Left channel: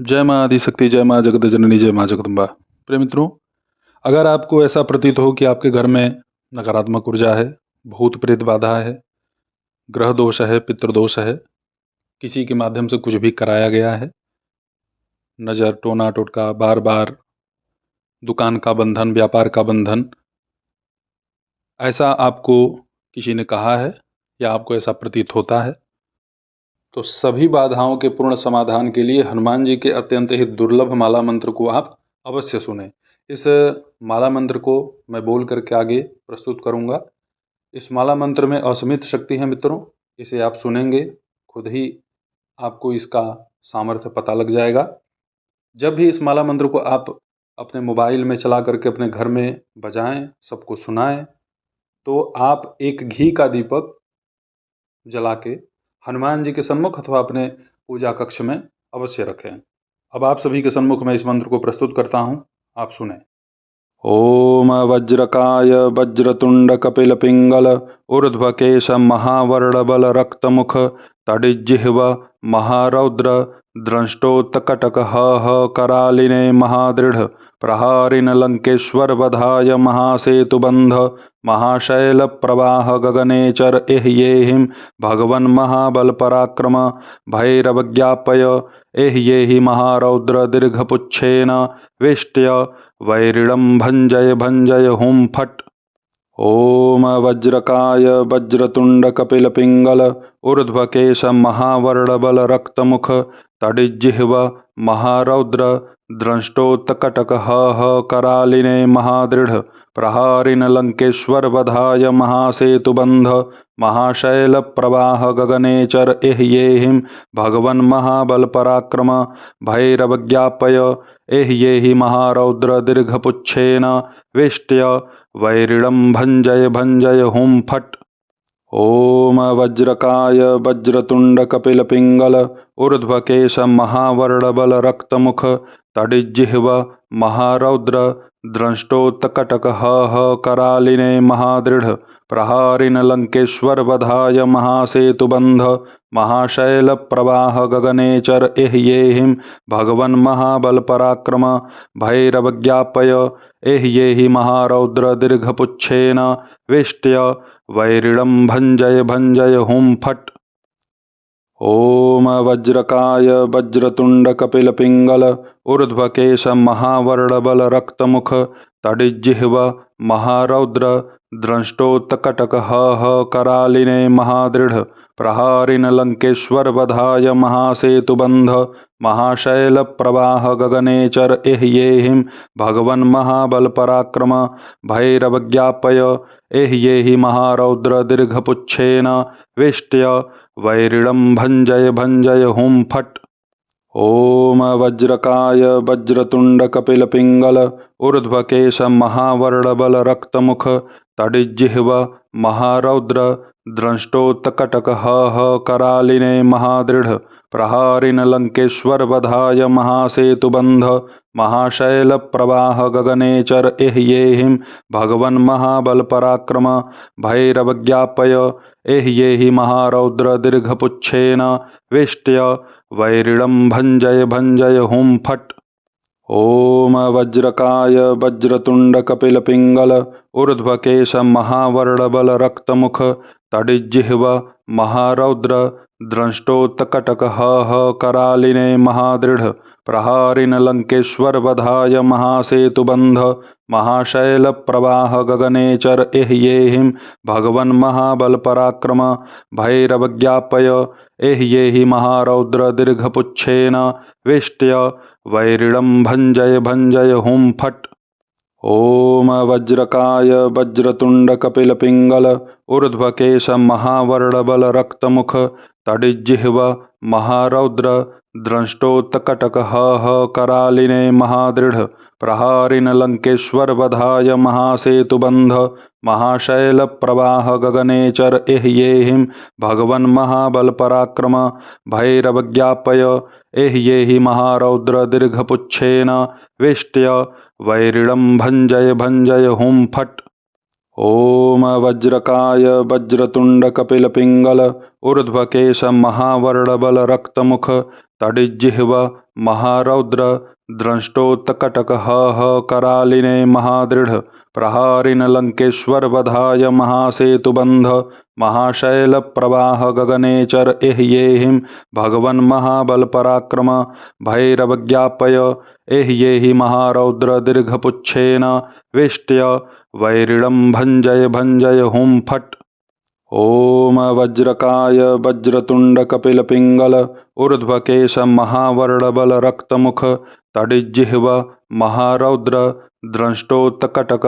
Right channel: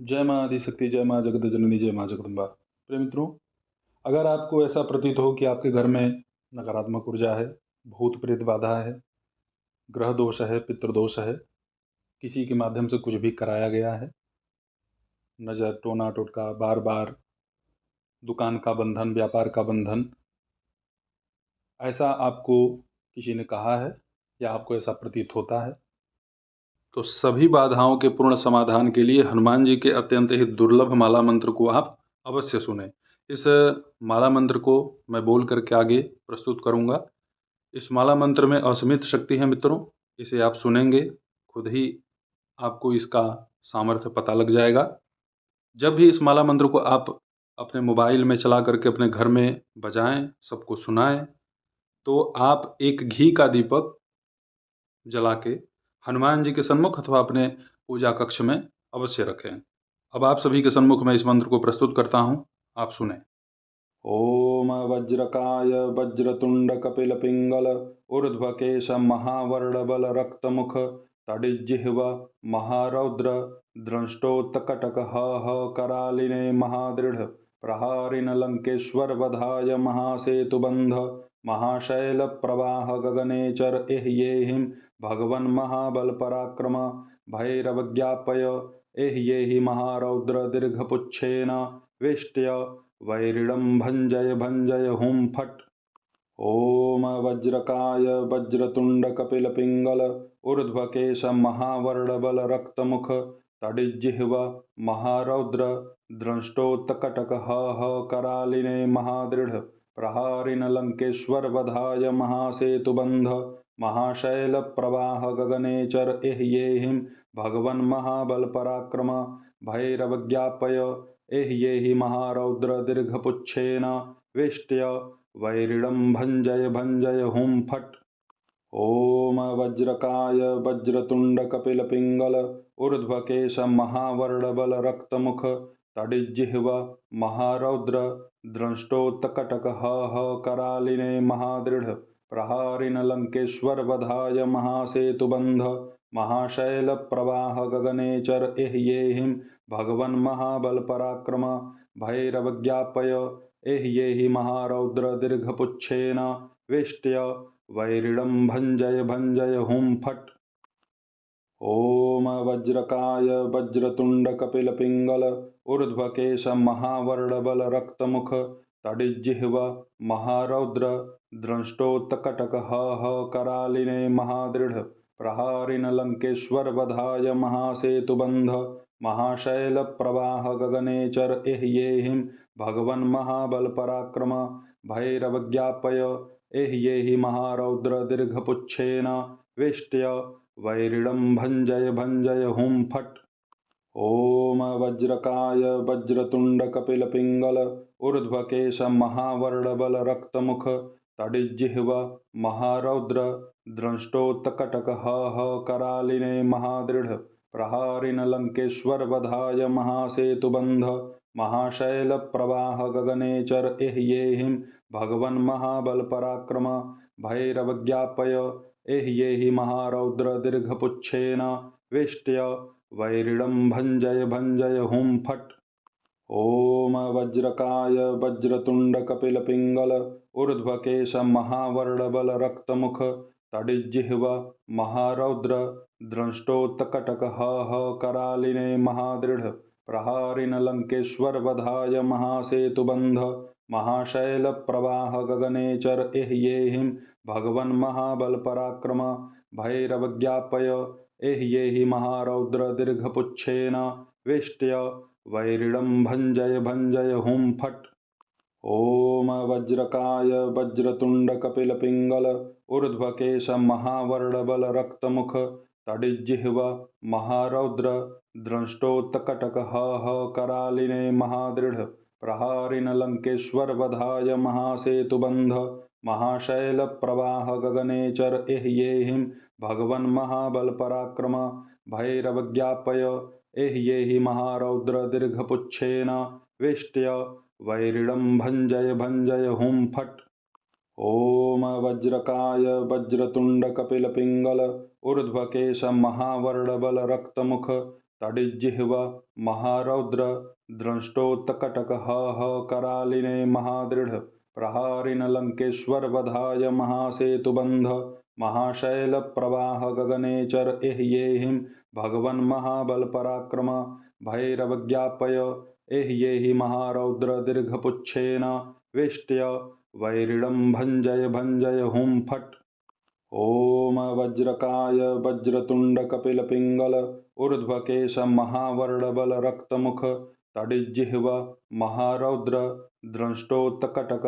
जय माँ आदिशक्ति, जय माँ जगत जननी, जय माँ जगदम्बा। प्रिय मित्रों, अगर आपको ऐसा प्रतीत हो कि आपके घर में नकारात्मक ऊर्जा है, भूत प्रेत बाधा है, ग्रह दोष है, पितृदोष है, किसी के माध्यम से कुछ भी कराया गया है, नज़र, टोना टोटका, बार बार दुकान का बंधन, व्यापार का बंधन, ऐसा आपको किसी ने कहा है या आपको ऐसा प्रतीत होता है, तो सभी बाधाओं के पूर्ण समाधान के लिए हनुमान जी के अत्यंत ही दुर्लभ माला मंत्र को आप अवश्य सुने। इस माला मंत्र को मैं बोल करके आगे प्रस्तुत करूंगा। इस माला मंत्र में असीमित शक्ति है मित्रों। इसे आप सुनेंगे, खुद ही आपको इसका सामर्थ्य पता लग जाएगा। जब भी इस माला मंत्र को आप अपने मोबाइल में चला करके अपने घर में बजाएं, सबको सुनाएं, तो आप एक घी का दीपक जला के हनुमान जी के सन्मुख अथवा अपने पूजा कक्ष में अवश्य रखें। अब आप सभी के सन्मुख मैं इस मंत्र को प्रस्तुत करता हूँ, आप सुने। ओम वज्रकाय वज्रतुंड कपिल पिंगल ऊर्ध्वकेश महावर्णबल रक्तमुख तडिजिह्व महारौद्र द्रष्टोत्कटक करालिने महादृढ़ प्रहारिन लंकेश्वर वधाय महासेतुबंध महाशैल प्रवाह गगनेचर एह्येहिं भगवन् महाबल पराक्रम भैरवज्ञापय एह्येहि महारौद्र दीर्घपुच्छेन वेष्ट्य वैरिणं भंजय भंजय हुं फट्। ओम वज्रकाय वज्रतुंड कपिल पिंगल ऊर्ध्वकेश महावर्णबल रक्तमुख तडिजिह्व महारौद्र द्रष्टोत्कटक करालिने महादृढ़ प्रहारिन लंकेश्वर वधाय महासेतुबंध महाशैल प्रवाह गगनेचर एह्येहिं भगवन् महाबल पराक्रम भैरवज्ञापय एह्येहि महारौद्र दीर्घपुच्छेन वेष्ट्य वैरिणं भंजय भंजय हुं फट्। ओम वज्रकाय वज्रतुंड कपिल पिंगल ऊर्ध्वकेश महावर्णबल रक्तमुख तडिजिह्व महारौद्र द्रष्टोत्कटक करालिने महादृढ़ प्रहारिन लंकेश्वर वधाय महासेतुबंध महाशैल प्रवाह गगनेचर एह्येहिं भगवन् महाबल पराक्रम भैरवज्ञापय एह्येहि महारौद्र दीर्घपुच्छेन वेष्ट्य वैरिणं भंजय भंजय हुं फट्। ओम वज्रकाय वज्रतुंड कपिल पिंगल ऊर्ध्वकेश महावर्णबल रक्तमुख तडिजिह्व महारौद्र द्रष्टोत्कटक करालिने महादृढ़ प्रहारिन लंकेश्वर वधाय महासेतुबंध महाशैल प्रवाह गगनेचर एह्येहिं भगवन् महाबल पराक्रम भैरवज्ञापय एह्येहि महारौद्र दीर्घपुच्छेन वेष्ट्य वैरिणं भंजय भंजय हुं फट्। ओम वज्रकाय वज्रतुंड कपिल पिंगल ऊर्ध्वकेश महावर्णबल रक्तमुख तडिजिह्व महारौद्र द्रष्टोत्कटक करालिने महादृढ़ प्रहारिन लंकेश्वर वधाय महासेतुबंध महाशैल प्रवाह गगनेचर एह्येहिं भगवन् महाबल पराक्रम भैरवज्ञापय एह्येहि महारौद्र दीर्घपुच्छेन वेष्ट्य वैरिणं भंजय भंजय हुं फट्। ओम वज्रकाय वज्रतुंड कपिल पिंगल ऊर्ध्वकेश महावर्णबल रक्तमुख तडिजिह्व महारौद्र द्रष्टोत्कटक करालिने महादृढ़ प्रहारिन लंकेश्वर वधाय महासेतुबंध महाशैल प्रवाह गगनेचर एह्येहिं भगवन् महाबल पराक्रम भैरवज्ञापय एह्येहि महारौद्र दीर्घपुच्छेन वेष्ट्य वैरिणं भंजय भंजय हुं फट्। ओम वज्रकाय वज्रतुंड कपिल पिंगल ऊर्ध्वकेश महावर्णबल रक्तमुख तडिजिह्व महारौद्र द्रष्टोत्कटक करालिने महादृढ़ प्रहारिन लंकेश्वर वधाय महासेतुबंध महाशैल प्रवाह गगनेचर एह्येहिं भगवन् महाबल पराक्रम भैरवज्ञापय एह्येहि महारौद्र दीर्घपुच्छेन वेष्ट्य वैरिणं भंजय भंजय हुं फट्। ॐ वज्रकाय वज्रतुण्डकपिलपिङ्गल ऊर्ध्वकेश महावर्णबल रक्तमुख तडिज्जिह्व महारौद्र द्रष्टोत्कटक करालिने महादृढ प्रहारिन लंकेश्वर वधाय महासेतुबंध महाशैल प्रवाह गगनेचर एह्येहिं भगवन् महाबल पराक्रम भैरवज्ञापय एह्येहि महारौद्र दीर्घपुच्छेन वेष्ट्य वैरिणं भञ्जय भञ्जय हुं फट्। ॐ वज्रकाय वज्रतुण्डकपिलपिङ्गल ऊर्ध्वकेश महावर्णबल रक्तमुख तडिज्जिह्व महारौद्र द्रष्टोत्कटक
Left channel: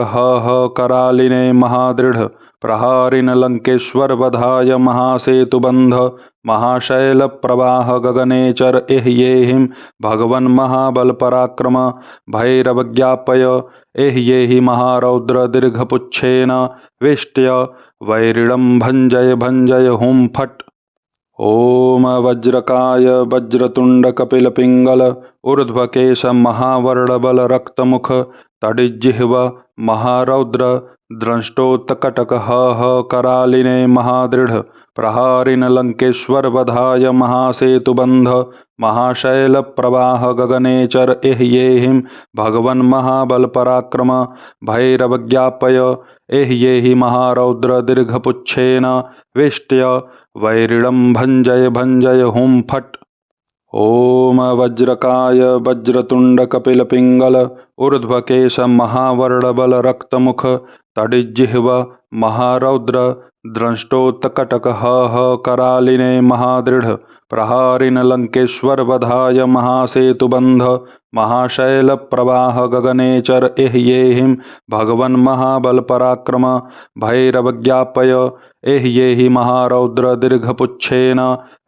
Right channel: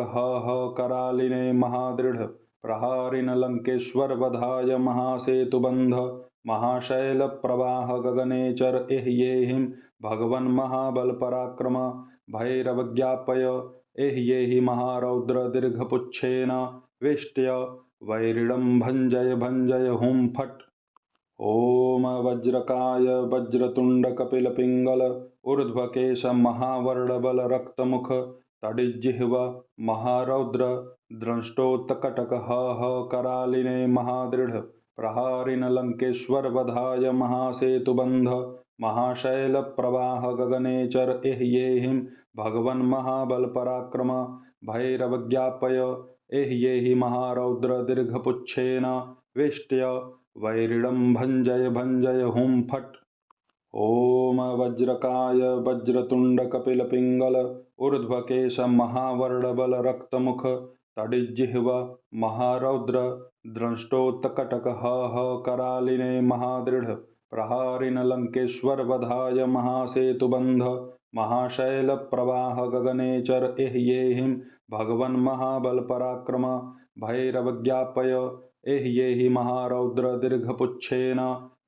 करालिने महादृढ प्रहारिन लंकेश्वर वधाय महासेतुबंध महाशैल प्रवाह गगनेचर एह्येहिं भगवन् महाबल पराक्रम भैरवज्ञापय एह्येहि महारौद्र दीर्घपुच्छेन वेष्ट्य वैरिणं भञ्जय भञ्जय हुं फट्। ॐ वज्रकाय वज्रतुण्डकपिलपिङ्गल ऊर्ध्वकेश महावर्णबल रक्तमुख तडिज्जिह्व महारौद्र द्रष्टोत्कटक करालिने महादृढ प्रहारिन लंकेश्वर वधाय महासेतुबंध महाशैल प्रवाह गगनेचर एह्येहिं भगवन् महाबल पराक्रम भैरवज्ञापय एह्येहि महारौद्र दीर्घपुच्छेन वेष्ट्य वैरिणं भञ्जय भञ्जय हुं फट्। ॐ वज्रकाय वज्रतुण्डकपिलपिङ्गल ऊर्ध्वकेश महावर्णबल रक्तमुख तडिज्जिह्व महारौद्र द्रष्टोत्कटक करालिने महादृढ प्रहारिन लंकेश्वर वधाय महासेतुबंध महाशैल प्रवाह गगनेचर एह्येहिं भगवन् महाबल पराक्रम भैरवज्ञापय एह्येहि महारौद्र दीर्घपुच्छेन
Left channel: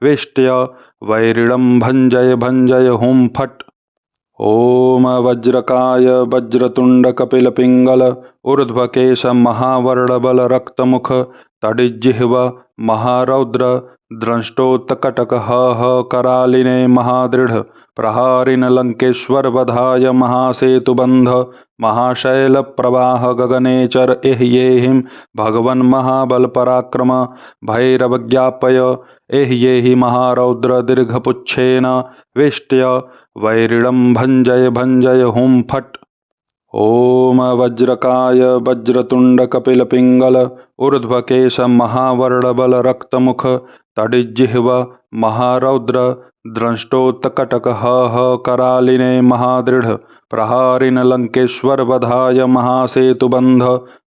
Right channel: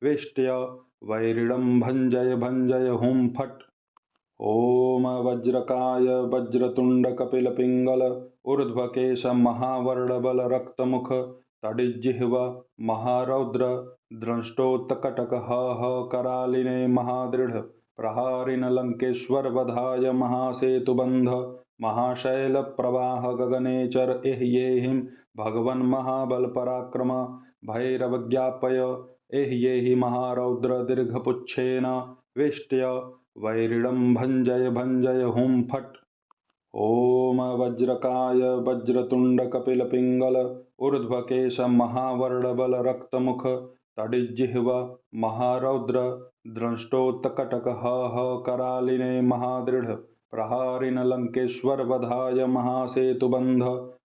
वेष्ट्य वैरिणं भञ्जय भञ्जय हुं फट्। ॐ वज्रकाय वज्रतुण्डकपिलपिङ्गल ऊर्ध्वकेश महावर्णबल रक्तमुख तडिज्जिह्व महारौद्र द्रष्टोत्कटक करालिने महादृढ प्रहारिन लंकेश्वर वधाय महासेतुबंध महाशैल प्रवाह गगनेचर एह्येहिं भगवन् महाबल पराक्रम भैरवज्ञापय एह्येहि महारौद्र दीर्घपुच्छेन वेष्ट्य वैरिणं भञ्जय भञ्जय हुं फट्। ॐ वज्रकाय वज्रतुण्डकपिलपिङ्गल ऊर्ध्वकेश महावर्णबल रक्तमुख तडिज्जिह्व महारौद्र द्रष्टोत्कटक करालिने महादृढ प्रहारिन लंकेश्वर वधाय महासेतुबंध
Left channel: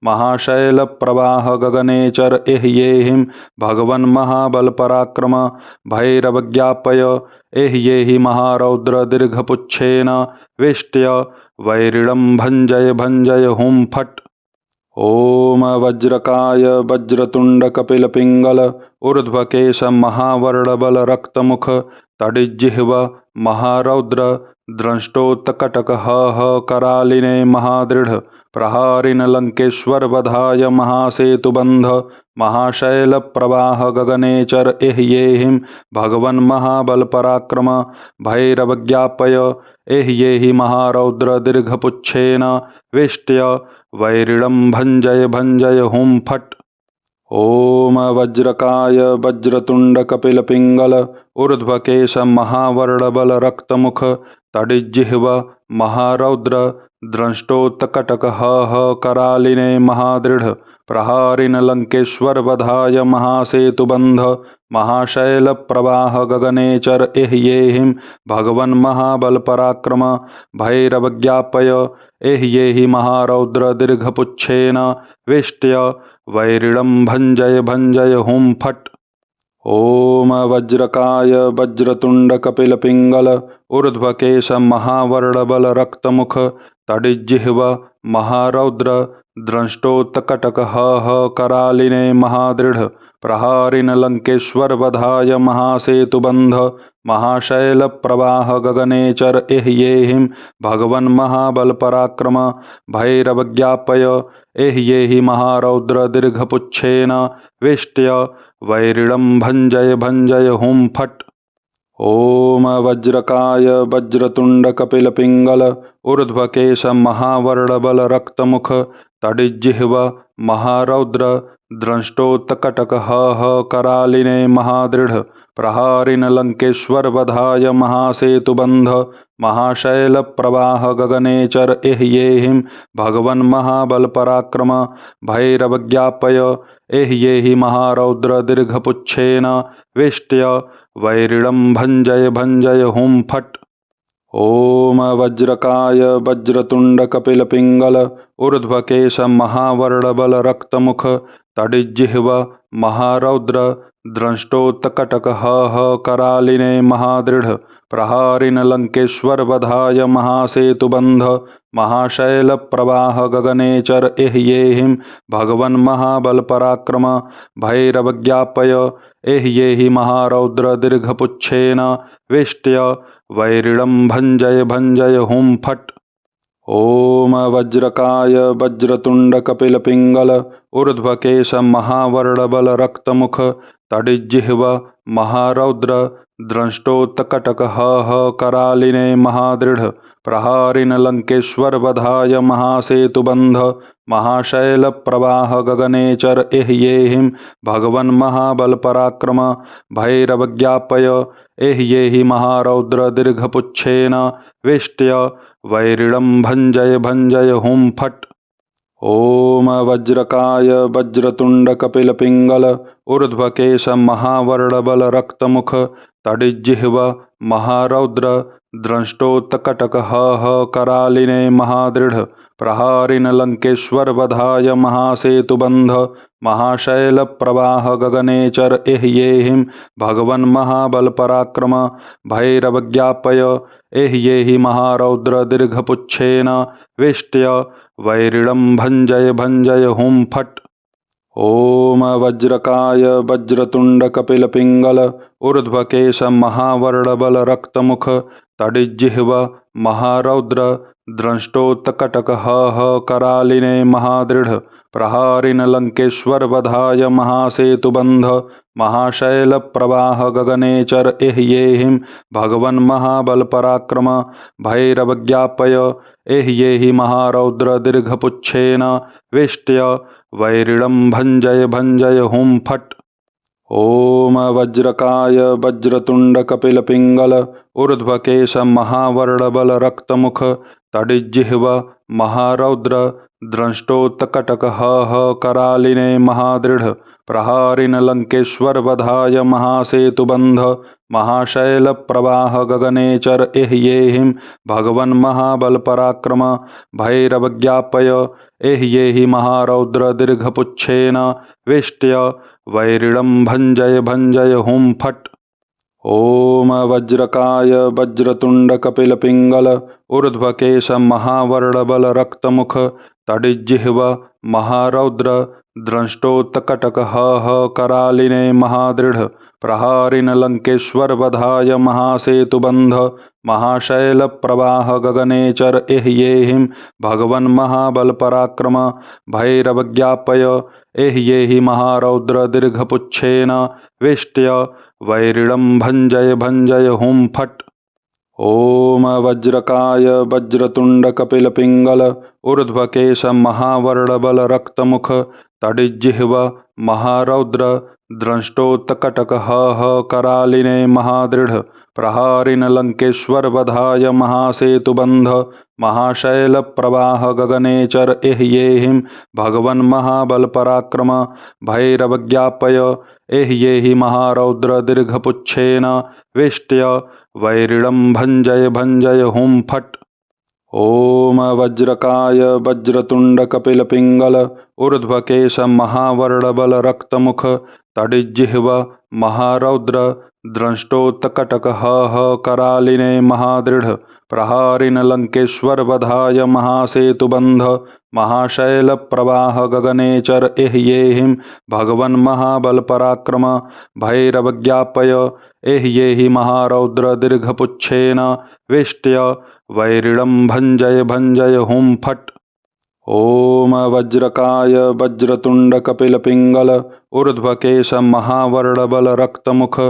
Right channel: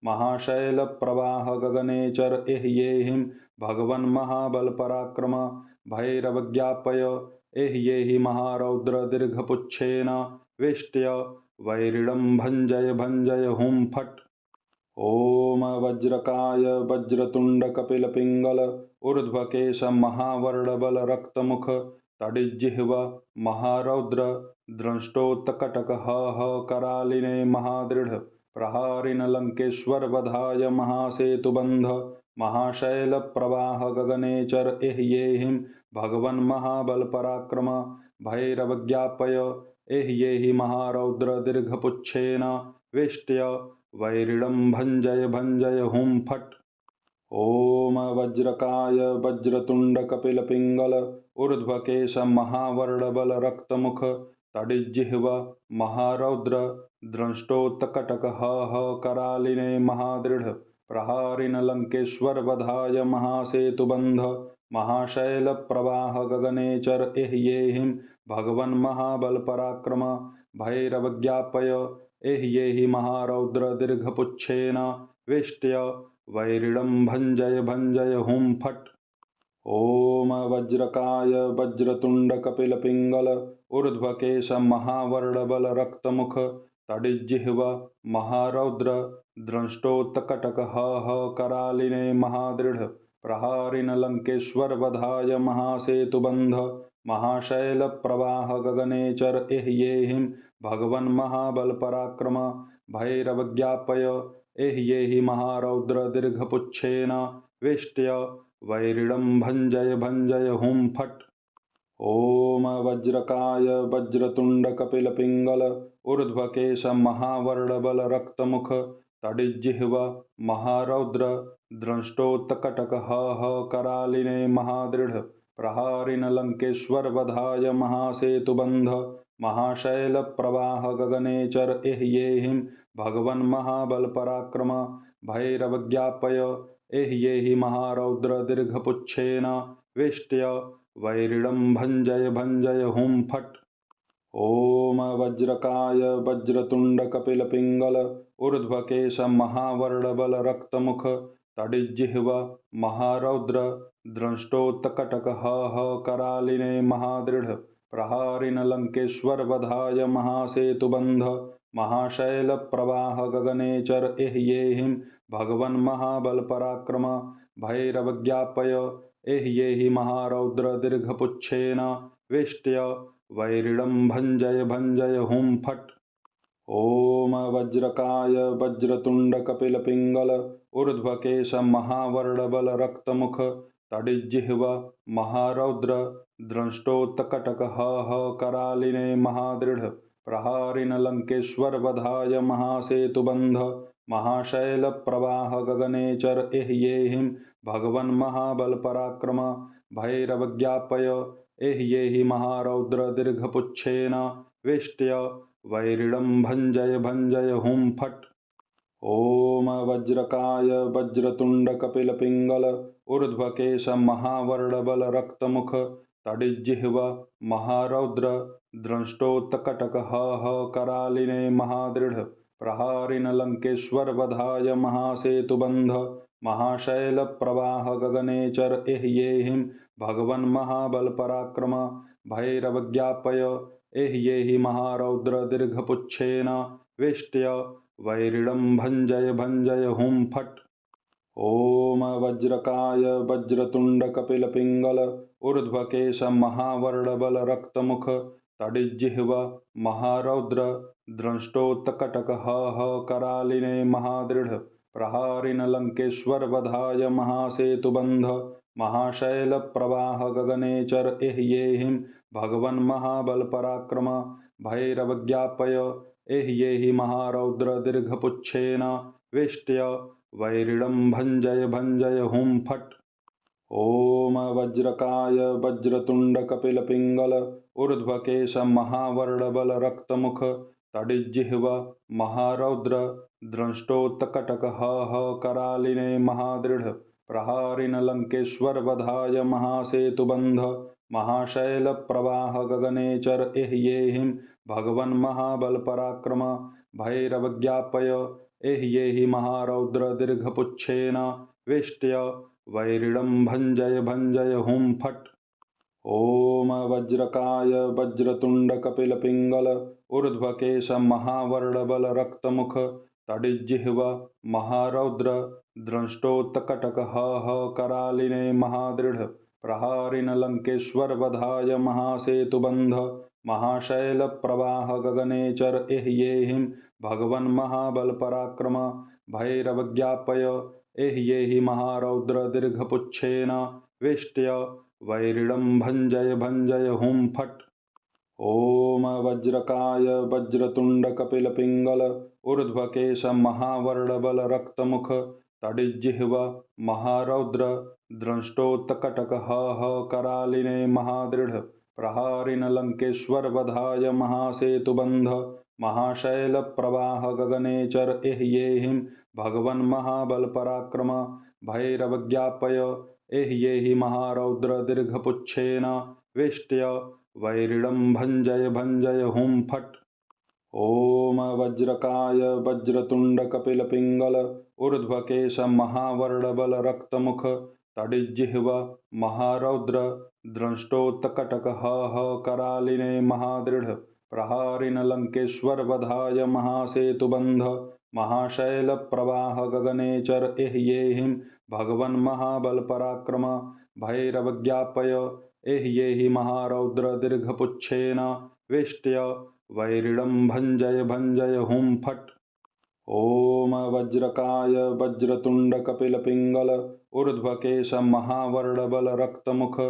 महाशैल प्रवाह गगनेचर एह्येहिं भगवन् महाबल पराक्रम भैरवज्ञापय एह्येहि महारौद्र दीर्घपुच्छेन वेष्ट्य वैरिणं भञ्जय भञ्जय हुं फट्। ॐ वज्रकाय वज्रतुण्डकपिलपिङ्गल ऊर्ध्वकेश महावर्णबल रक्तमुख तडिज्जिह्व महारौद्र द्रष्टोत्कटक करालिने महादृढ प्रहारिन लंकेश्वर वधाय महासेतुबंध महाशैल प्रवाह गगनेचर एह्येहिं भगवन् महाबल पराक्रम भैरवज्ञापय एह्येहि महारौद्र दीर्घपुच्छेन वेष्ट्य वैरिणं भञ्जय भञ्जय हुं फट्। ॐ वज्रकाय वज्रतुण्डकपिलपिङ्गल ऊर्ध्वकेश महावर्णबल रक्तमुख तडिज्जिह्व महारौद्र द्रष्टोत्कटक करालिने महादृढ प्रहारिन लंकेश्वर वधाय महासेतुबंध महाशैल प्रवाह गगनेचर एह्येहिं भगवन् महाबल पराक्रम भैरवज्ञापय एह्येहि महारौद्र दीर्घपुच्छेन वेष्ट्य वैरिणं भञ्जय भञ्जय हुं फट्। ॐ वज्रकाय वज्रतुण्डकपिलपिङ्गल ऊर्ध्वकेश महावर्णबल रक्तमुख तडिज्जिह्व महारौद्र द्रष्टोत्कटक करालिने महादृढ प्रहारिन लंकेश्वर वधाय महासेतुबंध महाशैल प्रवाह गगनेचर एह्येहिं भगवन् महाबल पराक्रम भैरवज्ञापय एह्येहि महारौद्र दीर्घपुच्छेन वेष्ट्य वैरिणं भञ्जय भञ्जय हुं फट्। ॐ वज्रकाय वज्रतुण्डकपिलपिङ्गल ऊर्ध्वकेश महावर्णबल रक्तमुख तडिज्जिह्व महारौद्र द्रष्टोत्कटकः करालिने महादृढ प्रहारिन लंकेश्वर वधाय महासेतुबंध महाशैल प्रवाह गगनेचर एह्येहिं भगवन् महाबल पराक्रम भैरवज्ञापय एह्येहि महारौद्र दीर्घपुच्छेन वेष्ट्य वैरिणं भञ्जय भञ्जय हुं फट्। ओम वज्रकाय वज्रतुंड कपिल पिंगल ऊर्ध्वकेश महावर्णबल रक्तमुख तडिज्जिह्व महारौद्र द्रष्टोत्कटक करालिने महादृढ प्रहारिन लंकेश्वर वधाय महासेतुबंध महाशैल प्रवाह गगनेचर एह्येहिं भगवन् महाबल पराक्रम भैरवज्ञापय एह्येहि महारौद्र दीर्घपुच्छेन वेष्ट्य वैरिणं भञ्जय भञ्जय हुं फट्। ओम वज्रकाय वज्रतुंड कपिल पिंगल ऊर्ध्वकेश महावर्णबल रक्तमुख तडिज्जिह्व महारौद्र द्रष्टोत्कटक करालिने महादृढ प्रहारिन लंकेश्वर वधाय महासेतुबंध महाशैल प्रवाह गगनेचर एह्येहिं भगवन् महाबल पराक्रम भैरवज्ञापय एह्येहि महारौद्र दीर्घपुच्छेन वेष्ट्य वैरिणं भञ्जय भञ्जय हुं फट्। ओम वज्रकाय वज्रतुंड कपिल पिंगल ऊर्ध्वकेश महावर्णबल रक्तमुख तडिज्जिह्व महारौद्र द्रष्टोत्कटक करालिने महादृढ प्रहारिन लंकेश्वर वधाय महासेतुबंध महाशैल प्रवाह गगनेचर एह्येहिं भगवन् महाबल पराक्रम भैरवज्ञापय एह्येहि महारौद्र दीर्घपुच्छेन वेष्ट्य वैरिणं भञ्जय भञ्जय हुं फट्। ओम वज्रकाय वज्रतुंड कपिल पिंगल ऊर्ध्वकेश महावर्णबल रक्तमुख तडिज्जिह्व महारौद्र द्रष्टोत्कटक करालिने महादृढ प्रहारिन लंकेश्वर वधाय महासेतुबंध महाशैल प्रवाह गगनेचर एह्येहिं भगवन् महाबल पराक्रम भैरवज्ञापय एह्येहि महारौद्र दीर्घपुच्छेन वेष्ट्य वैरिणं भञ्जय भञ्जय हुं फट्। ओम वज्रकाय वज्रतुंड कपिल पिंगल ऊर्ध्वकेश महावर्णबल रक्तमुख तडिज्जिह्व महारौद्र द्रष्टोत्कटक करालिने महादृढ प्रहारिन लंकेश्वर वधाय महासेतुबंध महाशैल प्रवाह गगनेचर एह्येहिं भगवन् महाबल पराक्रम भैरवज्ञापय एह्येहि महारौद्र दीर्घपुच्छेन वेष्ट्य वैरिणं भञ्जय भञ्जय हुं फट्। ओम वज्रकाय वज्रतुंड कपिल पिंगल ऊर्ध्वकेश महावर्णबल रक्तमुख तडिज्जिह्व महारौद्र द्रष्टोत्कटक करालिने महादृढ प्रहारिन लंकेश्वर वधाय महासेतुबंध महाशैल प्रवाह गगनेचर एह्येहिं भगवन् महाबल पराक्रम भैरवज्ञापय एह्येहि महारौद्र दीर्घपुच्छेन वेष्ट्य वैरिणं भञ्जय भञ्जय हुं फट्। ओम वज्रकाय वज्रतुंड कपिल पिंगल ऊर्ध्वकेश महावर्णबल रक्तमुख तडिज्जिह्व महारौद्र द्रष्टोत्कटक करालिने महादृढ प्रहारिन लंकेश्वर वधाय महासेतुबंध महाशैल प्रवाह गगनेचर एह्येहिं भगवन् महाबल पराक्रम भैरवज्ञापय एह्येहि महारौद्र दीर्घपुच्छेन वेष्ट्य वैरिणं भञ्जय भञ्जय हुं फट्। ओम वज्रकाय वज्रतुंड कपिल पिंगल ऊर्ध्वकेश महावर्णबल रक्तमुख तडिज्जिह्व महारौद्र द्रष्टोत्कटक करालिने महादृढ प्रहारिन लंकेश्वर वधाय महासेतुबंध महाशैल प्रवाह गगनेचर एह्येहिं भगवन् महाबल पराक्रम भैरवज्ञापय एह्येहि महारौद्र दीर्घपुच्छेन वेष्ट्य वैरिणं भञ्जय भञ्जय हुं फट्। ओम वज्रकाय वज्रतुंड कपिल पिंगल ऊर्ध्वकेश महावर्णबल रक्तमुख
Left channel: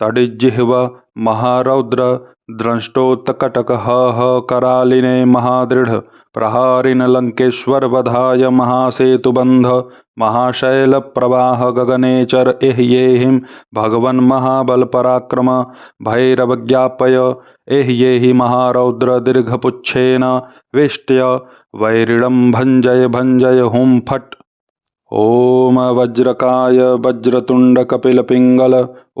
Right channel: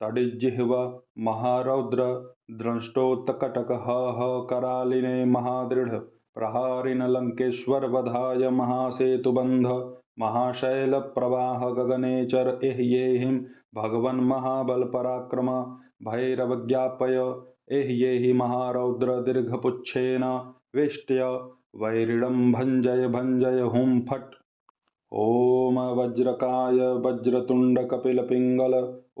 तडिज्जिह्व महारौद्र द्रष्टोत्कटक करालिने महादृढ़ प्रहारिन लंकेश्वरवधाय महासेतुबंध महाशैल प्रवाह गगनेचर एह्येहिं भगवन् महाबल पराक्रम भैरवज्ञापय एह्येहि महारौद्र दीर्घपुच्छेन वेष्ट्य वैरिणं भञ्जय भञ्जय हुं फट्। ओम वज्रकाय वज्रतुंड कपिल पिंगल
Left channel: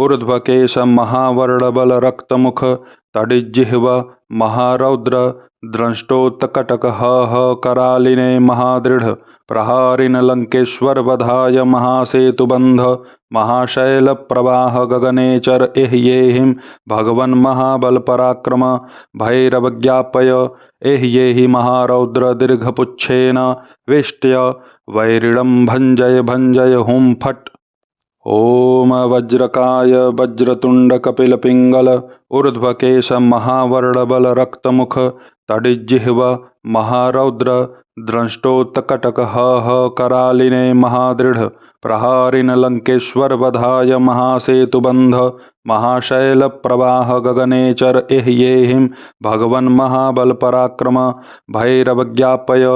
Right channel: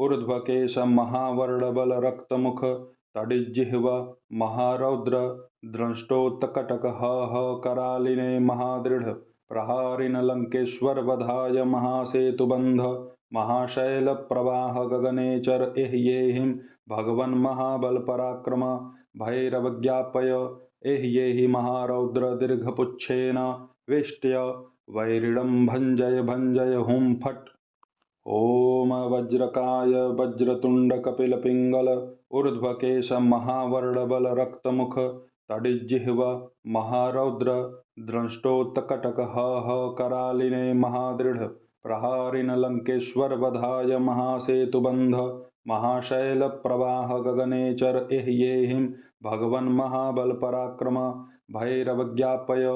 ऊर्ध्वकेश महावर्णबल रक्तमुख तडिज्जिह्व महारौद्र द्रष्टोत्कटक करालिने महादृढ़ प्रहारिन लंकेश्वर वधाय महासेतुबंध महाशैल प्रवाह गगनेचर एह्येहिं भगवन् महाबल पराक्रम भैरवज्ञापय एह्येहि महारौद्र दीर्घपुच्छेन वेष्ट्य वैरिणं भञ्जय भञ्जय हुं फट्। ओम वज्रकाय वज्रतुंड कपिल पिंगल ऊर्ध्वकेश महावर्णबल रक्तमुख तडिज्जिह्व महारौद्र द्रष्टोत्कटक करालिने महादृढ़ प्रहारिन लंकेश्वर वधाय महासेतुबंध महाशैल प्रवाह गगनेचर एह्येहिं भगवन् महाबल पराक्रम भैरवज्ञापय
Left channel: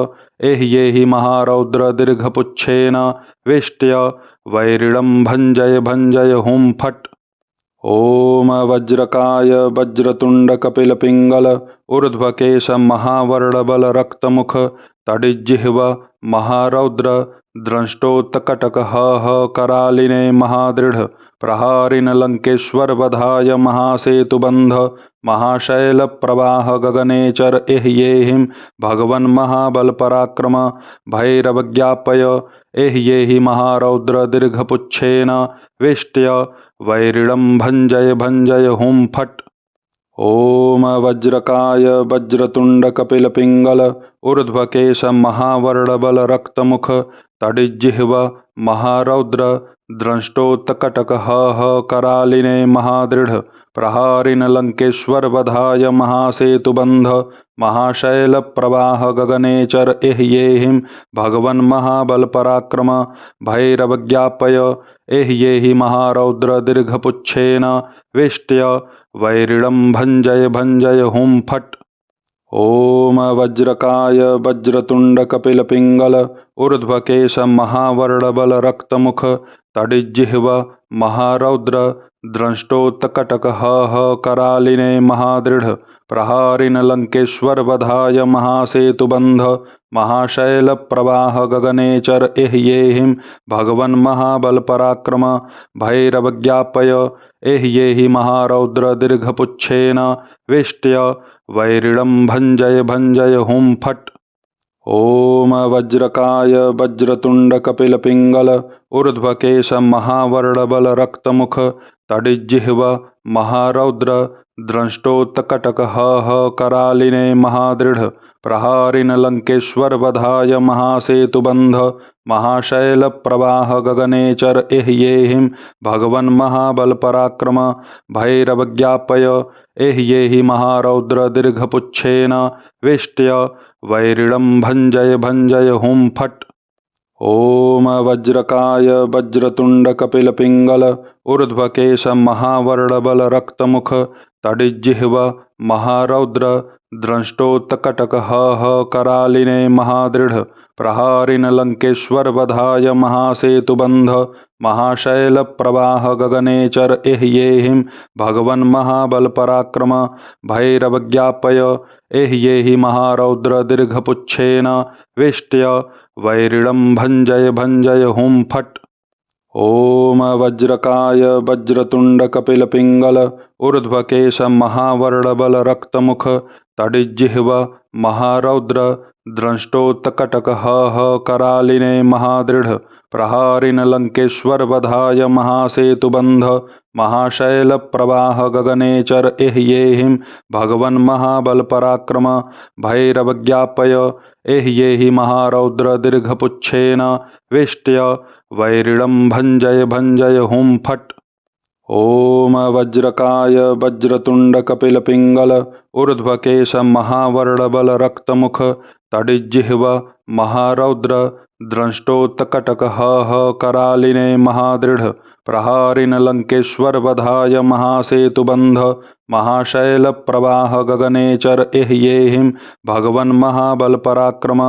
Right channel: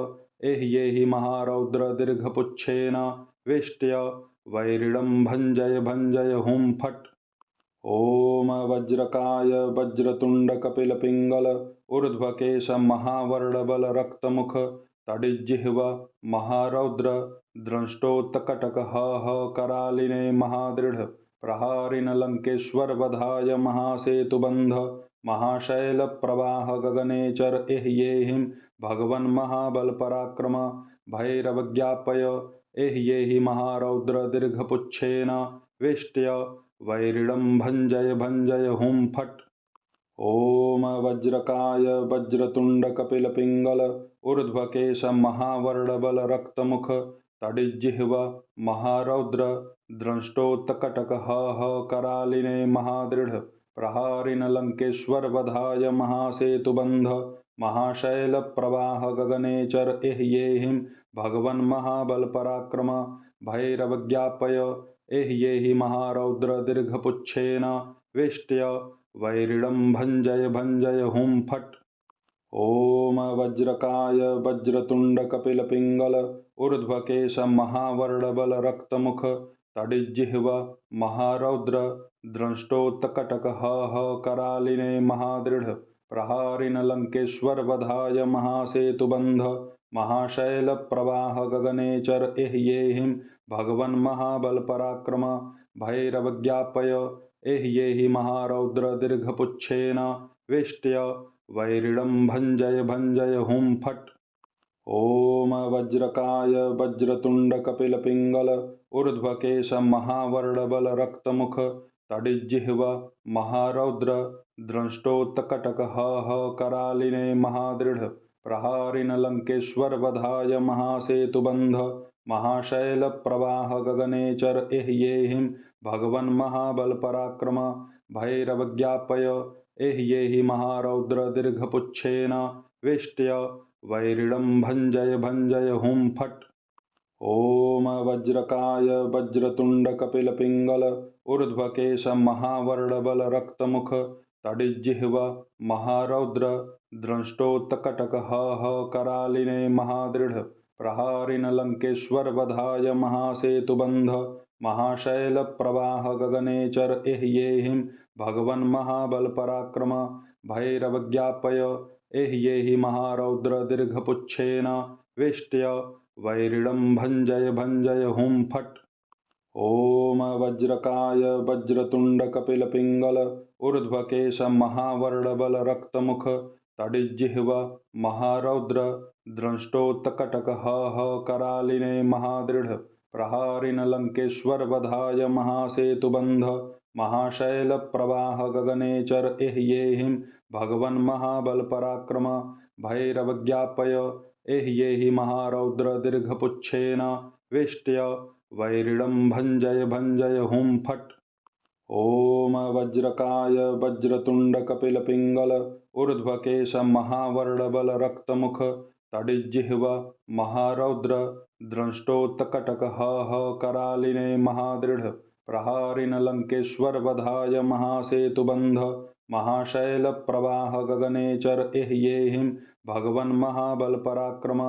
एह्येहि महारौद्र दीर्घपुच्छेन वेष्ट्य वैरिणं भञ्जय भञ्जय हुं फट्। ओम वज्रकाय वज्रतुंड कपिल पिंगल ऊर्ध्वकेश महावर्णबल रक्तमुख तडिज्जिह्व महारौद्र द्रष्टोत्कटक करालिने महादृढ़ प्रहारिन लंकेश्वर वधाय महासेतुबंध महाशैल प्रवाह गगनेचर एह्येहिं भगवन् महाबल पराक्रम भैरवज्ञापय एह्येहि महारौद्र दीर्घपुच्छेन वेष्ट्य वैरिणं भञ्जय भञ्जय हुं फट्। ओम वज्रकाय वज्रतुंड कपिल पिंगल ऊर्ध्वकेश महावर्णबल रक्तमुख तडिज्जिह्व महारौद्र द्रष्टोत्कटक करालिने महादृढ़ प्रहारिन लंकेश्वर वधाय महासेतुबंध महाशैल प्रवाह गगनेचर एह्येहिं भगवन् महाबल पराक्रम भैरवज्ञापय एह्येहि महारौद्र दीर्घपुच्छेन वेष्ट्य वैरिणं भञ्जय भञ्जय हुं फट्। ओम वज्रकाय वज्रतुंड कपिल पिंगल ऊर्ध्वकेश महावर्णबल रक्तमुख तडिज्जिह्व महारौद्र द्रष्टोत्कटक करालिने महादृढ़ प्रहारिन लंकेश्वर वधाय महासेतुबंध महाशैल प्रवाह गगनेचर एह्येहिं भगवन् महाबल पराक्रम भैरवज्ञापय एह्येहि महारौद्र दीर्घपुच्छेन वेष्ट्य वैरिणं भञ्जय भञ्जय हुं फट्। ओम वज्रकाय वज्रतुंड कपिल पिंगल ऊर्ध्वकेश महावर्णबल रक्तमुख तडिज्जिह्व महारौद्र द्रष्टोत्कटक करालिने महादृढ़ प्रहारिन लंकेश्वर वधाय महासेतुबंध महाशैल प्रवाह गगनेचर एह्येहिं भगवन् महाबल पराक्रम भैरवज्ञापय एह्येहि महारौद्र दीर्घपुच्छेन वेष्ट्य वैरिणं भञ्जय भञ्जय हुं फट्। ओम वज्रकाय वज्रतुंड कपिल पिंगल ऊर्ध्वकेश महावर्णबल रक्तमुख तडिज्जिह्व महारौद्र द्रष्टोत्कटक करालिने महादृढ़ प्रहारिन लंकेश्वर वधाय महासेतुबंध महाशैल प्रवाह गगनेचर एह्येहिं भगवन् महाबल पराक्रम भैरवज्ञापय एह्येहि महारौद्र दीर्घपुच्छेन वेष्ट्य वैरिणं भञ्जय भञ्जय हुं फट्। ओम वज्रकाय वज्रतुंड कपिल पिंगल ऊर्ध्वकेश महावर्णबल रक्तमुख तडिज्जिह्व महारौद्र द्रष्टोत्कटक करालिने महादृढ़ प्रहारिन लंकेश्वर वधाय महासेतुबंध महाशैल प्रवाह गगनेचर एह्येहिं भगवन् महाबल पराक्रम भैरवज्ञापय एह्येहि महारौद्र दीर्घपुच्छेन वेष्ट्य वैरिणं भञ्जय भञ्जय हुं फट्। ओम वज्रकाय वज्रतुंड कपिल पिंगल ऊर्ध्वकेश महावर्णबल रक्तमुख तडिज्जिह्व महारौद्र द्रष्टोत्कटक करालिने महादृढ़ प्रहारिन लंकेश्वर वधाय महासेतुबंध महाशैलप्रवाह गगनेचर एह्येहिं भगवन् महाबलपराक्रम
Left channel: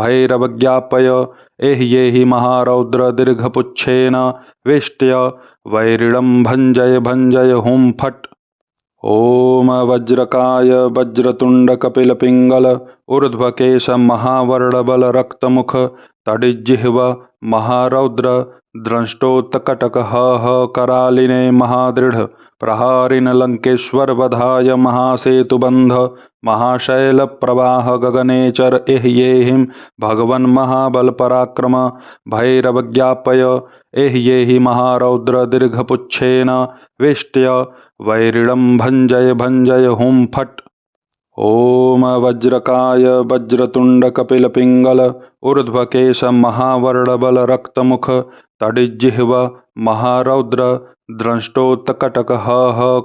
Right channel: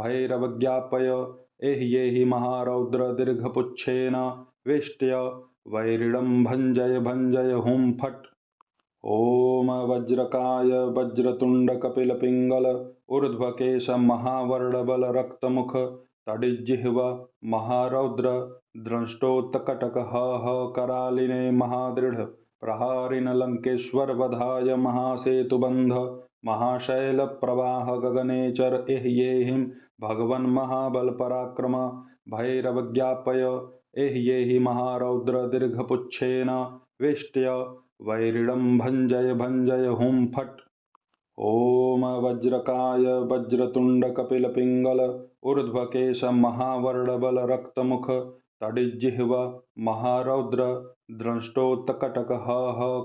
भैरवज्ञापय एह्येहि महारौद्र दीर्घपुच्छेन वेष्ट्य वैरिणं भञ्जय भञ्जय हुं फट्। ॐ वज्रकाय वज्रतुण्ड कपिलपिङ्गल ऊर्ध्वकेश महावर्णबल रक्तमुख तडिज्जिह्व महारौद्र द्रष्टोत्कटक करालिने महादृढ प्रहारिन लंकेश्वर वधाय महासेतुबंध महाशैल प्रवाह गगनेचर एह्येहिं भगवन् महाबल पराक्रम भैरवज्ञापय एह्येहि महारौद्र दीर्घपुच्छेन वेष्ट्य वैरिणं भञ्जय भञ्जय हुं फट्। ॐ वज्रकाय वज्रतुण्ड कपिलपिङ्गल ऊर्ध्वकेश महावर्णबल रक्तमुख तडिज्जिह्व महारौद्र द्रष्टोत्कटक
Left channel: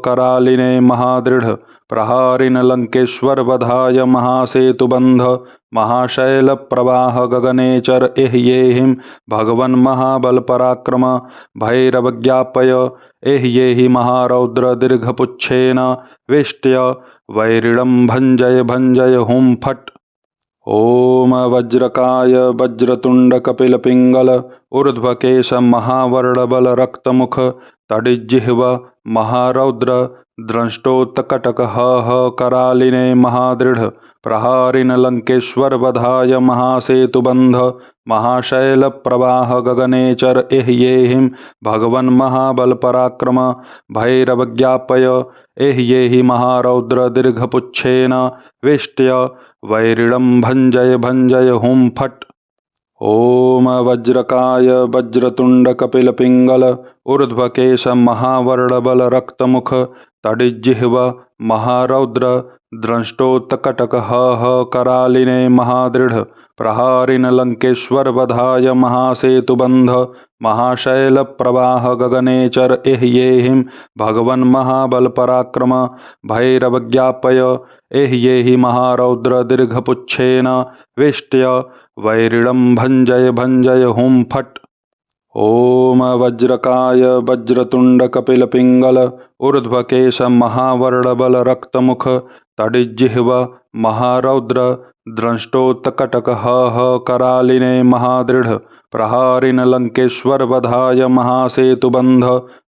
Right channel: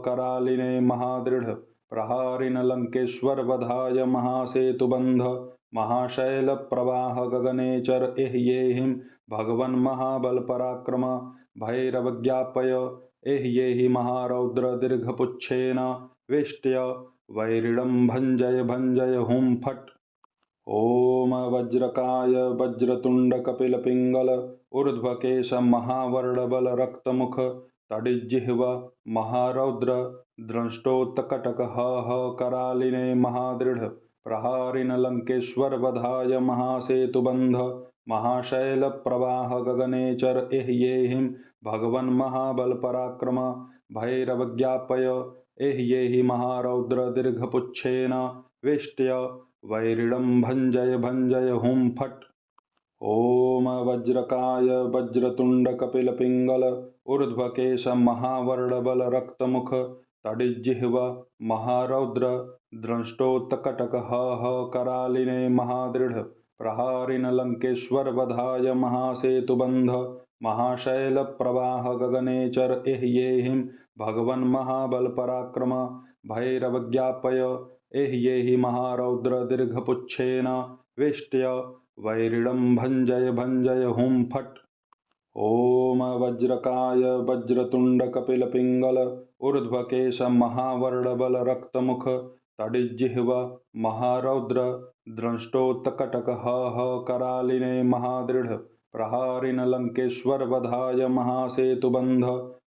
करालिने महादृढ प्रहारिन लंकेश्वर वधाय महासेतुबंध महाशैल प्रवाह गगनेचर एह्येहिं भगवन् महाबल पराक्रम भैरवज्ञापय एह्येहि महारौद्र दीर्घपुच्छेन वेष्ट्य वैरिणं भञ्जय भञ्जय हुं फट्। ॐ वज्रकाय वज्रतुण्ड कपिलपिङ्गल ऊर्ध्वकेश महावर्णबल रक्तमुख तडिज्जिह्व महारौद्र द्रष्टोत्कटक करालिने महादृढ प्रहारिन लंकेश्वर वधाय महासेतुबंध महाशैल प्रवाह गगनेचर एह्येहिं भगवन् महाबल पराक्रम भैरवज्ञापय एह्येहि महारौद्र दीर्घपुच्छेन वेष्ट्य वैरिणं भञ्जय भञ्जय हुं फट्। ॐ वज्रकाय वज्रतुण्ड कपिलपिङ्गल ऊर्ध्वकेश महावर्णबल रक्तमुख तडिज्जिह्व महारौद्र द्रष्टोत्कटक करालिने महादृढ प्रहारिन लंकेश्वर वधाय महासेतुबंध महाशैल प्रवाह गगनेचर एह्येहिं भगवन् महाबल पराक्रम भैरवज्ञापय एह्येहि महारौद्र दीर्घपुच्छेन वेष्ट्य वैरिणं भञ्जय भञ्जय हुं फट्। ॐ वज्रकाय वज्रतुण्ड कपिलपिङ्गल ऊर्ध्वकेश महावर्णबल रक्तमुख तडिज्जिह्व महारौद्र द्रष्टोत्कटक करालिने महादृढ प्रहारिन लंकेश्वर वधाय महासेतुबंध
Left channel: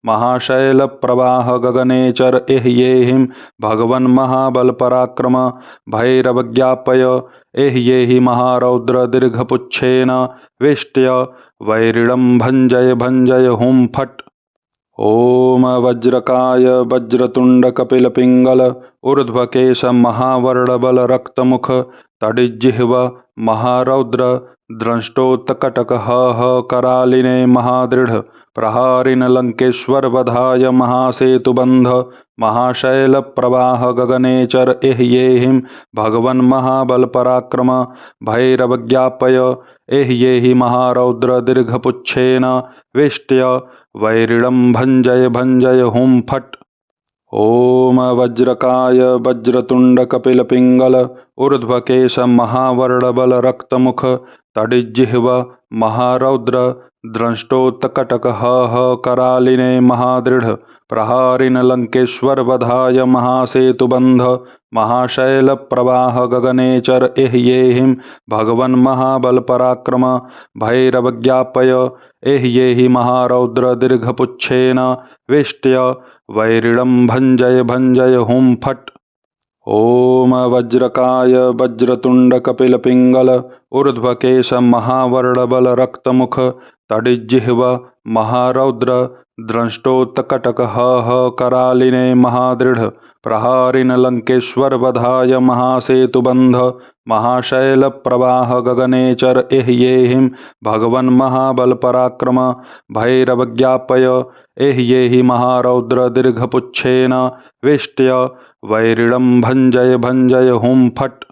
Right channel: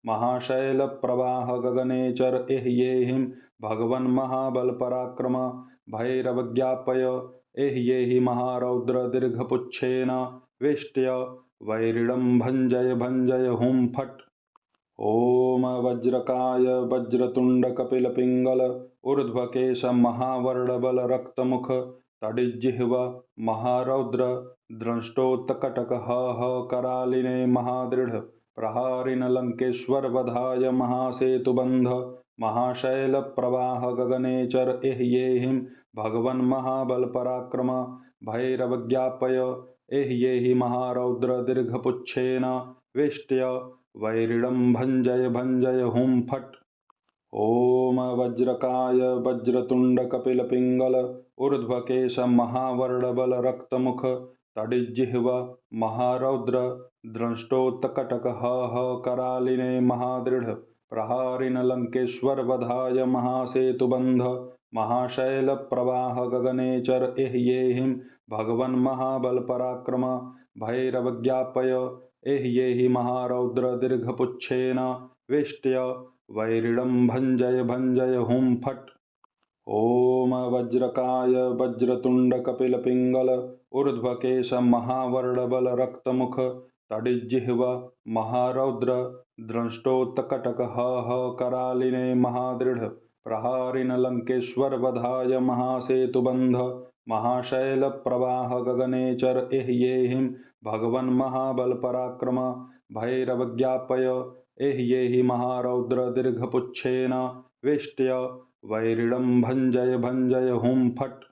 महाशैल प्रवाह गगनेचर एह्येहिं भगवन् महाबल पराक्रम भैरवज्ञापय एह्येहि महारौद्र दीर्घपुच्छेन वेष्ट्य वैरिणं भञ्जय भञ्जय हुं फट्। ॐ वज्रकाय वज्रतुण्ड कपिलपिङ्गल ऊर्ध्वकेश महावर्णबल रक्तमुख तडिज्जिह्व महारौद्र द्रष्टोत्कटक करालिने महादृढ प्रहारिन लंकेश्वर वधाय महासेतुबंध महाशैल प्रवाह गगनेचर एह्येहिं भगवन् महाबल पराक्रम भैरवज्ञापय एह्येहि महारौद्र दीर्घपुच्छेन वेष्ट्य वैरिणं भञ्जय भञ्जय हुं फट्। ॐ वज्रकाय वज्रतुण्ड कपिलपिङ्गल ऊर्ध्वकेश महावर्णबल रक्तमुख तडिज्जिह्व महारौद्र द्रष्टोत्कटक करालिने महादृढ प्रहारिन लंकेश्वर वधाय महासेतुबंध महाशैल प्रवाह गगनेचर एह्येहिं भगवन् महाबल पराक्रम भैरवज्ञापय एह्येहि महारौद्र दीर्घपुच्छेन वेष्ट्य वैरिणं भञ्जय भञ्जय हुं फट्। ॐ वज्रकाय वज्रतुण्ड कपिलपिङ्गल ऊर्ध्वकेश महावर्णबल रक्तमुख तडिज्जिह्व महारौद्र द्रष्टोत्कटक करालिने महादृढ प्रहारिन लंकेश्वर वधाय महासेतुबंध महाशैल प्रवाह गगनेचर एह्येहिं भगवन् महाबल पराक्रम भैरवज्ञापय एह्येहि महारौद्र दीर्घपुच्छेन वेष्ट्य वैरिणं भञ्जय भञ्जय हुं फट्।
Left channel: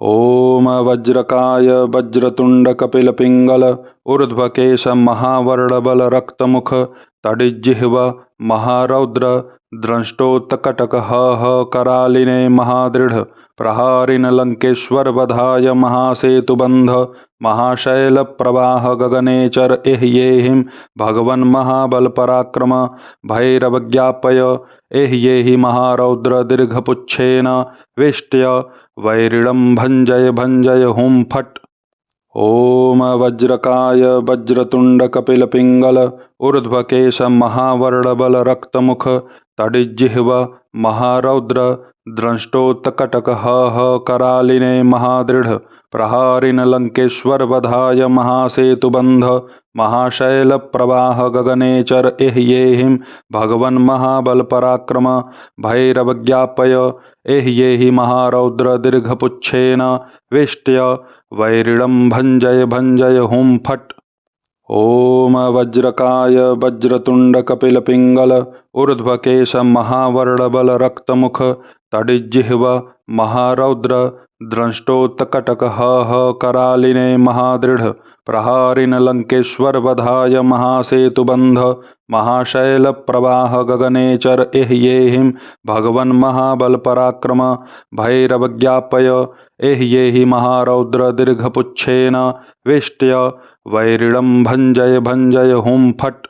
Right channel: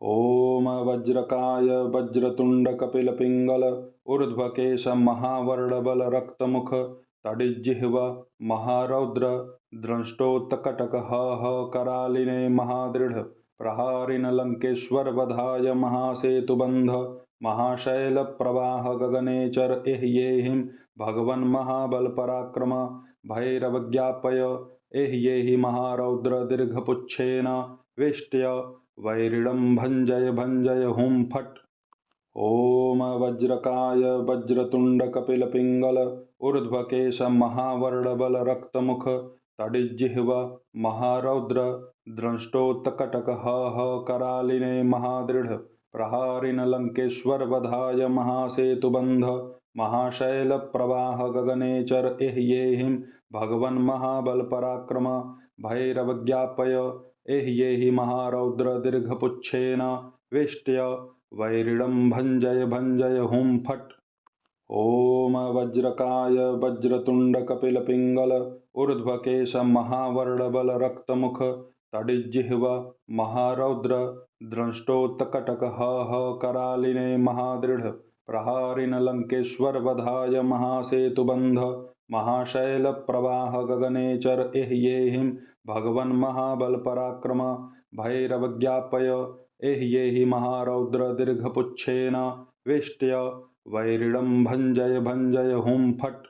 ॐ वज्रकाय वज्रतुण्ड कपिलपिङ्गल ऊर्ध्वकेश महावर्णबल रक्तमुख तडिज्जिह्व महारौद्र द्रष्टोत्कटक करालिने महादृढ प्रहारिन लंकेश्वर वधाय महासेतुबंध महाशैल प्रवाह गगनेचर एह्येहिं भगवन् महाबल पराक्रम भैरवज्ञापय एह्येहि महारौद्र दीर्घपुच्छेन वेष्ट्य वैरिणं भञ्जय भञ्जय हुं फट्। ॐ वज्रकाय वज्रतुण्डकपिलपिङ्गल ऊर्ध्वकेश महावर्णबल रक्तमुख तडिज्जिह्व महारौद्र द्रष्टोत्कटक करालिने महादृढ प्रहारिन लंकेश्वर वधाय महासेतुबंध महाशैल प्रवाह गगनेचर एह्येहिं भगवन् महाबल पराक्रम भैरवज्ञापय एह्येहि महारौद्र दीर्घपुच्छेन वेष्ट्य वैरिणं भञ्जय भञ्जय हुं फट्। ॐ वज्रकाय वज्रतुण्डकपिलपिङ्गल ऊर्ध्वकेश महावर्णबल रक्तमुख तडिज्जिह्व महारौद्र द्रष्टोत्कटक करालिने महादृढ प्रहारिन लंकेश्वर वधाय महासेतुबंध महाशैल प्रवाह गगनेचर एह्येहिं भगवन् महाबल पराक्रम भैरवज्ञापय एह्येहि महारौद्र दीर्घपुच्छेन वेष्ट्य वैरिणं भञ्जय भञ्जय हुं फट्।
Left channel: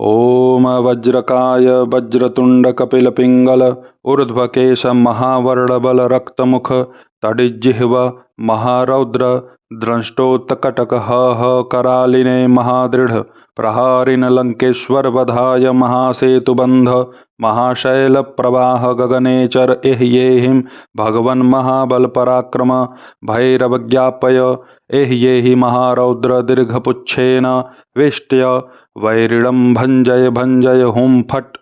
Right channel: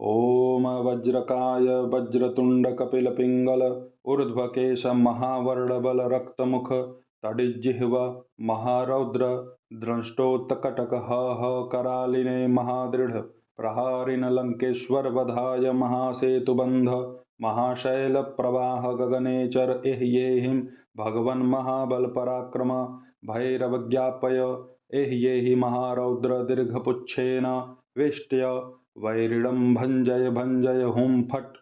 ॐ वज्रकाय वज्रतुण्डकपिलपिङ्गल ऊर्ध्वकेश महावर्णबल रक्तमुख तडिज्जिह्व महारौद्र द्रष्टोत्कटक करालिने महादृढ प्रहारिन लंकेश्वर वधाय महासेतुबंध महाशैल प्रवाह गगनेचर एह्येहिं भगवन् महाबल पराक्रम भैरवज्ञापय एह्येहि महारौद्र दीर्घपुच्छेन वेष्ट्य वैरिणं भञ्जय भञ्जय हुं फट्।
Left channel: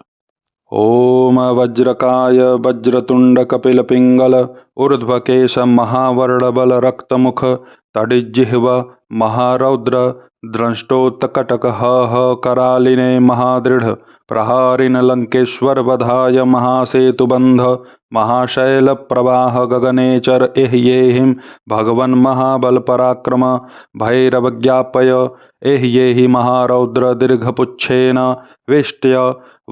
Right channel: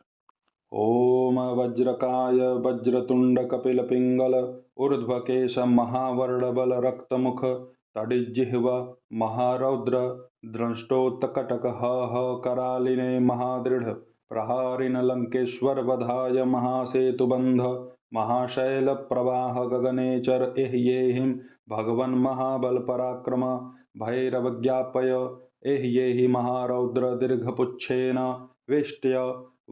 ॐ वज्रकाय वज्रतुण्डकपिलपिङ्गल ऊर्ध्वकेश महावर्णबल रक्तमुख तडिज्जिह्व महारौद्र द्रष्टोत्कटक करालिने महादृढ प्रहारिन लंकेश्वर वधाय महासेतुबंध महाशैल प्रवाह गगनेचर एह्येहिं भगवन् महाबल पराक्रम भैरवज्ञापय एह्येहि महारौद्र दीर्घपुच्छेन वेष्ट्य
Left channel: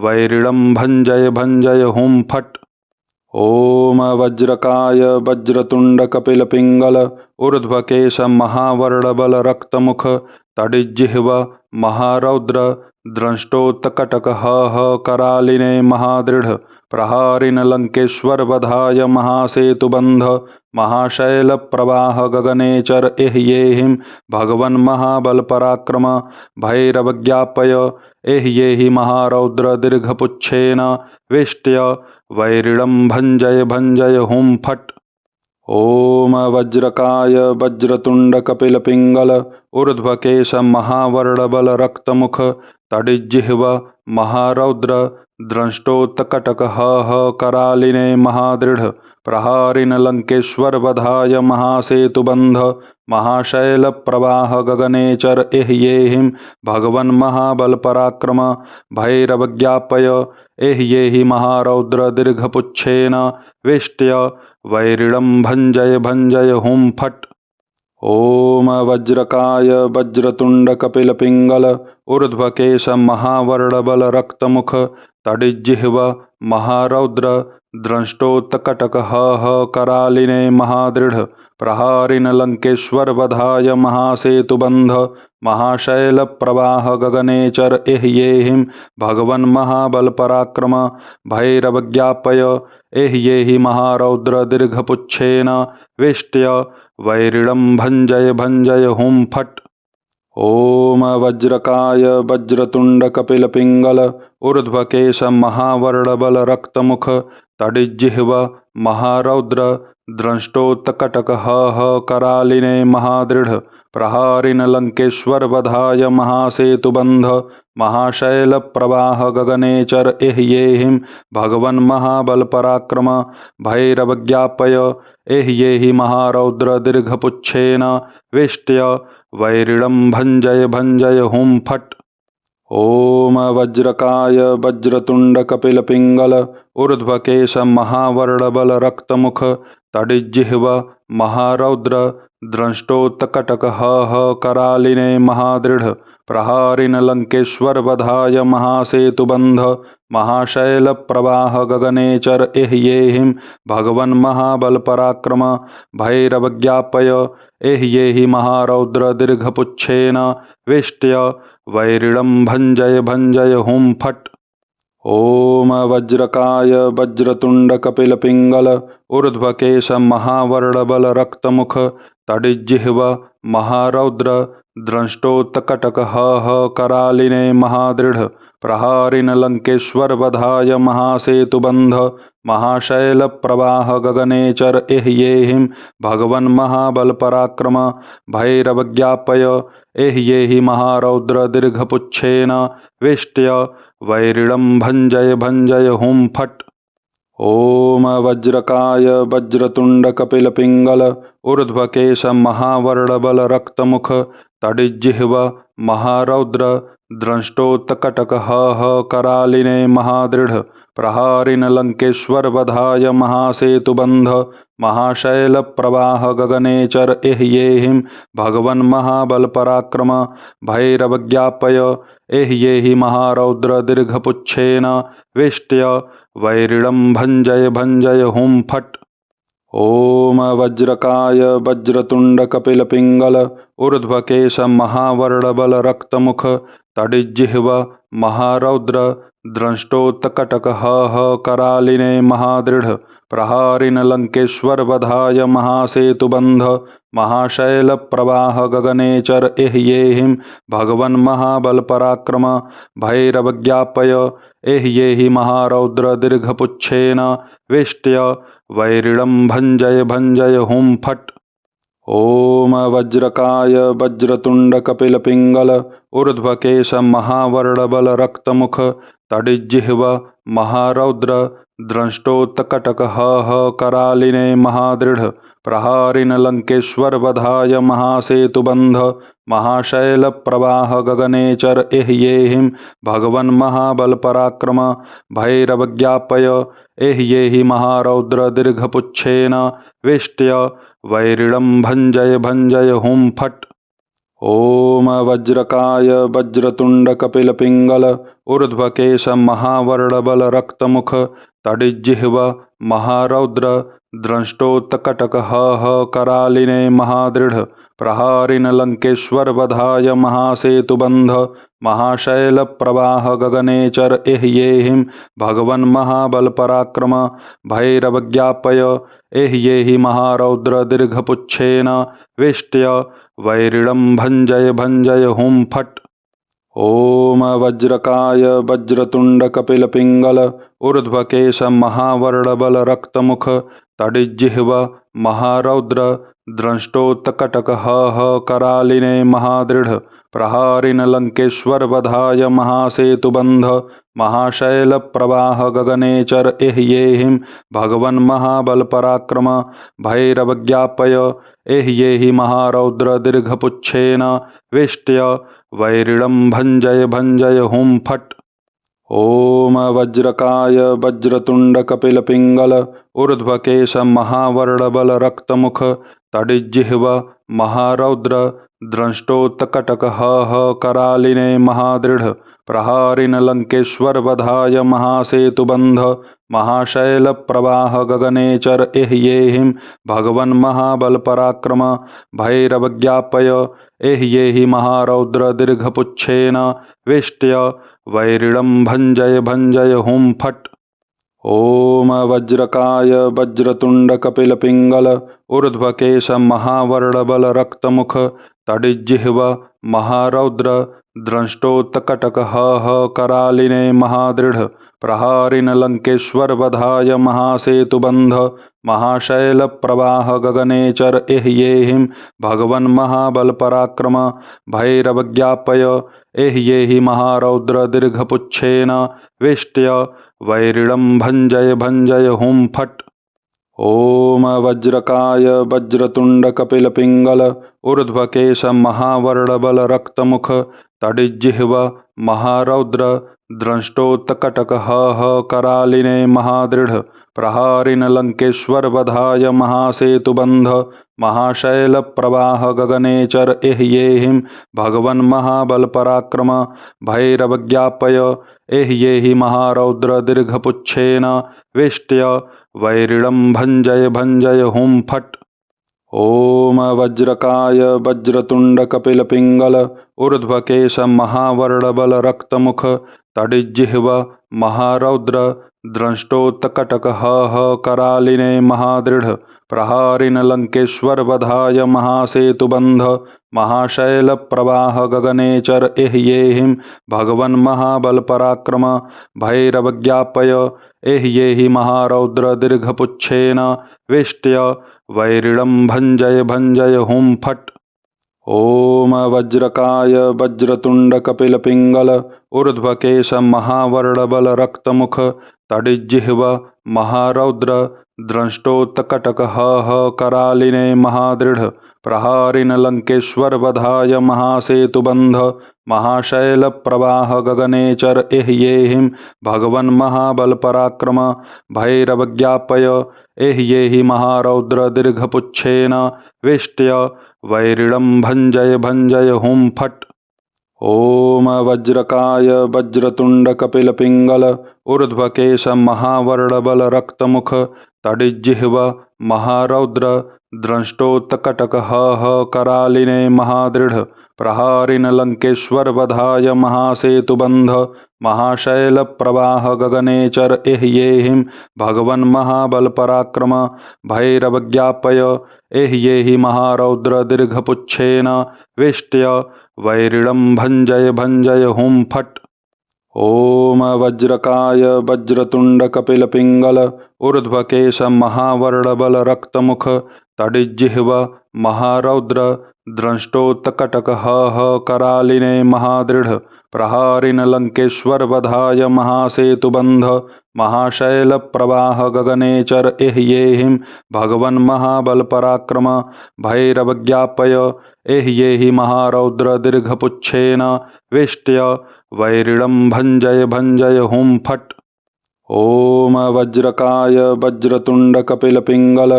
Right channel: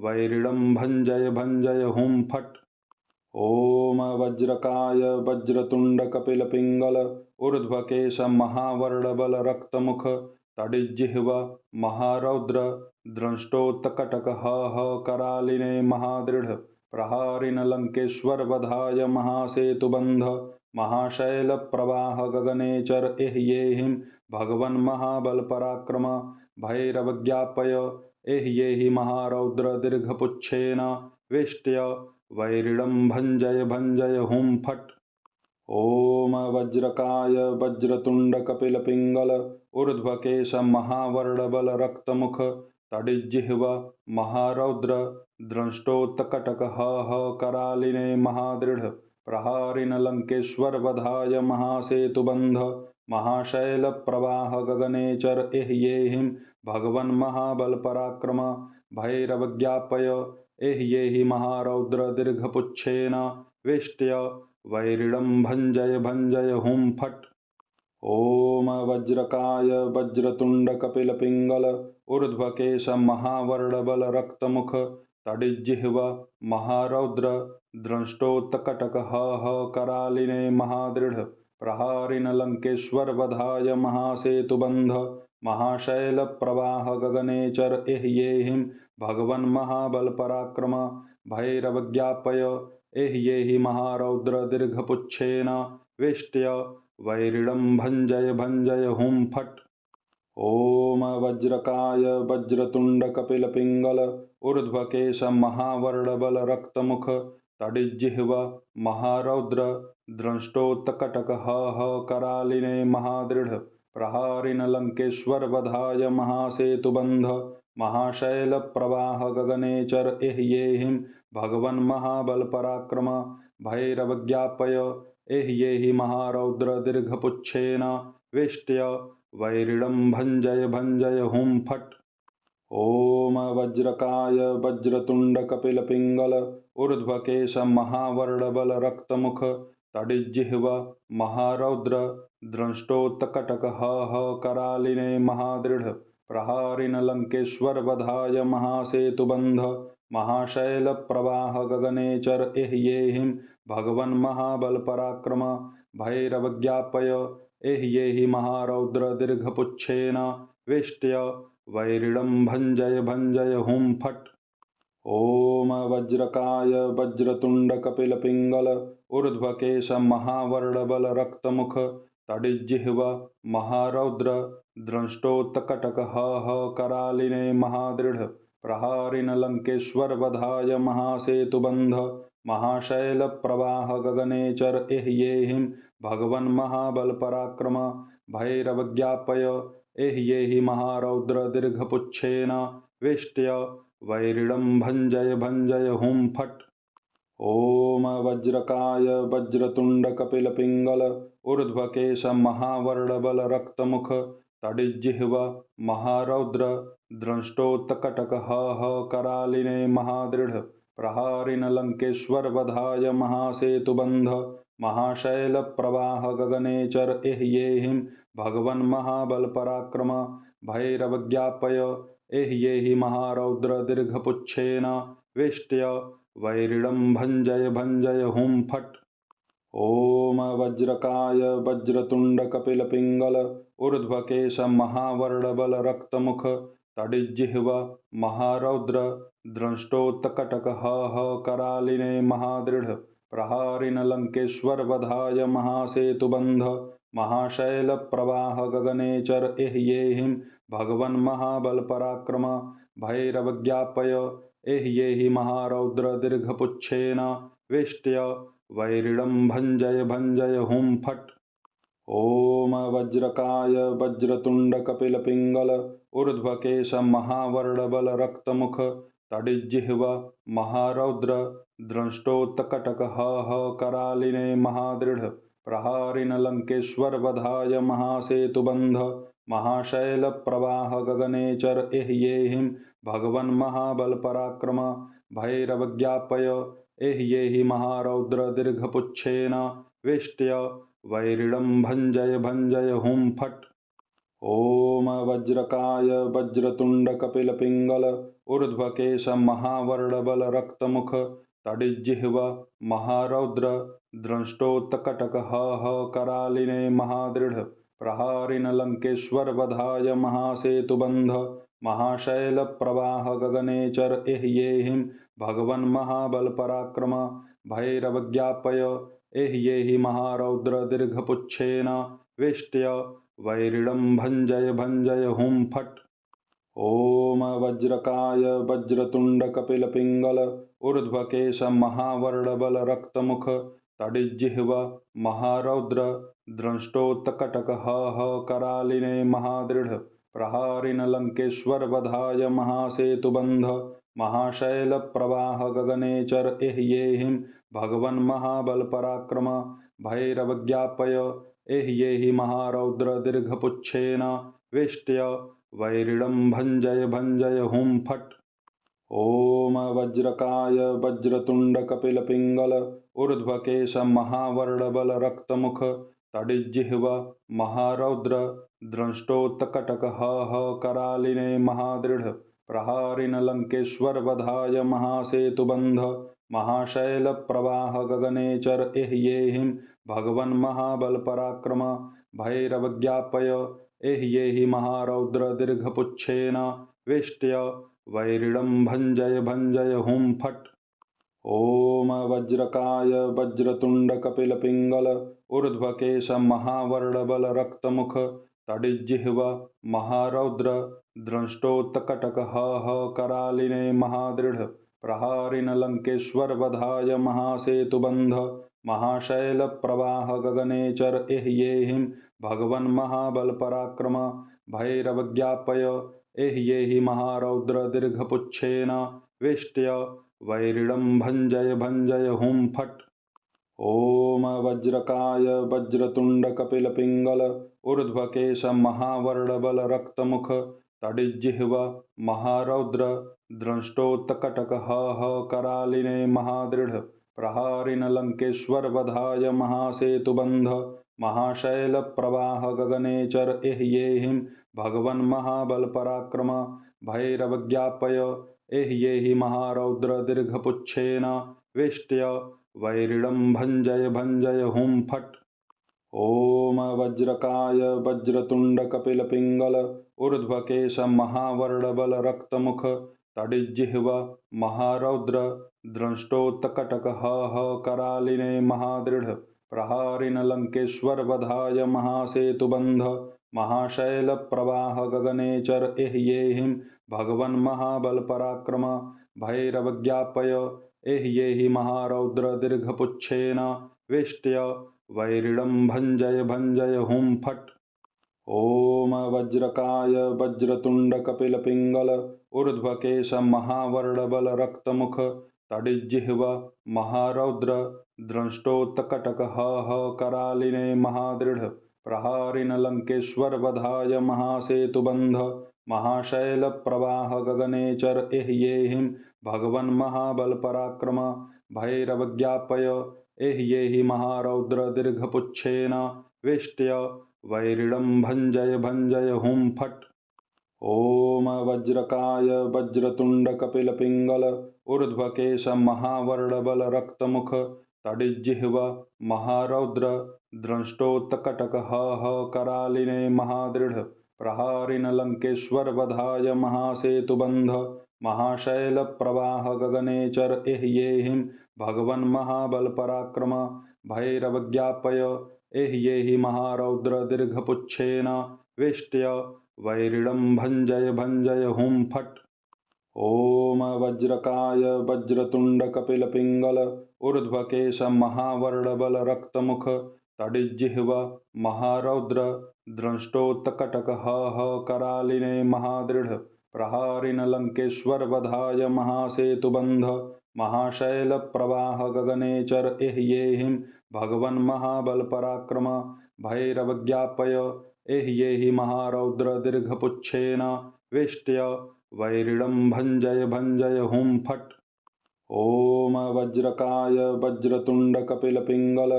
वैरिणं भञ्जय भञ्जय हुं फट्। ॐ वज्रकाय वज्रतुण्डकपिलपिङ्गल ऊर्ध्वकेश महावर्णबल रक्तमुख तडिज्जिह्व महारौद्र द्रष्टोत्कटक करालिने महादृढ प्रहारिन लंकेश्वर वधाय महासेतुबंध महाशैल प्रवाह गगनेचर एह्येहिं भगवन् महाबल पराक्रम भैरवज्ञापय एह्येहि महारौद्र दीर्घपुच्छेन वेष्ट्य वैरिणं भञ्जय भञ्जय हुं फट्। ॐ वज्रकाय वज्रतुण्डकपिलपिङ्गल ऊर्ध्वकेश महावर्णबल रक्तमुख तडिज्जिह्व महारौद्र द्रष्टोत्कटक करालिने महादृढ प्रहारिन लंकेश्वर वधाय महासेतुबंध महाशैल प्रवाह गगनेचर एह्येहिं भगवन् महाबल पराक्रम भैरवज्ञापय एह्येहि महारौद्र दीर्घपुच्छेन वेष्ट्य वैरिणं भञ्जय भञ्जय हुं फट्। ॐ वज्रकाय वज्रतुण्डकपिलपिङ्गल ऊर्ध्वकेश महावर्णबल रक्तमुख तडिज्जिह्व महारौद्र द्रष्टोत्कटक करालिने महादृढ प्रहारिन लंकेश्वर वधाय महासेतुबंध महाशैल प्रवाह गगनेचर एह्येहिं भगवन् महाबल पराक्रम भैरवज्ञापय एह्येहि महारौद्र दीर्घपुच्छेन वेष्ट्य वैरिणं भञ्जय भञ्जय हुं फट्। ॐ वज्रकाय वज्रतुण्डकपिलपिङ्गल ऊर्ध्वकेश महावर्णबल रक्तमुख तडिज्जिह्व महारौद्र द्रष्टोत्कटक करालिने महादृढ प्रहारिन लंकेश्वर वधाय महासेतुबंध महाशैल प्रवाह गगनेचर एह्येहिं भगवन् महाबल पराक्रम भैरवज्ञापय एह्येहि महारौद्र दीर्घपुच्छेन वेष्ट्य वैरिणं भञ्जय भञ्जय हुं फट्। ॐ वज्रकाय वज्रतुण्डकपिलपिङ्गल ऊर्ध्वकेश महावर्णबल रक्तमुख तडिज्जिह्व महारौद्र द्रष्टोत्कटक करालिने महादृढ प्रहारिन लंकेश्वर वधाय महासेतुबंध महाशैल प्रवाह गगनेचर एह्येहिं भगवन् महाबल पराक्रम भैरवज्ञापय एह्येहि महारौद्र दीर्घपुच्छेन वेष्ट्य वैरिणं भञ्जय भञ्जय हुं फट्। ॐ वज्रकाय वज्रतुण्डकपिलपिङ्गल ऊर्ध्वकेश महावर्णबलरक्तमुख तडिज्जिह्व महारौद्र द्रष्टोत्कटकः करालिने महादृढ प्रहारिण लंकेश्वर वधाय महासेतुबंध महाशैल प्रवाह गगनेचर एह्येहिं भगवन् महाबल पराक्रम भैरवज्ञापय एह्येहि महारौद्र दीर्घपुच्छेन वेष्ट्य वैरिणं भञ्जय भञ्जय हुं फट्। ॐ वज्रकाय वज्रतुण्डकपिलपिङ्गल ऊर्ध्वकेश महावर्णबलरक्तमुख तडिज्जिह्व महारौद्र द्रष्टोत्कटकः करालिने महादृढ प्रहारिण लंकेश्वर वधाय महासेतुबंध महाशैल प्रवाह गगनेचर एह्येहिं भगवन् महाबल पराक्रम भैरवज्ञापय एह्येहि महारौद्र दीर्घपुच्छेन वेष्ट्य वैरिणं भञ्जय भञ्जय हुं फट्। ॐ वज्रकाय वज्रतुण्डकपिलपिङ्गल ऊर्ध्वकेश महावर्णबलरक्तमुख तडिज्जिह्व महारौद्र द्रष्टोत्कटकः करालिने महादृढ प्रहारिण लंकेश्वर वधाय महासेतुबंध महाशैल प्रवाह गगनेचर एह्येहिं भगवन् महाबल पराक्रम भैरवज्ञापय एह्येहि महारौद्र दीर्घपुच्छेन वेष्ट्य वैरिणं भञ्जय भञ्जय हुं फट्। ॐ वज्रकाय वज्रतुण्डकपिलपिङ्गल ऊर्ध्वकेश महावर्णबलरक्तमुख तडिज्जिह्व महारौद्र द्रष्टोत्कटकः करालिने महादृढ प्रहारिण लंकेश्वर वधाय महासेतुबंध महाशैल प्रवाह गगनेचर एह्येहिं भगवन् महाबल पराक्रम भैरवज्ञापय एह्येहि महारौद्र दीर्घपुच्छेन वेष्ट्य वैरिणं भञ्जय भञ्जय हुं फट्। ॐ वज्रकाय वज्रतुण्डकपिलपिङ्गल ऊर्ध्वकेश महावर्णबलरक्तमुख तडिज्जिह्व महारौद्र द्रष्टोत्कटकः करालिने महादृढ प्रहारिण लंकेश्वर वधाय महासेतुबंध महाशैल प्रवाह गगनेचर एह्येहिं भगवन् महाबल पराक्रम भैरवज्ञापय एह्येहि महारौद्र दीर्घपुच्छेन वेष्ट्य वैरिणं भञ्जय भञ्जय हुं फट्। ॐ वज्रकाय वज्रतुण्डकपिलपिङ्गल ऊर्ध्वकेश महावर्णबलरक्तमुख तडिज्जिह्व महारौद्र द्रष्टोत्कटकः करालिने महादृढ प्रहारिण लंकेश्वर वधाय महासेतुबंध महाशैल प्रवाह गगनेचर एह्येहिं भगवन् महाबल पराक्रम भैरवज्ञापय एह्येहि महारौद्र दीर्घपुच्छेन वेष्ट्य वैरिणं भञ्जय भञ्जय हुं फट्। ॐ वज्रकाय वज्रतुण्डकपिलपिङ्गल ऊर्ध्वकेश महावर्णबलरक्तमुख तडिज्जिह्व महारौद्र द्रष्टोत्कटकः करालिने महादृढ प्रहारिण लंकेश्वर वधाय महासेतुबंध महाशैल प्रवाह गगनेचर एह्येहिं भगवन् महाबल पराक्रम भैरवज्ञापय एह्येहि महारौद्र दीर्घपुच्छेन वेष्ट्य वैरिणं भञ्जय भञ्जय हुं फट्। ॐ वज्रकाय वज्रतुण्डकपिलपिङ्गल ऊर्ध्वकेश महावर्णबलरक्तमुख तडिज्जिह्व महारौद्र द्रष्टोत्कटकः करालिने महादृढ प्रहारिण लंकेश्वर वधाय महासेतुबंध महाशैल प्रवाह गगनेचर एह्येहिं भगवन् महाबल पराक्रम भैरवज्ञापय एह्येहि महारौद्र दीर्घपुच्छेन वेष्ट्य वैरिणं भञ्जय भञ्जय हुं फट्। ॐ वज्रकाय वज्रतुण्डकपिलपिङ्गल ऊर्ध्वकेश महावर्णबलरक्तमुख तडिज्जिह्व महारौद्र द्रष्टोत्कटकः करालिने महादृढ प्रहारिण लंकेश्वर वधाय महासेतुबंध महाशैल प्रवाह गगनेचर एह्येहिं भगवन् महाबल पराक्रम भैरवज्ञापय एह्येहि महारौद्र दीर्घपुच्छेन वेष्ट्य वैरिणं भञ्जय भञ्जय हुं फट्। ॐ वज्रकाय वज्रतुण्डकपिलपिङ्गल ऊर्ध्वकेश महावर्णबल रक्तमुख तडिज्जिह्व महारौद्र द्रष्टोत्कटक करालिने महादृढ प्रहारिन लंकेश्वर वधाय महासेतुबंध महाशैल प्रवाह गगनेचर एह्येहिं भगवन् महाबल पराक्रम भैरवज्ञापय एह्येहि महारौद्र दीर्घपुच्छेन वेष्ट्य वैरिणं भञ्जय भञ्जय हुं फट्। ॐ वज्रकाय वज्रतुण्डकपिलपिङ्गल ऊर्ध्वकेश महावर्णबल रक्तमुख तडिज्जिह्व महारौद्र द्रष्टोत्कटक करालिने महादृढ प्रहारिन लंकेश्वर वधाय महासेतुबंध महाशैल प्रवाह गगनेचर एह्येहिं भगवन् महाबल पराक्रम भैरवज्ञापय एह्येहि महारौद्र दीर्घपुच्छेन वेष्ट्य वैरिणं भञ्जय भञ्जय हुं फट्। ॐ वज्रकाय वज्रतुण्डकपिलपिङ्गल ऊर्ध्वकेश महावर्णबल रक्तमुख तडिज्जिह्व महारौद्र द्रष्टोत्कटक करालिने महादृढ प्रहारिन लंकेश्वर वधाय महासेतुबंध महाशैल प्रवाह गगनेचर एह्येहिं भगवन् महाबल पराक्रम भैरवज्ञापय एह्येहि महारौद्र दीर्घपुच्छेन वेष्ट्य वैरिणं भञ्जय भञ्जय हुं फट्। ॐ वज्रकाय वज्रतुण्डकपिलपिङ्गल ऊर्ध्वकेश महावर्णबल रक्तमुख तडिज्जिह्व महारौद्र द्रष्टोत्कटक करालिने महादृढ प्रहारिन लंकेश्वर वधाय महासेतुबंध महाशैल प्रवाह गगनेचर एह्येहिं भगवन् महाबल पराक्रम भैरवज्ञापय एह्येहि महारौद्र दीर्घपुच्छेन वेष्ट्य वैरिणं भञ्जय भञ्जय हुं फट्। ॐ वज्रकाय वज्रतुण्डकपिलपिङ्गल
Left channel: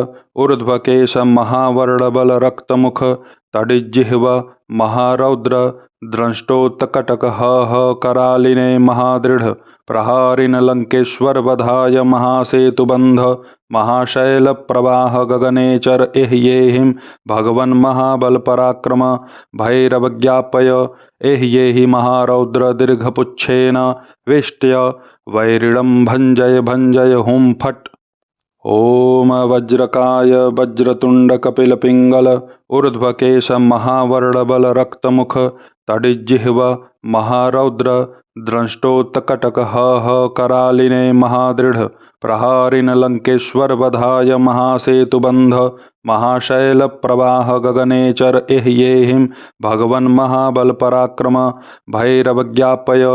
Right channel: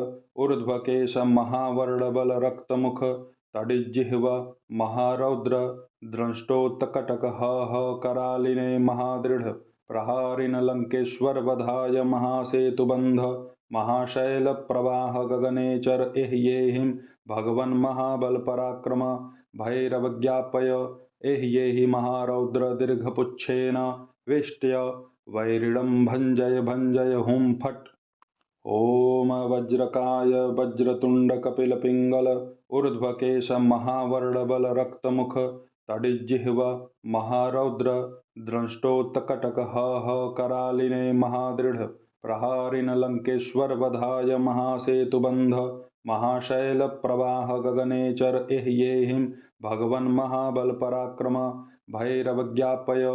ऊर्ध्वकेश महावर्णबल रक्तमुख तडिज्जिह्व महारौद्र द्रष्टोत्कटक करालिने महादृढ प्रहारिन लंकेश्वर वधाय महासेतुबंध महाशैल प्रवाह गगनेचर एह्येहिं भगवन् महाबल पराक्रम भैरवज्ञापय एह्येहि महारौद्र दीर्घपुच्छेन वेष्ट्य वैरिणं भञ्जय भञ्जय हुं फट्। ॐ वज्रकाय वज्रतुण्डकपिलपिङ्गल ऊर्ध्वकेश महावर्णबल रक्तमुख तडिज्जिह्व महारौद्र द्रष्टोत्कटक करालिने महादृढ प्रहारिन लंकेश्वर वधाय महासेतुबंध महाशैल प्रवाह गगनेचर एह्येहिं भगवन् महाबल पराक्रम भैरवज्ञापय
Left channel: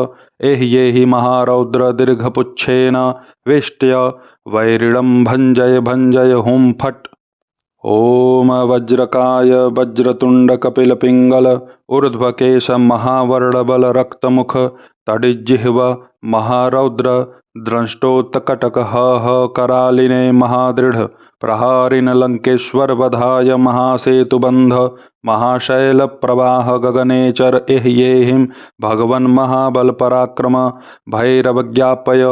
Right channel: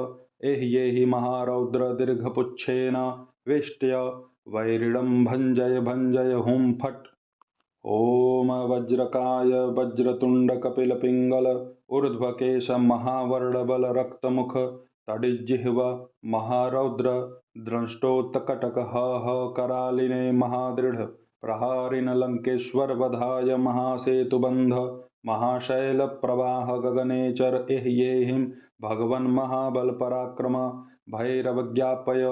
एह्येहि महारौद्र दीर्घपुच्छेन वेष्ट्य वैरिणं भञ्जय भञ्जय हुं फट्। ॐ वज्रकाय वज्रतुण्डकपिलपिङ्गल ऊर्ध्वकेश महावर्णबल रक्तमुख तडिज्जिह्व महारौद्र द्रष्टोत्कटक करालिने महादृढ प्रहारिन लंकेश्वर वधाय महासेतुबंध महाशैल प्रवाह गगनेचर एह्येहिं भगवन् महाबल पराक्रम भैरवज्ञापय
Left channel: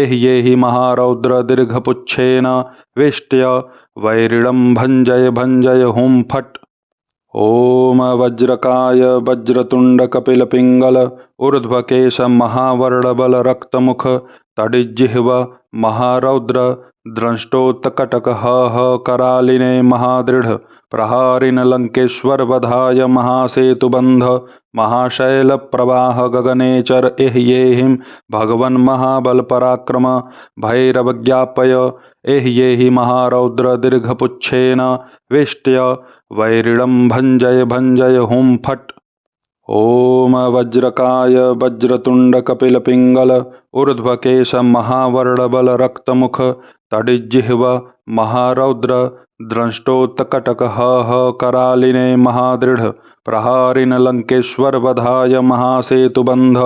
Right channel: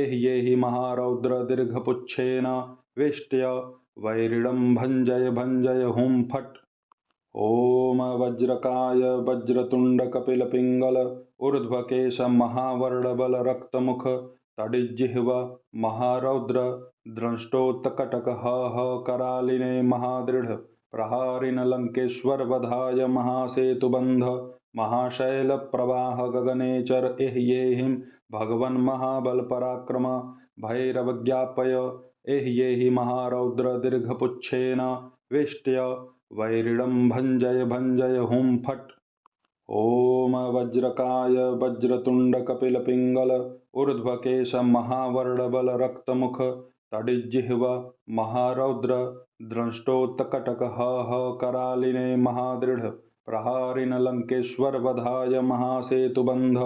एह्येहि महारौद्र दीर्घपुच्छेन वेष्ट्य वैरिणं भञ्जय भञ्जय हुं फट्। ॐ वज्रकाय वज्रतुण्डकपिलपिङ्गल ऊर्ध्वकेश महावर्णबल रक्तमुख तडिज्जिह्व महारौद्र द्रष्टोत्कटक करालिने महादृढ प्रहारिन लंकेश्वर वधाय महासेतुबंध महाशैल प्रवाह गगनेचर एह्येहिं भगवन् महाबल पराक्रम भैरवज्ञापय एह्येहि महारौद्र दीर्घपुच्छेन वेष्ट्य वैरिणं भञ्जय भञ्जय हुं फट्। ॐ वज्रकाय वज्रतुण्डकपिलपिङ्गल ऊर्ध्वकेश महावर्णबल रक्तमुख तडिज्जिह्व महारौद्र द्रष्टोत्कटक करालिने महादृढ प्रहारिन लंकेश्वर वधाय महासेतुबंध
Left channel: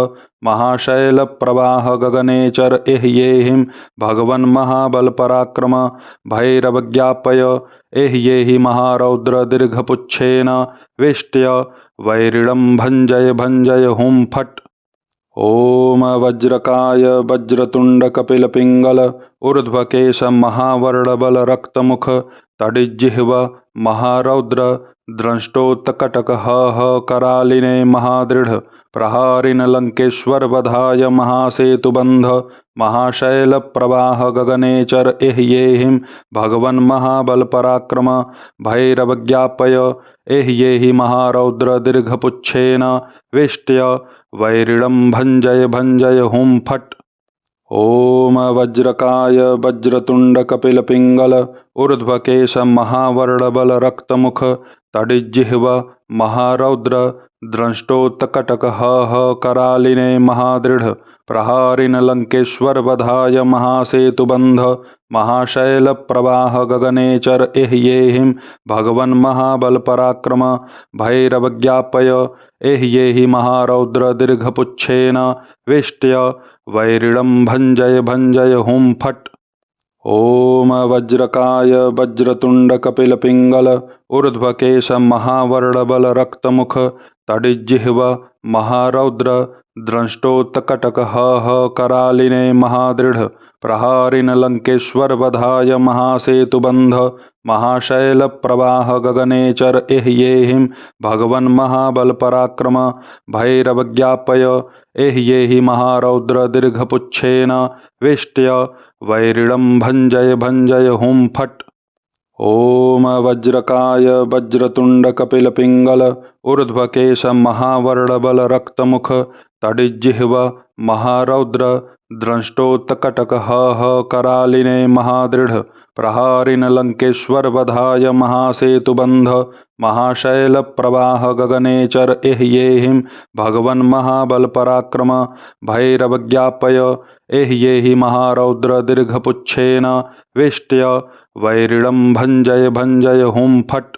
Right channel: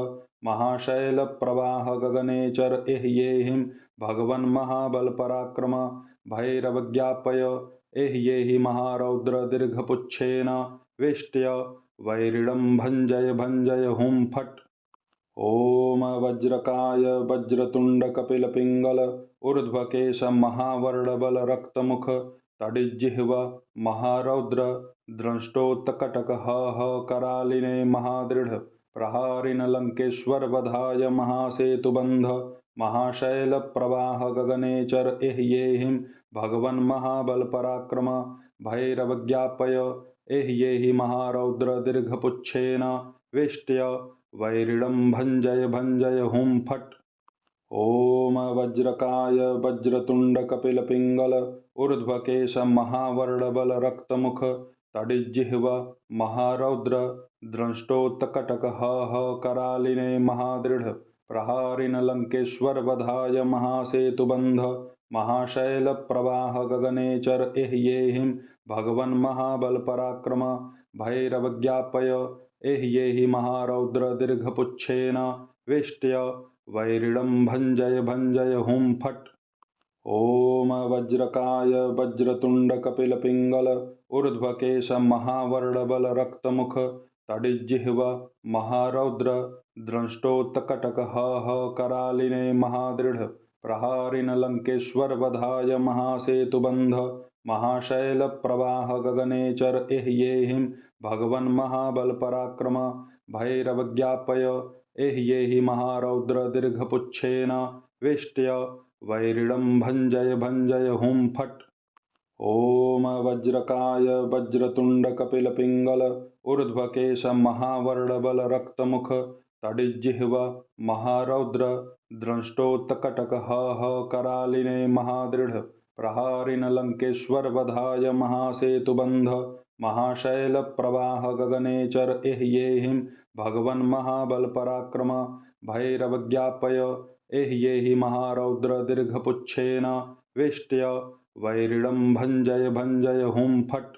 महाशैल प्रवाह गगनेचर एह्येहिं भगवन् महाबल पराक्रम भैरवज्ञापय एह्येहि महारौद्र दीर्घपुच्छेन वेष्ट्य वैरिणं भञ्जय भञ्जय हुं फट्। ॐ वज्रकाय वज्रतुण्ड कपिलपिङ्गल ऊर्ध्वकेश महावर्णबल रक्तमुख तडिज्जिह्व महारौद्र द्रष्टोत्कटक करालिने महादृढ प्रहारिन लंकेश्वर वधाय महासेतुबंध महाशैल प्रवाह गगनेचर एह्येहिं भगवन् महाबल पराक्रम भैरवज्ञापय एह्येहि महारौद्र दीर्घपुच्छेन वेष्ट्य वैरिणं भञ्जय भञ्जय हुं फट्। ॐ वज्रकाय वज्रतुण्ड कपिलपिङ्गल ऊर्ध्वकेश महावर्णबल रक्तमुख तडिज्जिह्व महारौद्र द्रष्टोत्कटक करालिने महादृढ प्रहारिन लंकेश्वर वधाय महासेतुबंध महाशैल प्रवाह गगनेचर एह्येहिं भगवन् महाबल पराक्रम भैरवज्ञापय एह्येहि महारौद्र दीर्घपुच्छेन वेष्ट्य वैरिणं भञ्जय भञ्जय हुं फट्। ॐ वज्रकाय वज्रतुण्ड कपिलपिङ्गल ऊर्ध्वकेश महावर्णबल रक्तमुख तडिज्जिह्व महारौद्र द्रष्टोत्कटक करालिने महादृढ प्रहारिन लंकेश्वर वधाय महासेतुबंध महाशैल प्रवाह गगनेचर एह्येहिं भगवन् महाबल पराक्रम भैरवज्ञापय एह्येहि महारौद्र दीर्घपुच्छेन वेष्ट्य वैरिणं भञ्जय भञ्जय हुं फट्। ॐ वज्रकाय वज्रतुण्ड कपिलपिङ्गल ऊर्ध्वकेश महावर्णबल रक्तमुख तडिज्जिह्व महारौद्र द्रष्टोत्कटक करालिने महादृढ प्रहारिन लंकेश्वर वधाय महासेतुबंध महाशैल प्रवाह गगनेचर एह्येहिं भगवन् महाबल पराक्रम भैरवज्ञापय एह्येहि महारौद्र दीर्घपुच्छेन वेष्ट्य वैरिणं भञ्जय भञ्जय हुं फट्।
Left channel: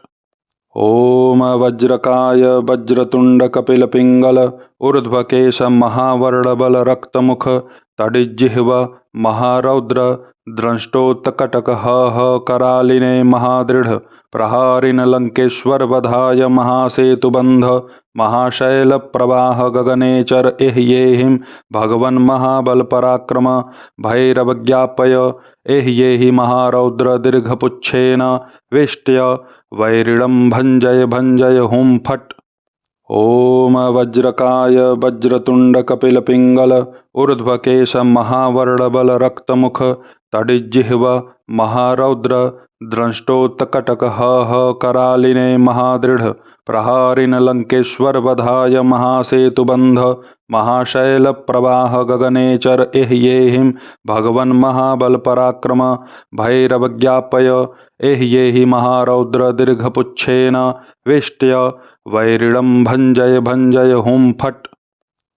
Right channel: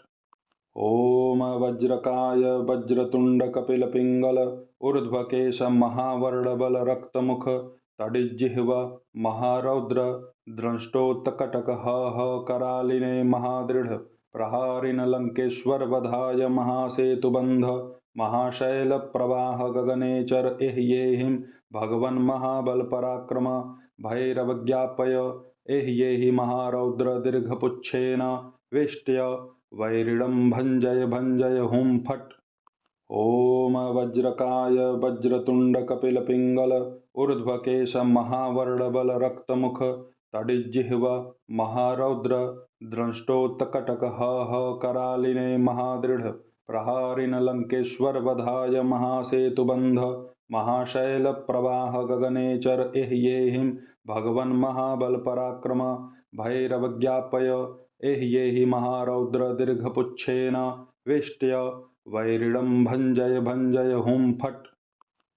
ॐ वज्रकाय वज्रतुण्ड कपिलपिङ्गल ऊर्ध्वकेश महावर्णबल रक्तमुख तडिज्जिह्व महारौद्र द्रष्टोत्कटक करालिने महादृढ प्रहारिन लंकेश्वर वधाय महासेतुबंध महाशैल प्रवाह गगनेचर एह्येहिं भगवन् महाबल पराक्रम भैरवज्ञापय एह्येहि महारौद्र दीर्घपुच्छेन वेष्ट्य वैरिणं भञ्जय भञ्जय हुं फट्। ॐ वज्रकाय वज्रतुण्ड कपिलपिङ्गल ऊर्ध्वकेश महावर्णबल रक्तमुख तडिज्जिह्व महारौद्र द्रष्टोत्कटक करालिने महादृढ प्रहारिन लंकेश्वर वधाय महासेतुबंध महाशैल प्रवाह गगनेचर एह्येहिं भगवन् महाबल पराक्रम भैरवज्ञापय एह्येहि महारौद्र दीर्घपुच्छेन वेष्ट्य वैरिणं भञ्जय भञ्जय हुं फट्।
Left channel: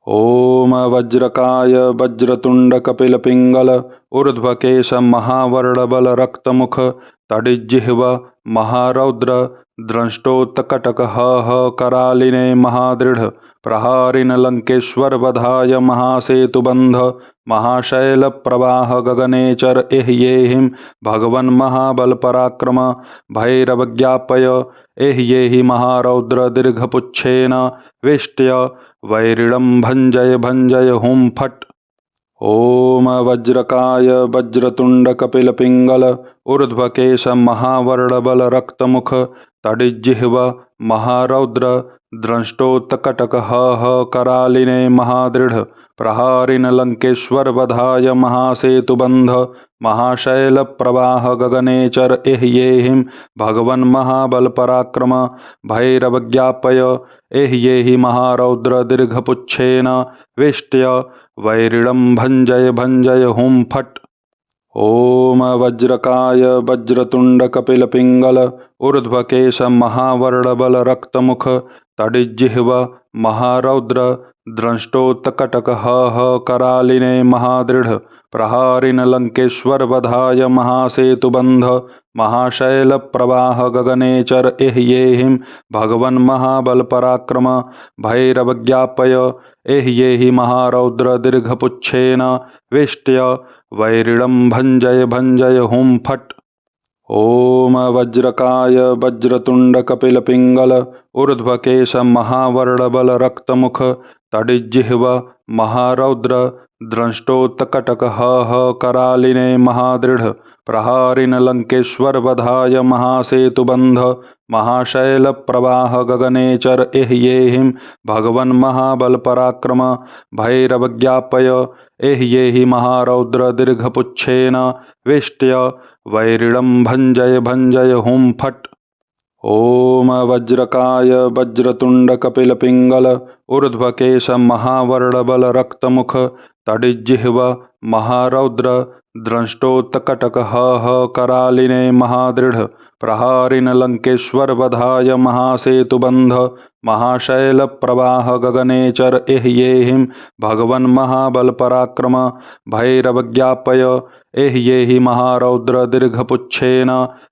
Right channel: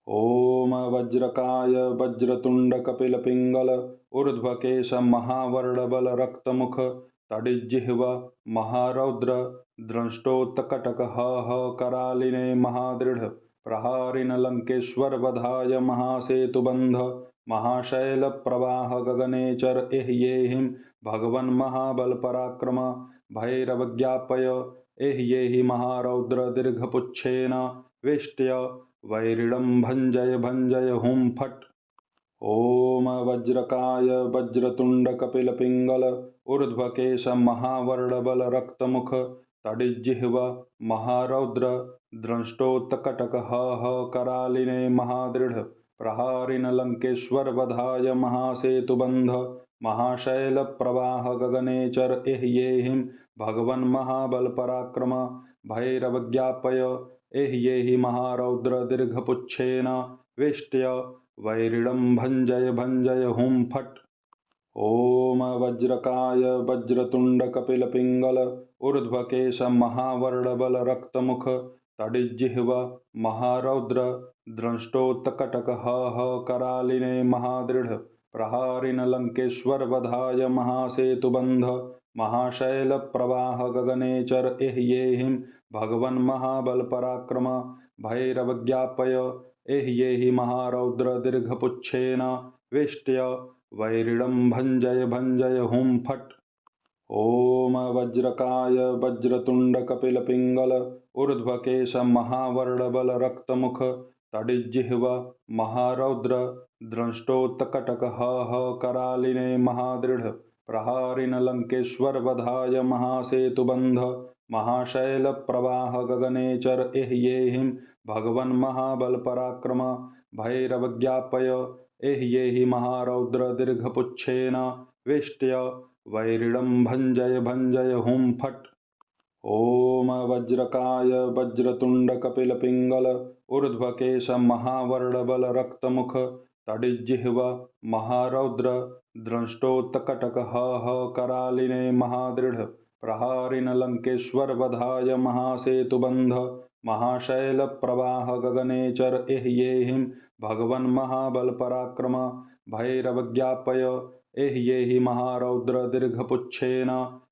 ॐ वज्रकाय वज्रतुण्ड कपिलपिङ्गल ऊर्ध्वकेश महावर्णबल रक्तमुख तडिज्जिह्व महारौद्र द्रष्टोत्कटक करालिने महादृढ प्रहारिन लंकेश्वर वधाय महासेतुबंध महाशैल प्रवाह गगनेचर एह्येहिं भगवन् महाबल पराक्रम भैरवज्ञापय एह्येहि महारौद्र दीर्घपुच्छेन वेष्ट्य वैरिणं भञ्जय भञ्जय हुं फट्। ॐ वज्रकाय वज्रतुण्ड कपिलपिङ्गल ऊर्ध्वकेश महावर्णबल रक्तमुख तडिज्जिह्व महारौद्र द्रष्टोत्कटक करालिने महादृढ प्रहारिन लंकेश्वर वधाय महासेतुबंध महाशैल प्रवाह गगनेचर एह्येहिं भगवन् महाबल पराक्रम भैरवज्ञापय एह्येहि महारौद्र दीर्घपुच्छेन वेष्ट्य वैरिणं भञ्जय भञ्जय हुं फट्। ॐ वज्रकाय वज्रतुण्ड कपिलपिङ्गल ऊर्ध्वकेश महावर्णबल रक्तमुख तडिज्जिह्व महारौद्र द्रष्टोत्कटक करालिने महादृढ प्रहारिन लंकेश्वर वधाय महासेतुबंध महाशैल प्रवाह गगनेचर एह्येहिं भगवन् महाबल पराक्रम भैरवज्ञापय एह्येहि महारौद्र दीर्घपुच्छेन वेष्ट्य वैरिणं भञ्जय भञ्जय हुं फट्। ॐ वज्रकाय वज्रतुण्ड कपिलपिङ्गल ऊर्ध्वकेश महावर्णबल रक्तमुख तडिज्जिह्व महारौद्र द्रष्टोत्कटक करालिने महादृढ़ प्रहारिन लंकेश्वर वधाय महासेतुबंध महाशैल प्रवाह गगनेचर एह्येहिं भगवन् महाबल पराक्रम भैरवज्ञापय एह्येहि महारौद्र दीर्घपुच्छेन वेष्ट्य वैरिणं भञ्जय भञ्जय हुं फट्। ओम वज्रकाय वज्रतुंड कपिल पिंगल ऊर्ध्वकेश महावर्णबल रक्तमुख तडिज्जिह्व महारौद्र द्रष्टोत्कटक करालिने महादृढ़ प्रहारिन लंकेश्वर वधाय महासेतुबंध महाशैल प्रवाह गगनेचर एह्येहिं भगवन् महाबल पराक्रम भैरवज्ञापय एह्येहि महारौद्र दीर्घपुच्छेन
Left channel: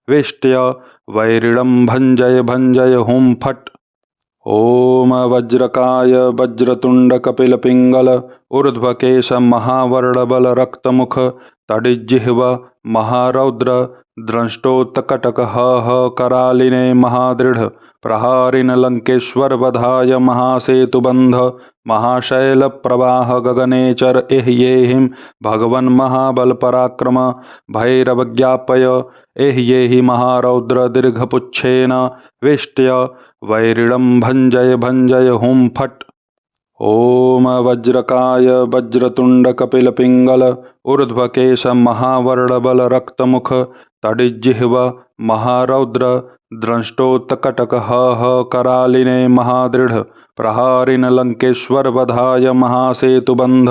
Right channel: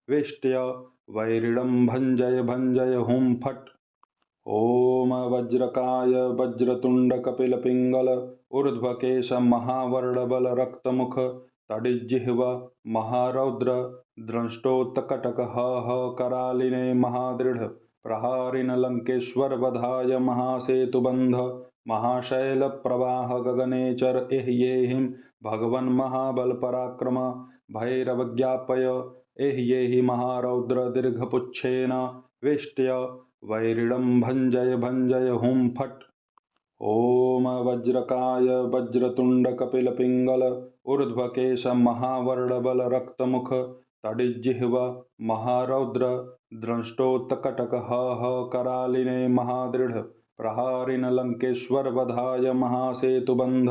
वेष्ट्य वैरिणं भञ्जय भञ्जय हुं फट्। ओम वज्रकाय वज्रतुंड कपिल पिंगल ऊर्ध्वकेश महावर्णबल रक्तमुख तडिज्जिह्व महारौद्र द्रष्टोत्कटक करालिने महादृढ़ प्रहारिन लंकेश्वर वधाय महासेतुबंध महाशैल प्रवाह गगनेचर एह्येहिं भगवन् महाबल पराक्रम भैरवज्ञापय एह्येहि महारौद्र दीर्घपुच्छेन वेष्ट्य वैरिणं भञ्जय भञ्जय हुं फट्। ओम वज्रकाय वज्रतुंड कपिल पिंगल ऊर्ध्वकेश महावर्णबल रक्तमुख तडिज्जिह्व महारौद्र द्रष्टोत्कटक करालिने महादृढ़ प्रहारिन लंकेश्वर वधाय महासेतुबंध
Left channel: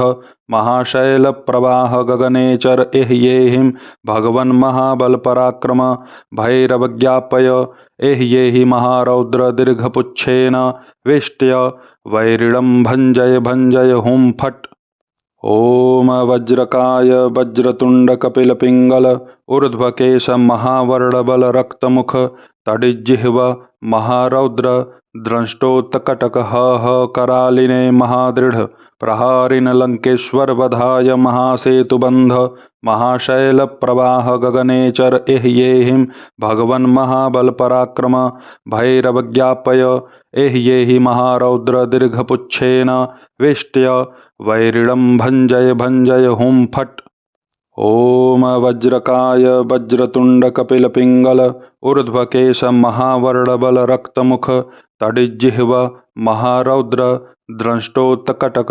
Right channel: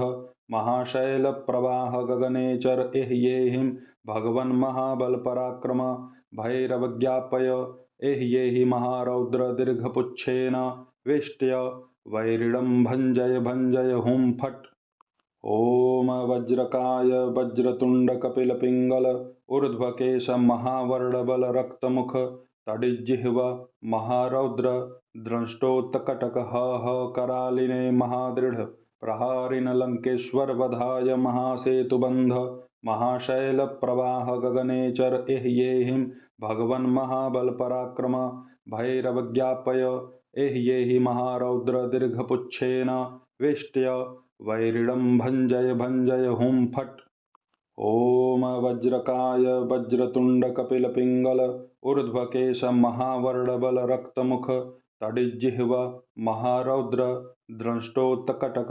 महाशैल प्रवाह गगनेचर एह्येहिं भगवन् महाबल पराक्रम भैरवज्ञापय एह्येहि महारौद्र दीर्घपुच्छेन वेष्ट्य वैरिणं भञ्जय भञ्जय हुं फट्। ओम वज्रकाय वज्रतुंड कपिल पिंगल ऊर्ध्वकेश महावर्णबल रक्तमुख तडिज्जिह्व महारौद्र द्रष्टोत्कटक करालिने महादृढ़ प्रहारिन लंकेश्वर वधाय महासेतुबंध महाशैल प्रवाह गगनेचर एह्येहिं भगवन् महाबल पराक्रम भैरवज्ञापय एह्येहि महारौद्र दीर्घपुच्छेन वेष्ट्य वैरिणं भञ्जय भञ्जय हुं फट्। ओम वज्रकाय वज्रतुंड कपिल पिंगल ऊर्ध्वकेश महावर्णबल रक्तमुख तडिज्जिह्व महारौद्र द्रष्टोत्कटक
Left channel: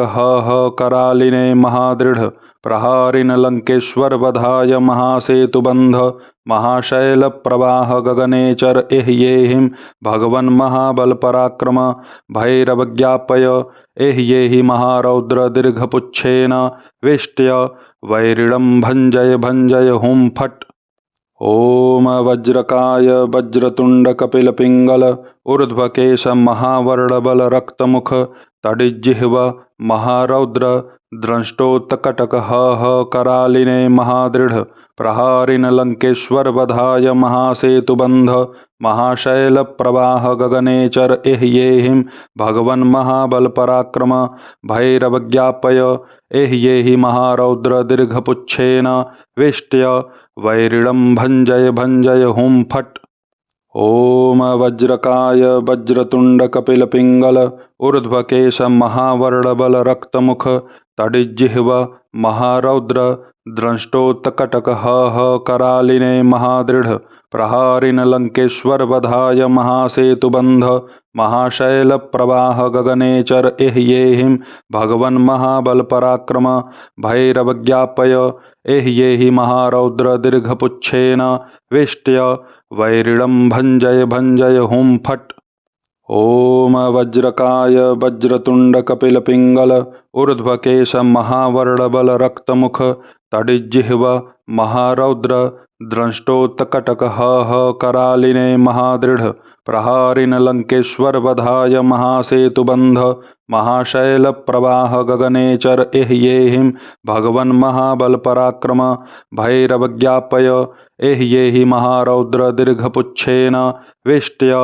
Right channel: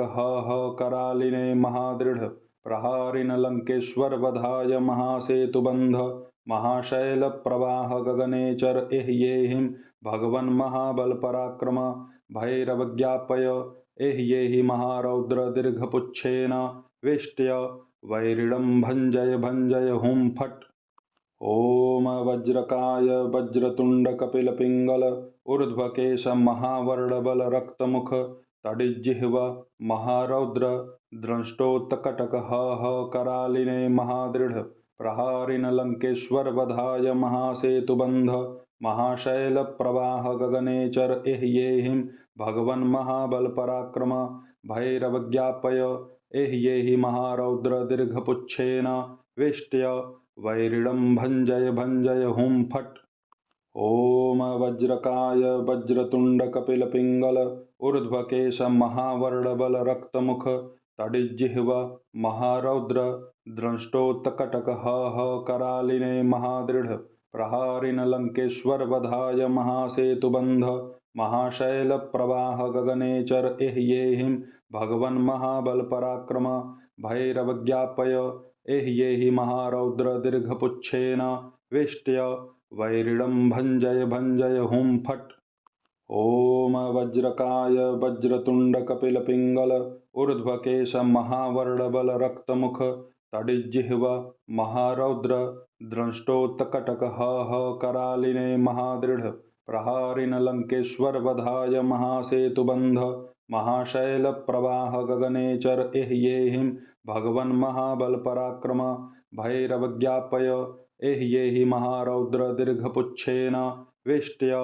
करालिने महादृढ़ प्रहारिन लंकेश्वर वधाय महासेतुबंध महाशैल प्रवाह गगनेचर एह्येहिं भगवन् महाबल पराक्रम भैरवज्ञापय एह्येहि महारौद्र दीर्घपुच्छेन वेष्ट्य वैरिणं भञ्जय भञ्जय हुं फट्। ओम वज्रकाय वज्रतुंड कपिल पिंगल ऊर्ध्वकेश महावर्णबल रक्तमुख तडिज्जिह्व महारौद्र द्रष्टोत्कटक करालिने महादृढ़ प्रहारिन लंकेश्वर वधाय महासेतुबंध महाशैल प्रवाह गगनेचर एह्येहिं भगवन् महाबल पराक्रम भैरवज्ञापय एह्येहि महारौद्र दीर्घपुच्छेन वेष्ट्य वैरिणं भञ्जय भञ्जय हुं फट्। ओम वज्रकाय वज्रतुंड कपिल पिंगल ऊर्ध्वकेश महावर्णबल रक्तमुख तडिज्जिह्व महारौद्र द्रष्टोत्कटक करालिने महादृढ़ प्रहारिन लंकेश्वर वधाय महासेतुबंध महाशैल प्रवाह गगनेचर एह्येहिं भगवन् महाबल पराक्रम भैरवज्ञापय एह्येहि महारौद्र दीर्घपुच्छेन वेष्ट्य वैरिणं भञ्जय भञ्जय हुं फट्। ओम वज्रकाय वज्रतुंड कपिल पिंगल ऊर्ध्वकेश महावर्णबल रक्तमुख तडिज्जिह्व महारौद्र द्रष्टोत्कटक करालिने महादृढ़ प्रहारिन लंकेश्वर वधाय महासेतुबंध महाशैल प्रवाह गगनेचर एह्येहिं भगवन् महाबल पराक्रम भैरवज्ञापय एह्येहि महारौद्र दीर्घपुच्छेन वेष्ट्य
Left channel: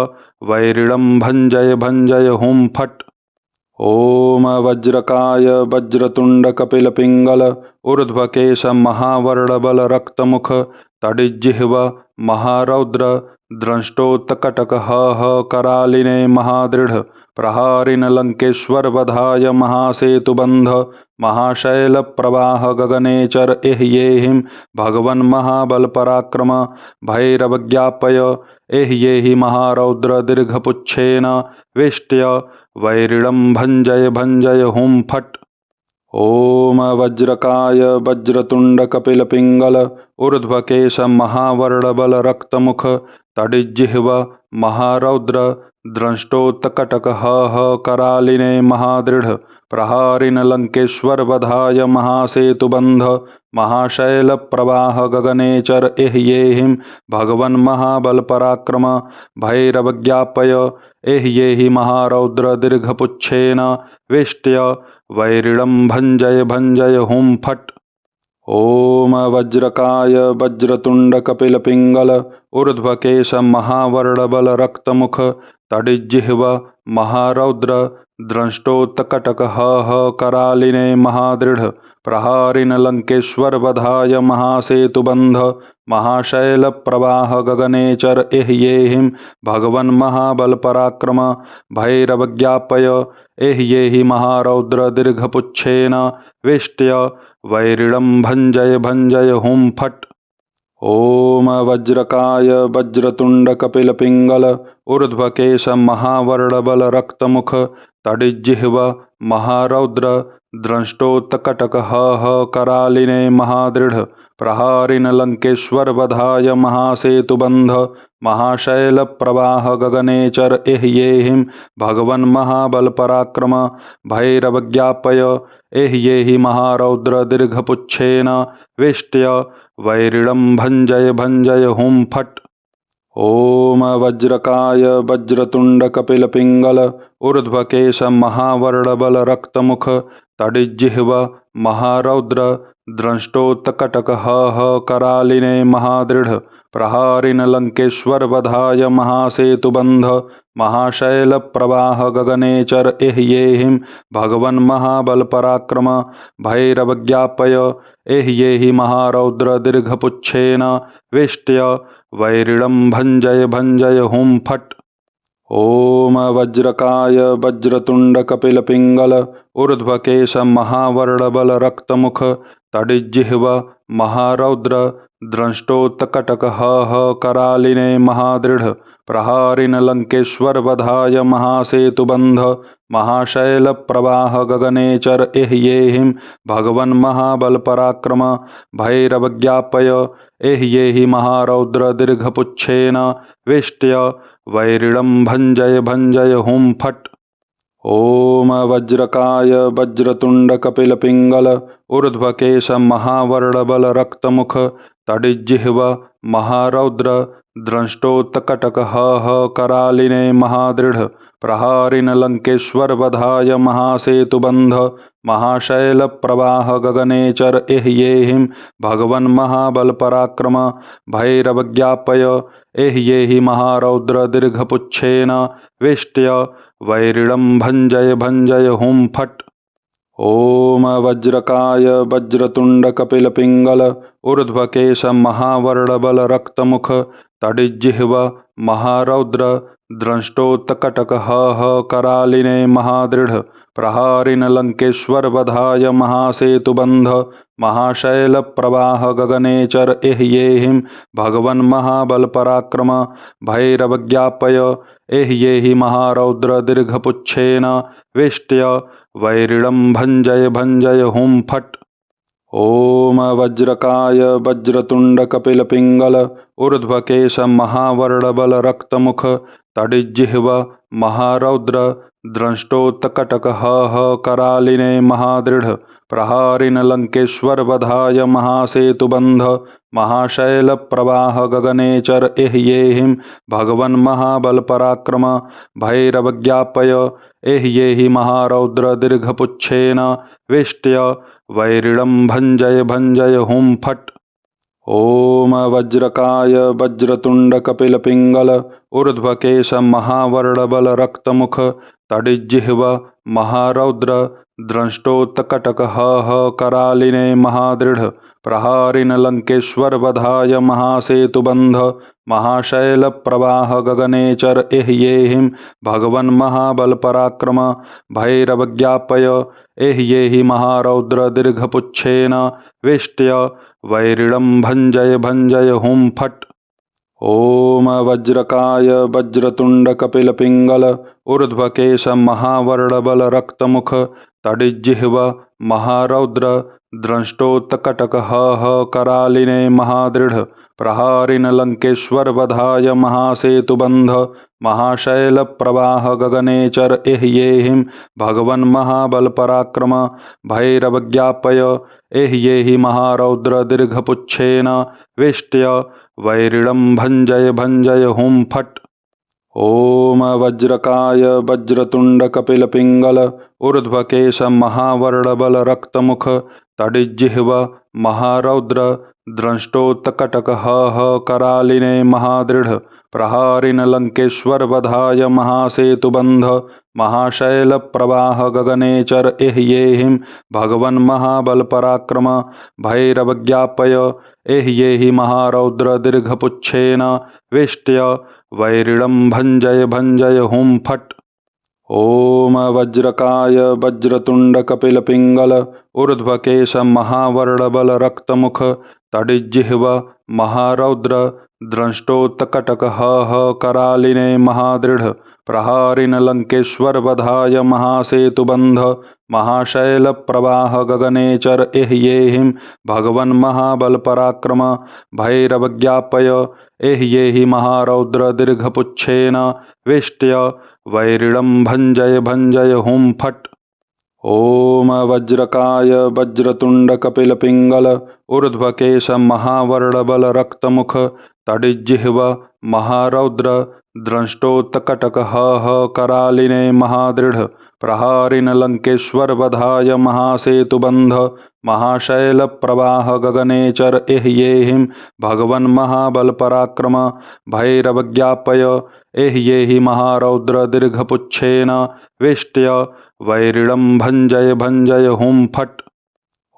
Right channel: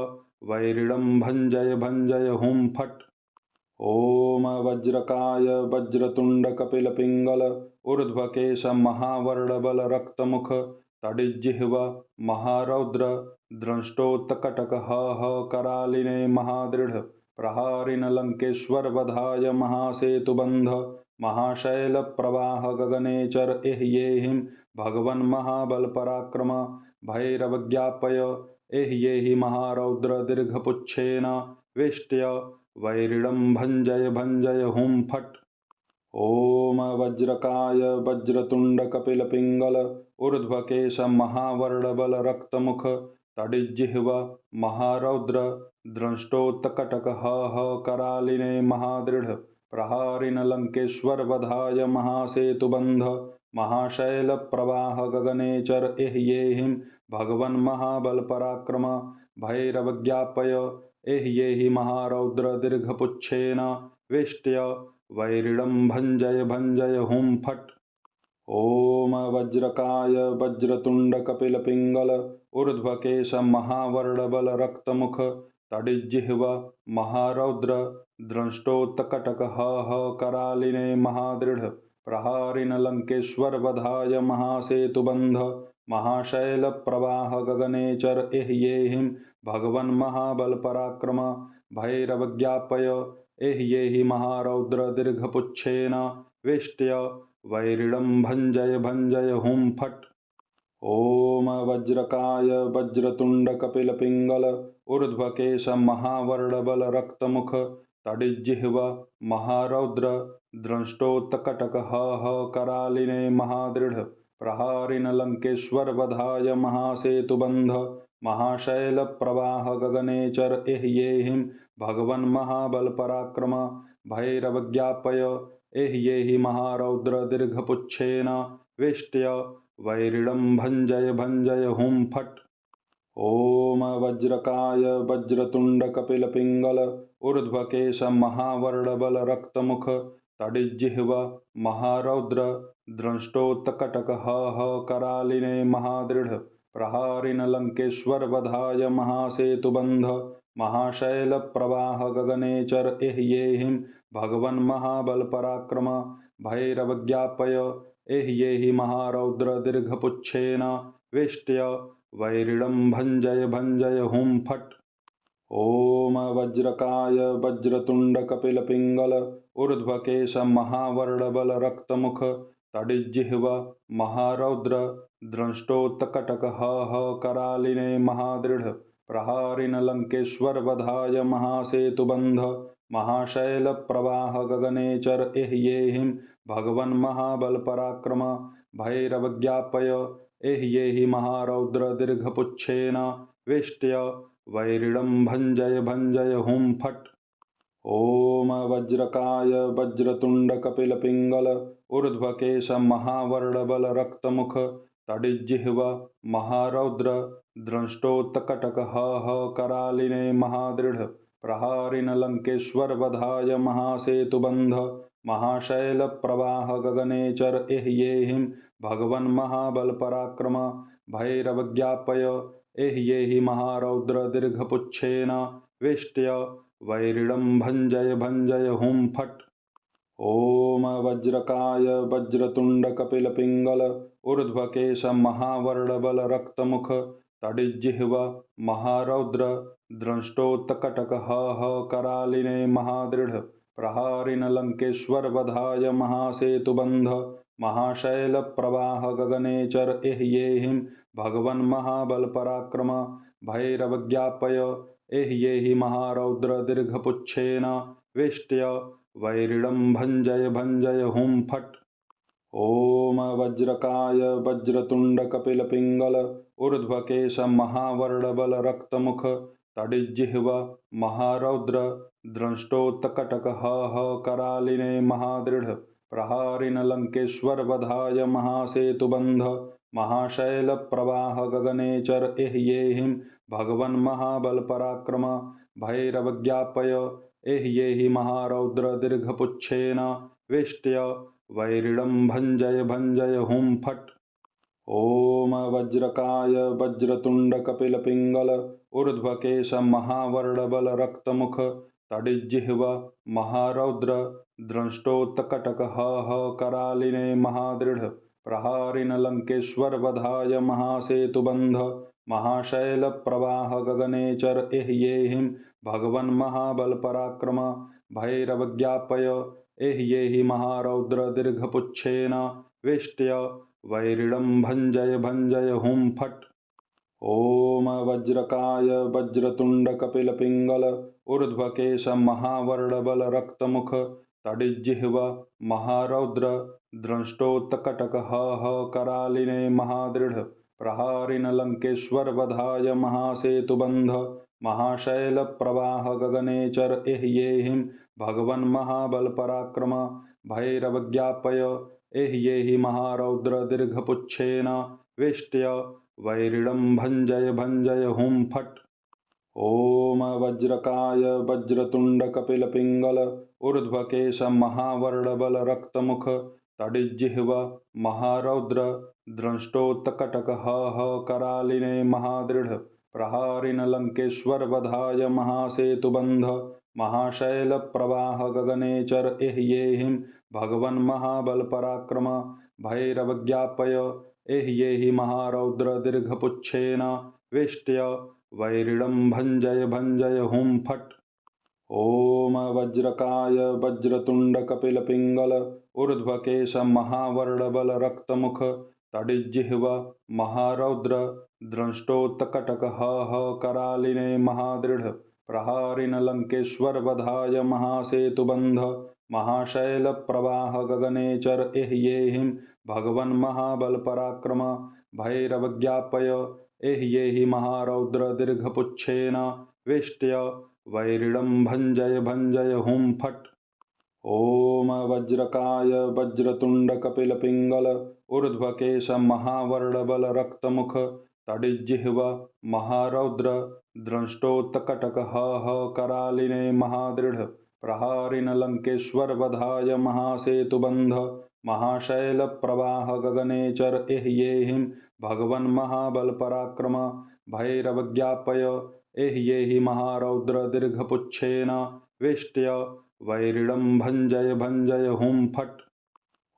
वैरिणं भञ्जय भञ्जय हुं फट्। ओम वज्रकाय वज्रतुंड कपिल पिंगल ऊर्ध्वकेश महावर्णबल रक्तमुख तडिज्जिह्व महारौद्र द्रष्टोत्कटक ह करालिने महादृढ़ प्रहारिन लंकेश्वर वधाय महासेतुबंध महाशैल प्रवाह गगनेचर एह्येहिं भगवन् महाबल पराक्रम भैरवज्ञापय एह्येहि महारौद्र दीर्घपुच्छेन वेष्ट्य वैरिणं भंजय भंजय हुं फट्। ओम वज्रकाय वज्रतुंड कपिल पिंगल ऊर्ध्वकेश महावर्णबल रक्तमुख तडिज्जिह्व महारौद्र द्रष्टोत्कटक ह करालिने महादृढ़ प्रहारिन लंकेश्वर वधाय महासेतुबंध महाशैल प्रवाह गगनेचर एह्येहिं भगवन् महाबल पराक्रम भैरवज्ञापय एह्येहि महारौद्र दीर्घपुच्छेन वेष्ट्य वैरिणं भंजय भंजय हुं फट्। ओम वज्रकाय वज्रतुंड कपिल पिंगल ऊर्ध्वकेश महावर्णबल रक्तमुख तडिज्जिह्व महारौद्र द्रष्टोत्कटक ह करालिने महादृढ़ प्रहारिन लंकेश्वर वधाय महासेतुबंध महाशैल प्रवाह गगनेचर एह्येहिं भगवन् महाबल पराक्रम भैरवज्ञापय एह्येहि महारौद्र दीर्घपुच्छेन वेष्ट्य वैरिणं भंजय भंजय हुं फट्। ओम वज्रकाय वज्रतुंड कपिल पिंगल ऊर्ध्वकेश महावर्णबल रक्तमुख तडिज्जिह्व महारौद्र द्रष्टोत्कटक ह करालिने महादृढ़ प्रहारिन लंकेश्वर वधाय महासेतुबंध महाशैल प्रवाह गगनेचर एह्येहिं भगवन् महाबल पराक्रम भैरवज्ञापय एह्येहि महारौद्र दीर्घपुच्छेन वेष्ट्य वैरिणं भंजय भंजय हुं फट्। ओम वज्रकाय वज्रतुंड कपिल पिंगल ऊर्ध्वकेश महावर्णबल रक्तमुख तडिज्जिह्व महारौद्र द्रष्टोत्कटक ह करालिने महादृढ़ प्रहारिन लंकेश्वर वधाय महासेतुबंध महाशैल प्रवाह गगनेचर एह्येहिं भगवन् महाबल पराक्रम भैरवज्ञापय एह्येहि महारौद्र दीर्घपुच्छेन वेष्ट्य वैरिणं भंजय भंजय हुं फट्। ओम वज्रकाय वज्रतुंड कपिल पिंगल ऊर्ध्वकेश महावर्णबल रक्तमुख तडिज्जिह्व महारौद्र द्रष्टोत्कटक ह करालिने महादृढ़ प्रहारिन लंकेश्वर वधाय महासेतुबंध महाशैल प्रवाह गगनेचर एह्येहिं भगवन् महाबल पराक्रम भैरवज्ञापय एह्येहि महारौद्र दीर्घपुच्छेन वेष्ट्य वैरिणं भंजय भंजय हुं फट्। ओम वज्रकाय वज्रतुंड कपिल पिंगल ऊर्ध्वकेश महावर्णबल रक्तमुख तडिज्जिह्व महारौद्र द्रष्टोत्कटक ह करालिने महादृढ़ प्रहारिन लंकेश्वर वधाय महासेतुबंध महाशैल प्रवाह गगनेचर एह्येहिं भगवन् महाबल पराक्रम भैरवज्ञापय एह्येहि महारौद्र दीर्घपुच्छेन वेष्ट्य वैरिणं भंजय भंजय हुं फट्। ओम वज्रकाय वज्रतुंड कपिल पिंगल ऊर्ध्वकेश महावर्णबल रक्तमुख तडिज्जिह्व महारौद्र द्रष्टोत्कटक ह करालिने महादृढ़ प्रहारिन लंकेश्वर वधाय महासेतुबंध महाशैल प्रवाह गगनेचर एह्येहिं भगवन् महाबल पराक्रम भैरवज्ञापय एह्येहि महारौद्र दीर्घपुच्छेन वेष्ट्य वैरिणं भंजय भंजय हुं फट्। ओम वज्रकाय वज्रतुंड कपिल पिंगल ऊर्ध्वकेश महावर्णबल रक्तमुख तडिज्जिह्व महारौद्र द्रष्टोत्कटक ह करालिने महादृढ़ प्रहारिन लंकेश्वर वधाय महासेतुबंध महाशैल प्रवाह गगनेचर एह्येहिं भगवन् महाबल पराक्रम भैरवज्ञापय एह्येहि महारौद्र दीर्घपुच्छेन वेष्ट्य वैरिणं भंजय भंजय हुं फट्। ओम वज्रकाय वज्रतुंड कपिल पिंगल ऊर्ध्वकेश महावर्णबल रक्तमुख तडिज्जिह्व महारौद्र द्रष्टोत्कटक ह करालिने महादृढ़ प्रहारिन लंकेश्वर वधाय महासेतुबंध महाशैल प्रवाह गगनेचर एह्येहिं भगवन् महाबल पराक्रम भैरवज्ञापय एह्येहि महारौद्र दीर्घपुच्छेन वेष्ट्य वैरिणं भञ्जय भञ्जय हुं फट्। ओम वज्रकाय वज्रतुंड कपिल पिंगल ऊर्ध्वकेश महावर्णबल रक्तमुख तडिज्जिह्व महारौद्र द्रष्टोत्कटक करालिने महादृढ़ प्रहारिन लंकेश्वर वधाय महासेतुबंध महाशैल प्रवाह गगनेचर एह्येहिं भगवन् महाबल पराक्रम भैरवज्ञापय एह्येहि महारौद्र दीर्घपुच्छेन वेष्ट्य वैरिणं भञ्जय भञ्जय हुं फट्। ओम वज्रकाय वज्रतुंड कपिल पिंगल ऊर्ध्वकेश महावर्णबल रक्तमुख तडिज्जिह्व महारौद्र द्रष्टोत्कटक करालिने महादृढ़ प्रहारिन लंकेश्वर वधाय महासेतुबंध महाशैल प्रवाह गगनेचर एह्येहिं भगवन् महाबल पराक्रम भैरवज्ञापय एह्येहि महारौद्र दीर्घपुच्छेन वेष्ट्य वैरिणं भञ्जय भञ्जय हुं फट्। ओम वज्रकाय वज्रतुंड कपिल पिंगल ऊर्ध्वकेश महावर्णबल रक्तमुख तडिज्जिह्व महारौद्र द्रष्टोत्कटक करालिने महादृढ़ प्रहारिन लंकेश्वर वधाय महासेतुबंध महाशैल प्रवाह गगनेचर एह्येहिं भगवन् महाबल पराक्रम भैरवज्ञापय एह्येहि महारौद्र दीर्घपुच्छेन वेष्ट्य वैरिणं भञ्जय भञ्जय हुं फट्। ओम वज्रकाय वज्रतुंड कपिल पिंगल ऊर्ध्वकेश महावर्णबल रक्तमुख तडिज्जिह्व महारौद्र द्रष्टोत्कटक करालिने महादृढ़ प्रहारिन लंकेश्वर वधाय महासेतुबंध महाशैल प्रवाह गगनेचर एह्येहिं भगवन् महाबल पराक्रम भैरवज्ञापय एह्येहि महारौद्र दीर्घपुच्छेन वेष्ट्य वैरिणं भञ्जय भञ्जय हुं फट्।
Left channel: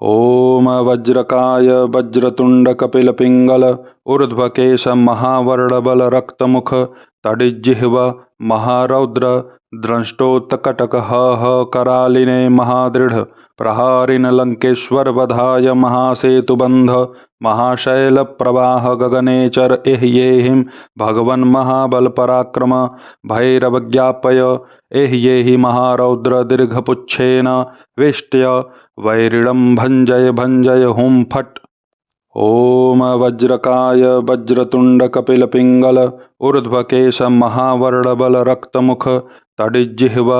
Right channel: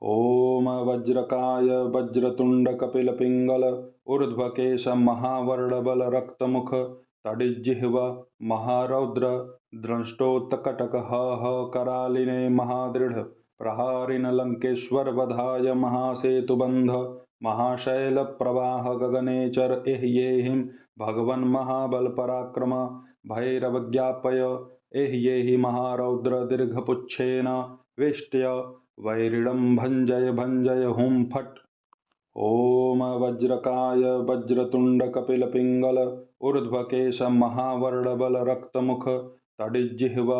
ओम वज्रकाय वज्रतुंड कपिल पिंगल ऊर्ध्वकेश महावर्णबल रक्तमुख तडिज्जिह्व महारौद्र द्रष्टोत्कटक करालिने महादृढ़ प्रहारिन लंकेश्वर वधाय महासेतुबंध महाशैल प्रवाह गगनेचर एह्येहिं भगवन् महाबल पराक्रम भैरवज्ञापय एह्येहि महारौद्र दीर्घपुच्छेन वेष्ट्य वैरिणं भञ्जय भञ्जय हुं फट्। ओम वज्रकाय वज्रतुंड कपिल पिंगल ऊर्ध्वकेश महावर्णबल रक्तमुख तडिज्जिह्व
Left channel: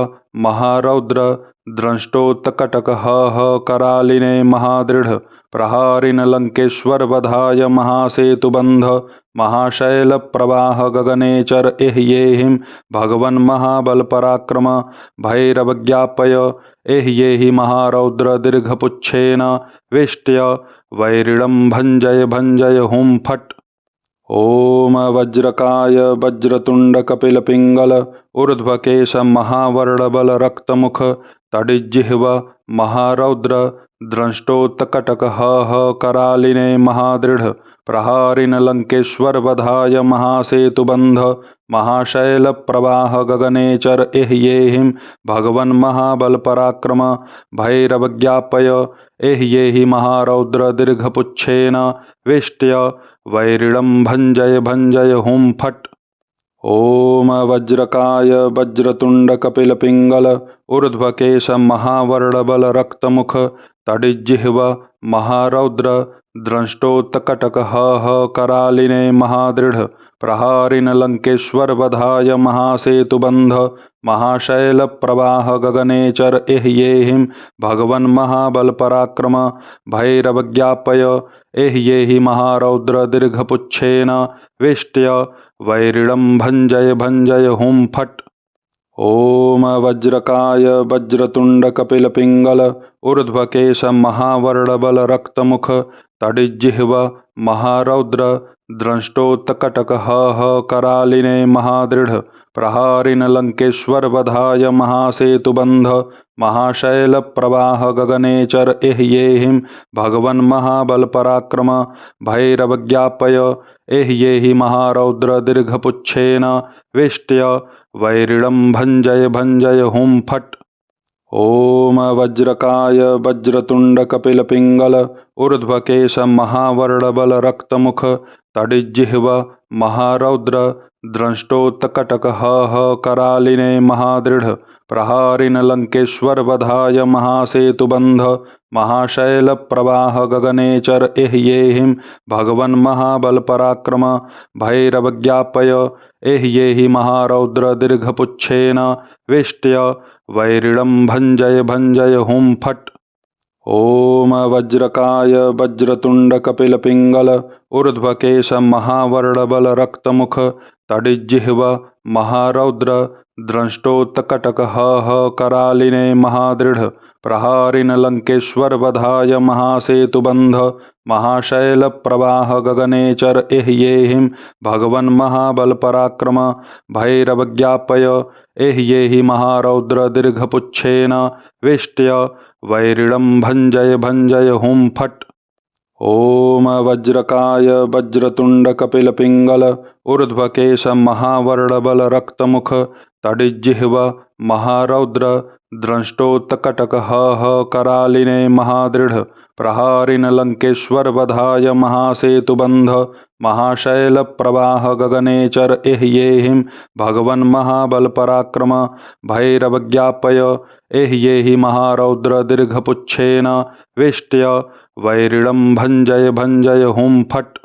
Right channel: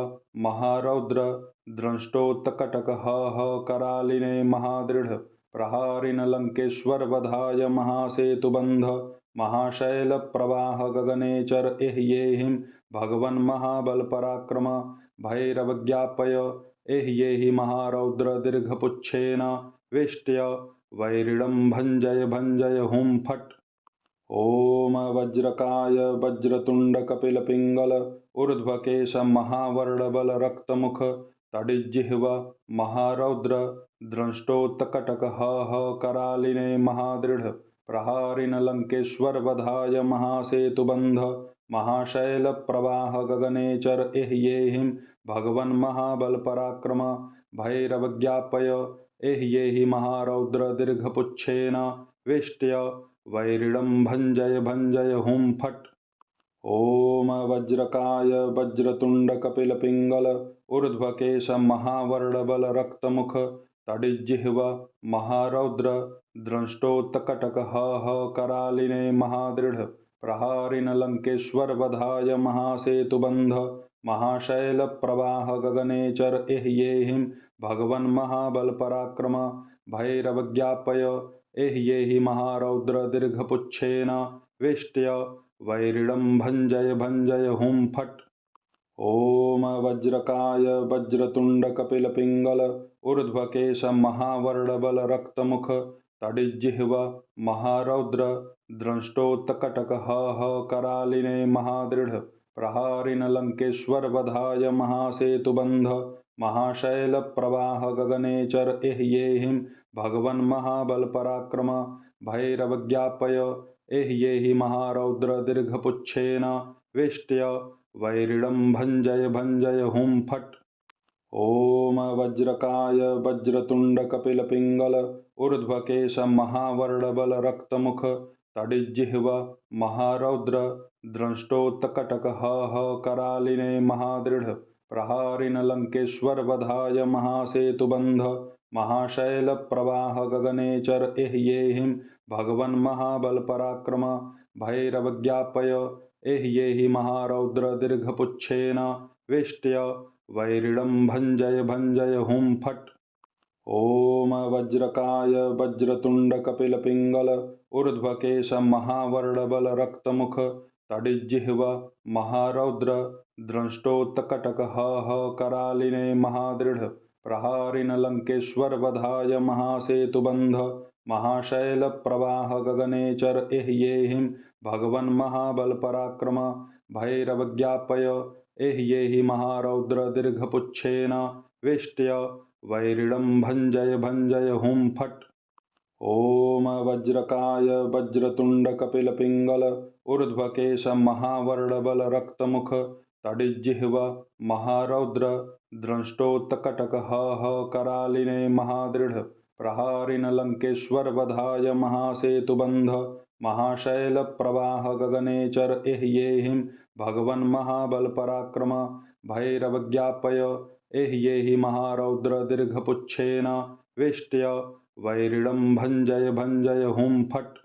महारौद्र द्रष्टोत्कटक करालिने महादृढ़ प्रहारिन लंकेश्वर वधाय महासेतुबंध महाशैल प्रवाह गगनेचर एह्येहिं भगवन् महाबल पराक्रम भैरवज्ञापय एह्येहि महारौद्र दीर्घपुच्छेन वेष्ट्य वैरिणं भञ्जय भञ्जय हुं फट्। ओम वज्रकाय वज्रतुंड कपिल पिंगल ऊर्ध्वकेश महावर्णबल रक्तमुख तडिज्जिह्व महारौद्र द्रष्टोत्कटक करालिने महादृढ़ प्रहारिन लंकेश्वर वधाय महासेतुबंध महाशैल प्रवाह गगनेचर एह्येहिं भगवन् महाबल पराक्रम भैरवज्ञापय एह्येहि महारौद्र दीर्घपुच्छेन वेष्ट्य वैरिणं भञ्जय भञ्जय हुं फट्। ओम वज्रकाय वज्रतुंड कपिल पिंगल ऊर्ध्वकेश महावर्णबल रक्तमुख तडिज्जिह्व महारौद्र द्रष्टोत्कटक करालिने महादृढ़ प्रहारिन लंकेश्वर वधाय महासेतुबंध महाशैल प्रवाह गगनेचर एह्येहिं भगवन् महाबल पराक्रम भैरवज्ञापय एह्येहि महारौद्र दीर्घपुच्छेन वेष्ट्य वैरिणं भञ्जय भञ्जय हुं फट्। ओम वज्रकाय वज्रतुंड कपिल पिंगल ऊर्ध्वकेश महावर्णबल रक्तमुख तडिज्जिह्व महारौद्र द्रष्टोत्कटक करालिने महादृढ़ प्रहारिन लंकेश्वर वधाय महासेतुबंध महाशैल प्रवाह गगने चर एह्येहिं भगवन् महाबल पराक्रम भैरवज्ञापय एह्येहि महारौद्र दीर्घपुच्छेन वेष्ट्य वैरिणं भञ्जय भञ्जय हुं फट्। ओम वज्रकाय वज्रतुंड कपिल पिंगल ऊर्ध्वकेश महावर्णबल रक्तमुख तडिज्जिह्व महारौद्र द्रष्टोत्कटक करालिने महादृढ़ प्रहारिन लंकेश्वर वधाय महासेतुबंध महाशैल प्रवाह गगने चर एह्येहिं भगवन् महाबल पराक्रम भैरवज्ञापय एह्येहि महारौद्र दीर्घपुच्छेन वेष्ट्य वैरिणं भञ्जय भञ्जय हुं फट्। ओम वज्रकाय वज्रतुंड कपिल पिंगल ऊर्ध्वकेश महावर्णबल रक्तमुख तडिज्जिह्व महारौद्र द्रष्टोत्कटक करालिने महादृढ़ प्रहारिन लंकेश्वर वधाय महासेतुबंध महाशैल प्रवाह गगने चर एह्येहिं भगवन् महाबल पराक्रम भैरवज्ञापय एह्येहि महारौद्र दीर्घपुच्छेन वेष्ट्य वैरिणं भञ्जय भञ्जय हुं फट्। ओम वज्रकाय वज्रतुंड कपिल पिंगल ऊर्ध्वकेश महावर्णबल रक्तमुख तडिज्जिह्व महारौद्र द्रष्टोत्कटक करालिने महादृढ़ प्रहारिन लंकेश्वर वधाय महासेतुबंध महाशैल प्रवाह गगने चर एह्येहिं भगवन् महाबल पराक्रम भैरवज्ञापय एह्येहि महारौद्र दीर्घपुच्छेन वेष्ट्य वैरिणं भञ्जय भञ्जय हुं फट्।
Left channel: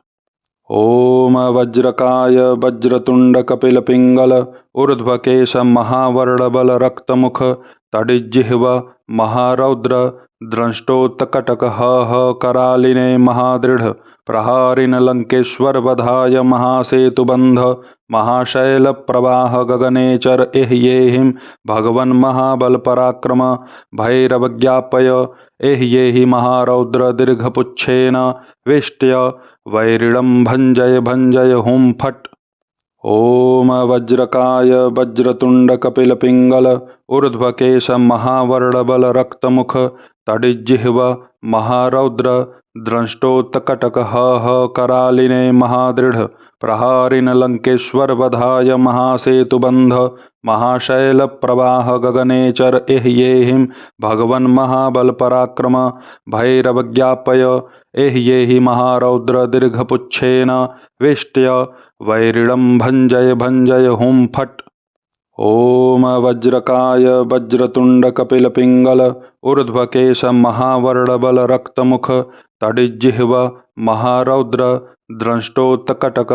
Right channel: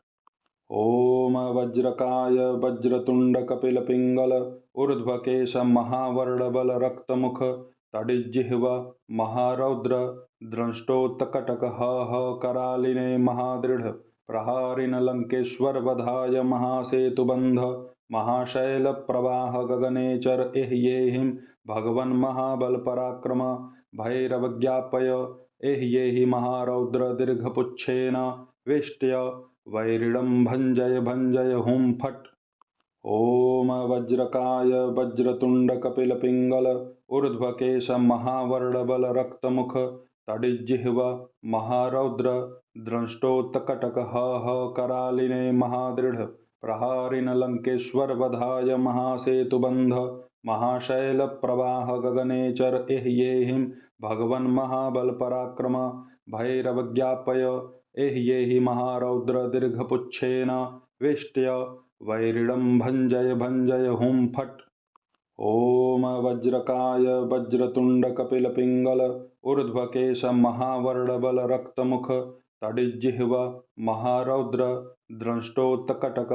ओम वज्रकाय वज्रतुंड कपिल पिंगल ऊर्ध्वकेश महावर्णबल रक्तमुख तडिज्जिह्व महारौद्र द्रष्टोत्कटक करालिने महादृढ़ प्रहारिन लंकेश्वर वधाय महासेतुबंध महाशैल प्रवाह गगने चर एह्येहिं भगवन् महाबल पराक्रम भैरवज्ञापय एह्येहि महारौद्र दीर्घपुच्छेन वेष्ट्य वैरिणं भञ्जय भञ्जय हुं फट्। ओम वज्रकाय वज्रतुंड कपिल पिंगल ऊर्ध्वकेश महावर्णबल रक्तमुख तडिज्जिह्व महारौद्र द्रष्टोत्कटक करालिने महादृढ़ प्रहारिन लंकेश्वर वधाय महासेतुबंध महाशैल प्रवाह गगने चर एह्येहिं भगवन् महाबल पराक्रम भैरवज्ञापय एह्येहि महारौद्र दीर्घपुच्छेन वेष्ट्य वैरिणं भञ्जय भञ्जय हुं फट्। ओम वज्रकाय वज्रतुंड कपिल पिंगल ऊर्ध्वकेश महावर्णबल रक्तमुख तडिज्जिह्व महारौद्र द्रष्टोत्कटक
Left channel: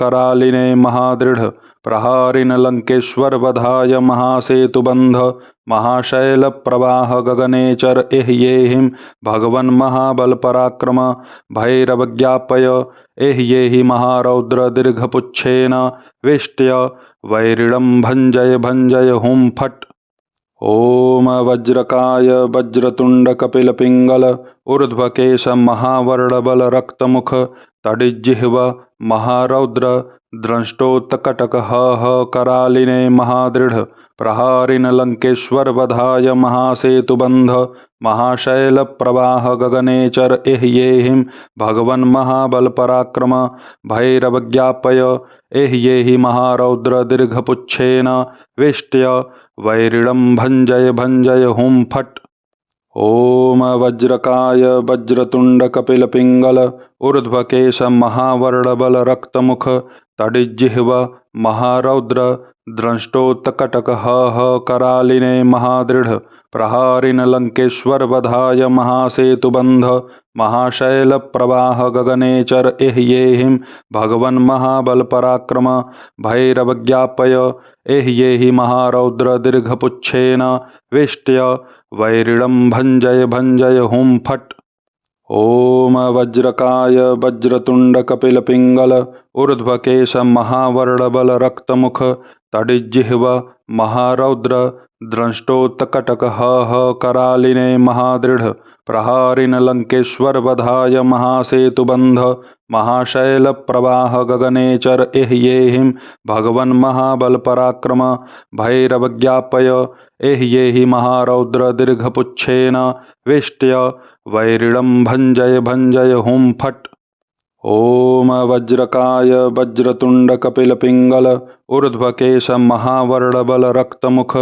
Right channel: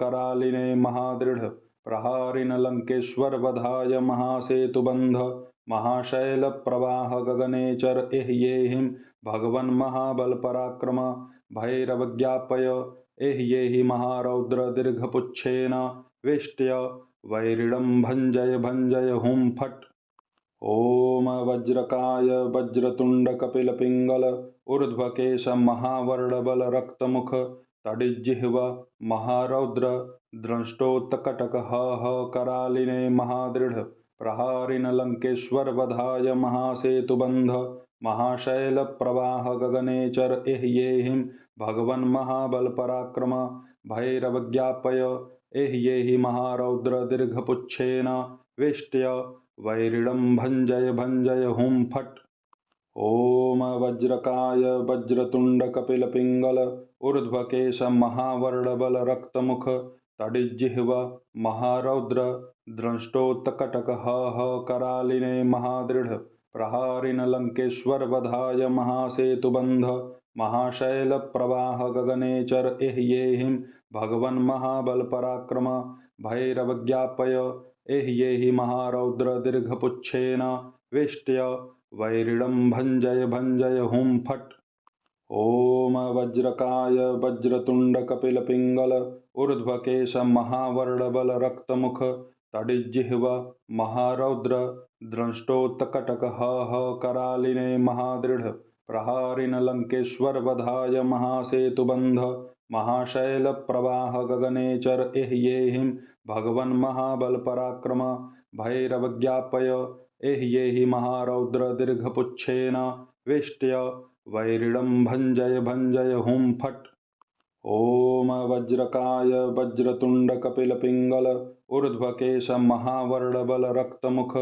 करालिने महादृढ़ प्रहारिन लंकेश्वर वधाय महासेतुबंध महाशैल प्रवाह गगने चर एह्येहिं भगवन् महाबल पराक्रम भैरवज्ञापय एह्येहि महारौद्र दीर्घपुच्छेन वेष्ट्य वैरिणं भञ्जय भञ्जय हुं फट्। ओम वज्रकाय वज्रतुंड कपिल पिंगल ऊर्ध्वकेश महावर्णबल रक्तमुख तडिज्जिह्व महारौद्र द्रष्टोत्कटक करालिने महादृढ़ प्रहारिन लंकेश्वर वधाय महासेतुबंध महाशैल प्रवाह गगने चर एह्येहिं भगवन् महाबल पराक्रम भैरवज्ञापय एह्येहि महारौद्र दीर्घपुच्छेन वेष्ट्य वैरिणं भञ्जय भञ्जय हुं फट्। ओम वज्रकाय वज्रतुंड कपिल पिंगल ऊर्ध्वकेश महावर्णबल रक्तमुख तडिज्जिह्व महारौद्र द्रष्टोत्कटक करालिने महादृढ़ प्रहारिन लंकेश्वर वधाय महासेतुबंध महाशैल प्रवाह गगने चर एह्येहिं भगवन् महाबल पराक्रम भैरवज्ञापय एह्येहि महारौद्र दीर्घपुच्छेन वेष्ट्य वैरिणं भञ्जय भञ्जय हुं फट्। ॐ वज्रकाय वज्रतुण्डकपिलपिङ्गल ऊर्ध्वकेश महावर्णबल रक्तमुख तडिज्जिह्व महारौद्र द्रष्टोत्कटक करालिने महादृढ प्रहारिन लंकेश्वर वधाय महासेतुबंध महाशैल प्रवाह गगनेचर एह्येहिं भगवन् महाबल पराक्रम भैरवज्ञापय एह्येहि महारौद्र दीर्घपुच्छेन वेष्ट्य वैरिणं भञ्जय हुं फट्। ॐ वज्रकाय वज्रतुण्डकपिलपिङ्गल ऊर्ध्वकेश महावर्णबल रक्तमुख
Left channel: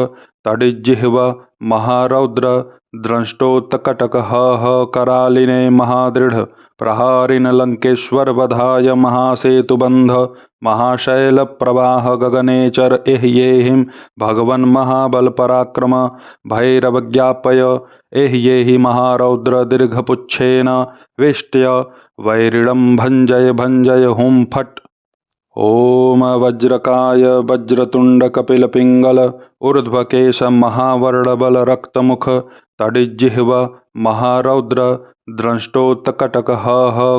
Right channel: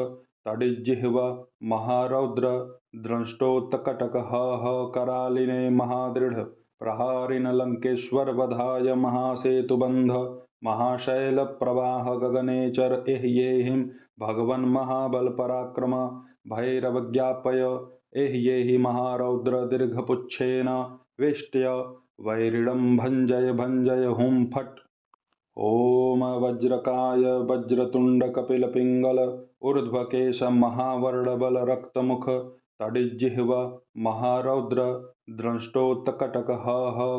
तडिज्जिह्व महारौद्र द्रष्टोत्कटक करालिने महादृढ प्रहारिन लंकेश्वर वधाय महासेतुबंध महाशैल प्रवाह गगनेचर एह्येहिं भगवन् महाबल पराक्रम भैरवज्ञापय एह्येहि महारौद्र दीर्घपुच्छेन वेष्ट्य वैरिणं भञ्जय हुं फट्। ॐ वज्रकाय वज्रतुण्डकपिलपिङ्गल ऊर्ध्वकेश महावर्णबल रक्तमुख तडिज्जिह्व महारौद्र द्रष्टोत्कटक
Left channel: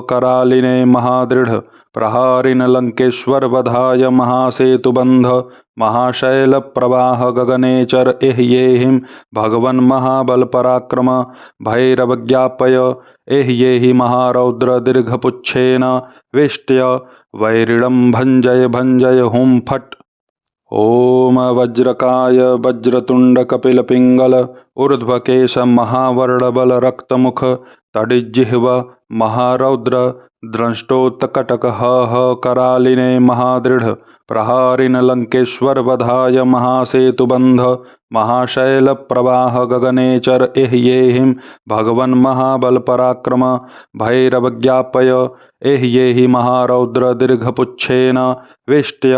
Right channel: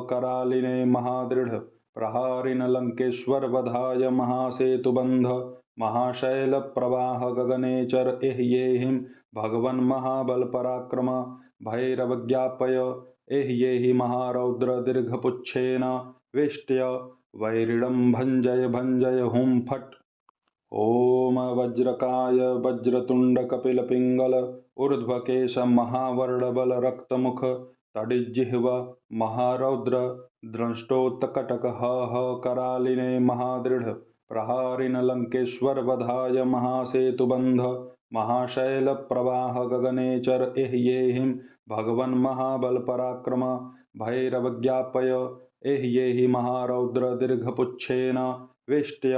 करालिने महादृढ प्रहारिन लंकेश्वर वधाय महासेतुबंध महाशैल प्रवाह गगनेचर एह्येहिं भगवन् महाबल पराक्रम भैरवज्ञापय एह्येहि महारौद्र दीर्घपुच्छेन वेष्ट्य वैरिणं भञ्जय हुं फट्। ॐ वज्रकाय वज्रतुण्डकपिलपिङ्गल ऊर्ध्वकेश महावर्णबल रक्तमुख तडिज्जिह्व महारौद्र द्रष्टोत्कटक करालिने महादृढ प्रहारिन लंकेश्वर वधाय महासेतुबंध महाशैल प्रवाह गगनेचर एह्येहिं भगवन् महाबल पराक्रम भैरवज्ञापय एह्येहि महारौद्र दीर्घपुच्छेन वेष्ट्य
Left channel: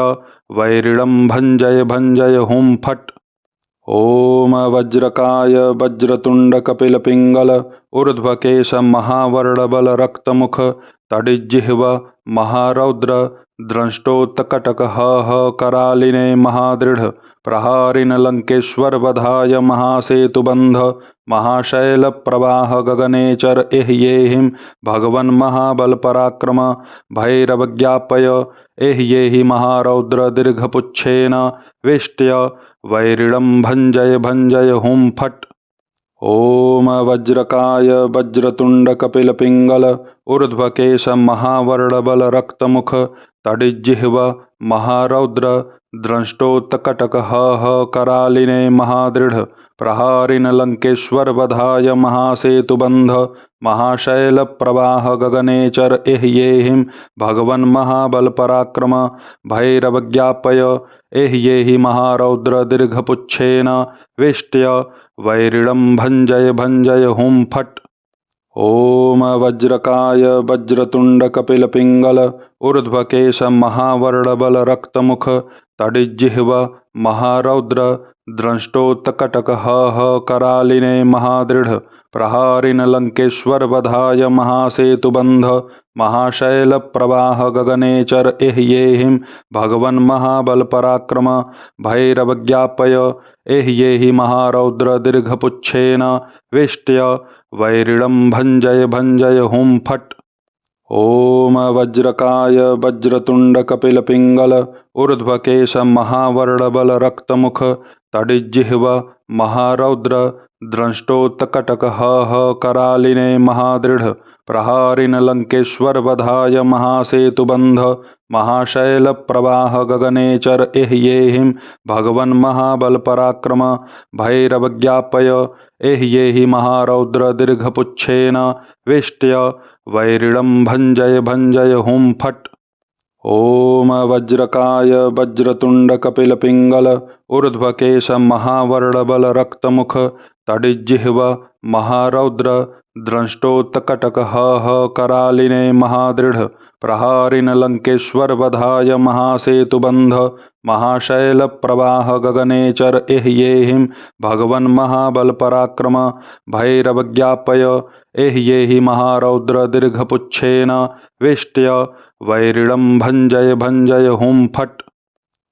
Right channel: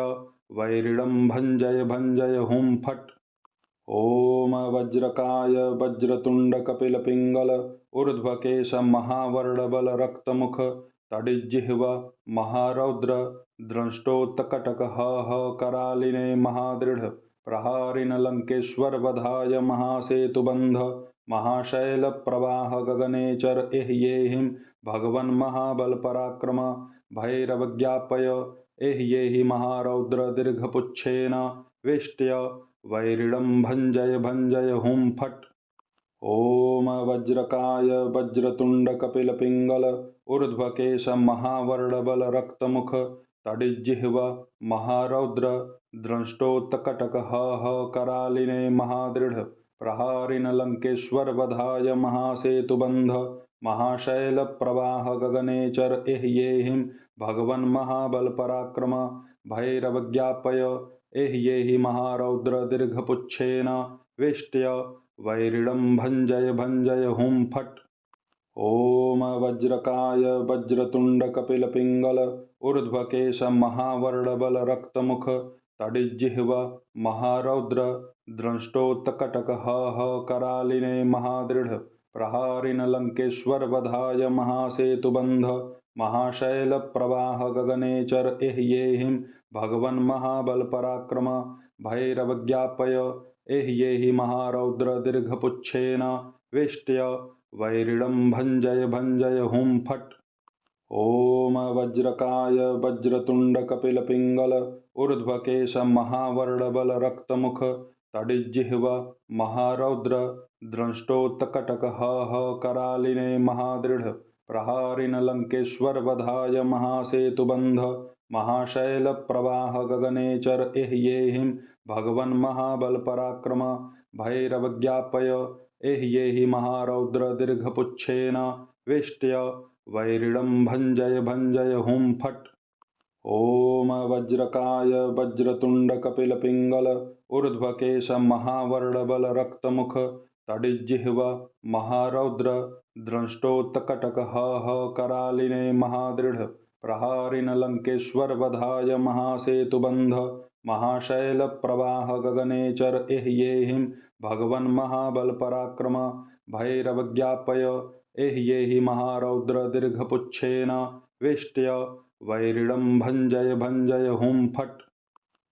वैरिणं भञ्जय हुं फट्। ॐ वज्रकाय वज्रतुण्डकपिलपिङ्गल ऊर्ध्वकेश महावर्णबल रक्तमुख तडिज्जिह्व महारौद्र द्रष्टोत्कटक करालिने महादृढ प्रहारिन लंकेश्वर वधाय महासेतुबंध महाशैल प्रवाह गगनेचर एह्येहिं भगवन् महाबल पराक्रम भैरवज्ञापय एह्येहि महारौद्र दीर्घपुच्छेन वेष्ट्य वैरिणं भञ्जय हुं फट्। ॐ वज्रकाय वज्रतुण्डकपिलपिङ्गल ऊर्ध्वकेश महावर्णबल रक्तमुख तडिज्जिह्व महारौद्र द्रष्टोत्कटक करालिने महादृढ प्रहारिन लंकेश्वर वधाय महासेतुबंध महाशैल प्रवाह गगनेचर एह्येहिं भगवन् महाबल पराक्रम भैरवज्ञापय एह्येहि महारौद्र दीर्घपुच्छेन वेष्ट्य वैरिणं भञ्जय हुं फट्। ॐ वज्रकाय वज्रतुण्डकपिलपिङ्गल ऊर्ध्वकेश महावर्णबल रक्तमुख तडिज्जिह्व महारौद्र द्रष्टोत्कटक करालिने महादृढ प्रहारिन लंकेश्वर वधाय महासेतुबंध महाशैल प्रवाह गगनेचर एह्येहिं भगवन् महाबल पराक्रम भैरवज्ञापय एह्येहि महारौद्र दीर्घपुच्छेन वेष्ट्य वैरिणं भञ्जय हुं फट्। ॐ वज्रकाय वज्रतुण्डकपिलपिङ्गल ऊर्ध्वकेश महावर्णबल रक्तमुख तडिज्जिह्व महारौद्र द्रष्टोत्कटक करालिने महादृढ प्रहारिन लंकेश्वर वधाय महासेतुबंध महाशैल प्रवाह गगनेचर एह्येहिं भगवन् महाबल पराक्रम भैरवज्ञापय एह्येहि महारौद्र दीर्घपुच्छेन वेष्ट्य वैरिणं भञ्जय हुं फट्। ॐ वज्रकाय वज्रतुण्डकपिलपिङ्गल ऊर्ध्वकेश महावर्णबल रक्तमुख तडिज्जिह्व महारौद्र द्रष्टोत्कटक करालिने महादृढ प्रहारिन लंकेश्वर वधाय महासेतुबंध महाशैल प्रवाह गगनेचर एह्येहिं भगवन् महाबल पराक्रम भैरवज्ञापय एह्येहि महारौद्र दीर्घपुच्छेन वेष्ट्य वैरिणं भञ्जय हुं फट्।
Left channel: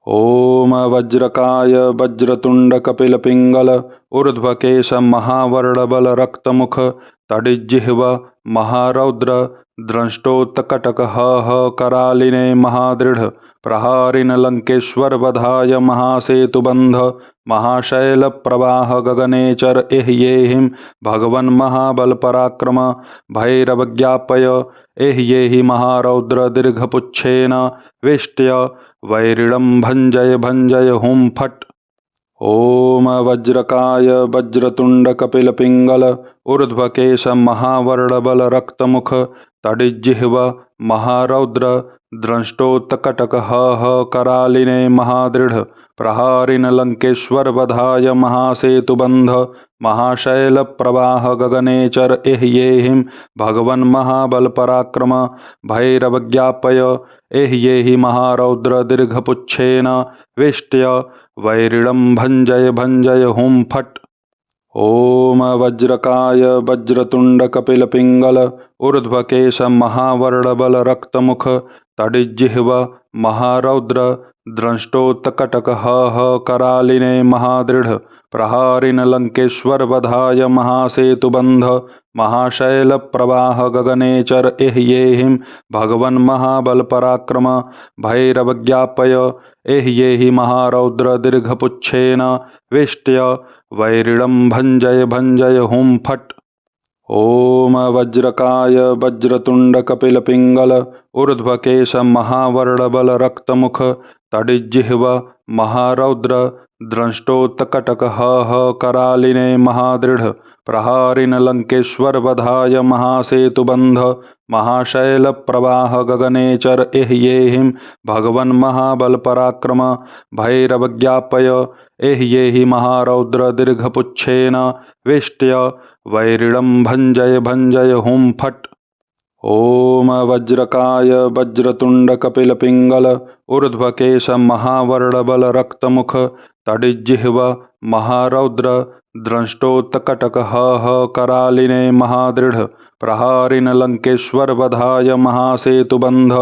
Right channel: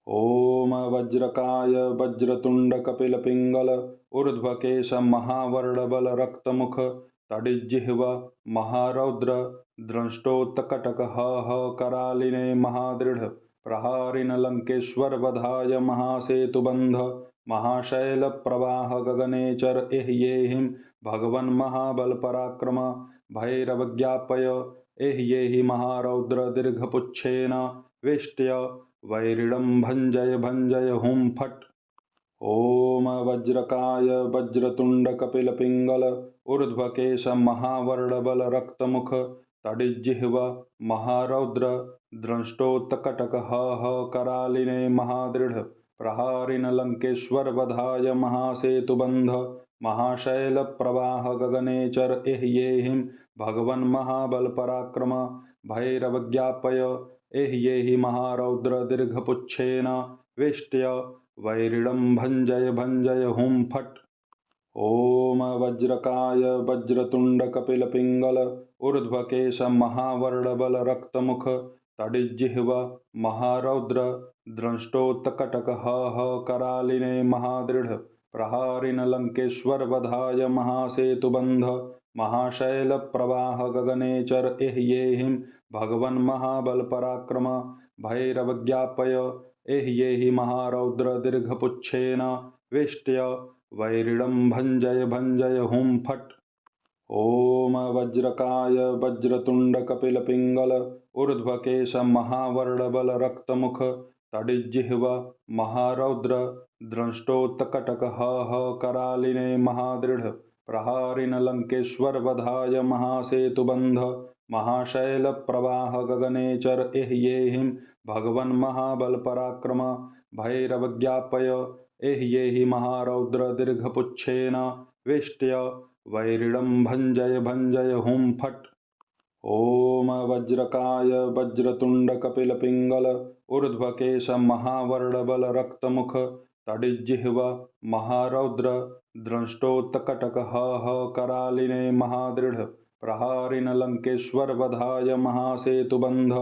ॐ वज्रकाय वज्रतुण्डकपिलपिङ्गल ऊर्ध्वकेश महावर्णबल रक्तमुख तडिज्जिह्व महारौद्र द्रष्टोत्कटक करालिने महादृढ़ प्रहारिन लंकेश्वर वधाय महासेतुबंध महाशैल प्रवाह गगनेचर एह्येहिं भगवन् महाबल पराक्रम भैरवज्ञापय एह्येहि महारौद्र दीर्घपुच्छेन वेष्ट्य वैरिणं भञ्जय भञ्जय हुं फट्। ओम वज्रकाय वज्रतुंड कपिल पिंगल ऊर्ध्वकेश महावर्णबल रक्तमुख तडिज्जिह्व महारौद्र द्रष्टोत्कटक करालिने महादृढ़ प्रहारिन लंकेश्वर वधाय महासेतुबंध महाशैल प्रवाह गगनेचर एह्येहिं भगवन् महाबल पराक्रम भैरवज्ञापय एह्येहि महारौद्र दीर्घपुच्छेन वेष्ट्य वैरिणं भञ्जय भञ्जय हुं फट्। ओम वज्रकाय वज्रतुंड कपिल पिंगल ऊर्ध्वकेश महावर्णबल रक्तमुख तडिज्जिह्व महारौद्र द्रष्टोत्कटक करालिने महादृढ़ प्रहारिन लंकेश्वर वधाय महासेतुबंध महाशैल प्रवाह गगनेचर एह्येहिं भगवन् महाबल पराक्रम भैरवज्ञापय एह्येहि महारौद्र दीर्घपुच्छेन वेष्ट्य वैरिणं भञ्जय भञ्जय हुं फट्। ओम वज्रकाय वज्रतुंड कपिल पिंगल ऊर्ध्वकेश महावर्णबल रक्तमुख तडिज्जिह्व महारौद्र द्रष्टोत्कटक करालिने महादृढ़ प्रहारिन लंकेश्वर वधाय महासेतुबंध महाशैल प्रवाह गगनेचर एह्येहिं भगवन् महाबल पराक्रम भैरवज्ञापय एह्येहि महारौद्र दीर्घपुच्छेन वेष्ट्य वैरिणं भञ्जय भञ्जय हुं फट्। ओम वज्रकाय वज्रतुंड कपिल पिंगल ऊर्ध्वकेश महावर्णबल रक्तमुख तडिज्जिह्व महारौद्र द्रष्टोत्कटक करालिने महादृढ़ प्रहारिन लंकेश्वर वधाय महासेतुबंध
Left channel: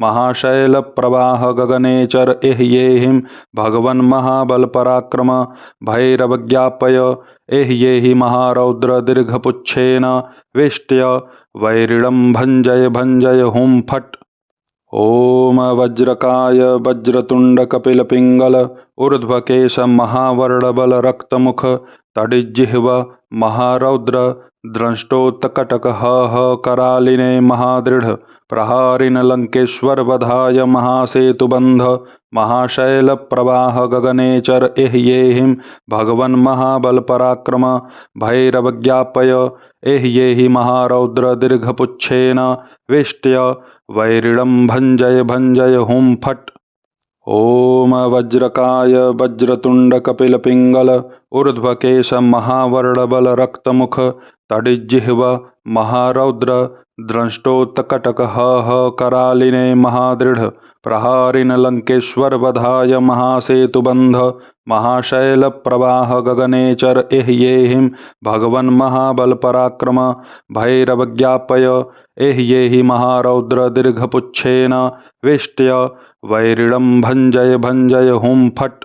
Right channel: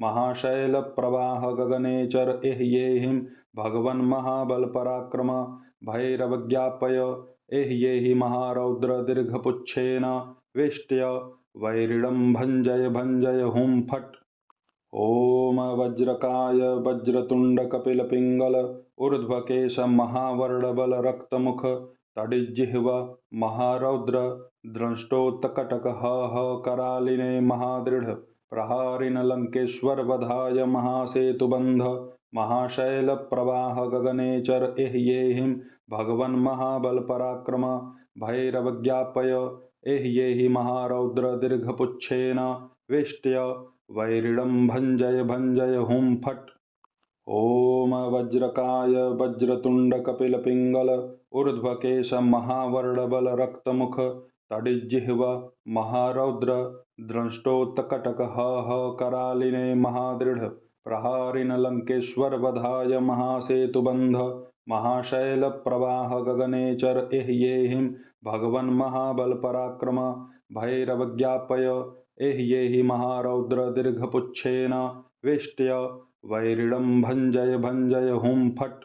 महाशैल प्रवाह गगनेचर एह्येहिं भगवन् महाबल पराक्रम भैरवज्ञापय एह्येहि महारौद्र दीर्घपुच्छेन वेष्ट्य वैरिणं भञ्जय भञ्जय हुं फट्। ओम वज्रकाय वज्रतुंड कपिल पिंगल ऊर्ध्वकेश महावर्णबल रक्तमुख तडिज्जिह्व महारौद्र द्रष्टोत्कटक करालिने महादृढ़ प्रहारिन लंकेश्वर वधाय महासेतुबंध महाशैल प्रवाह गगनेचर एह्येहिं भगवन् महाबल पराक्रम भैरवज्ञापय एह्येहि महारौद्र दीर्घपुच्छेन वेष्ट्य वैरिणं भञ्जय भञ्जय हुं फट्। ओम वज्रकाय वज्रतुंड कपिल पिंगल ऊर्ध्वकेश महावर्णबल रक्तमुख तडिज्जिह्व महारौद्र द्रष्टोत्कटक करालिने महादृढ़ प्रहारिन लंकेश्वर वधाय महासेतुबंध महाशैल प्रवाह गगनेचर एह्येहिं भगवन् महाबल पराक्रम भैरवज्ञापय एह्येहि महारौद्र दीर्घपुच्छेन वेष्ट्य वैरिणं भञ्जय भञ्जय हुं फट्।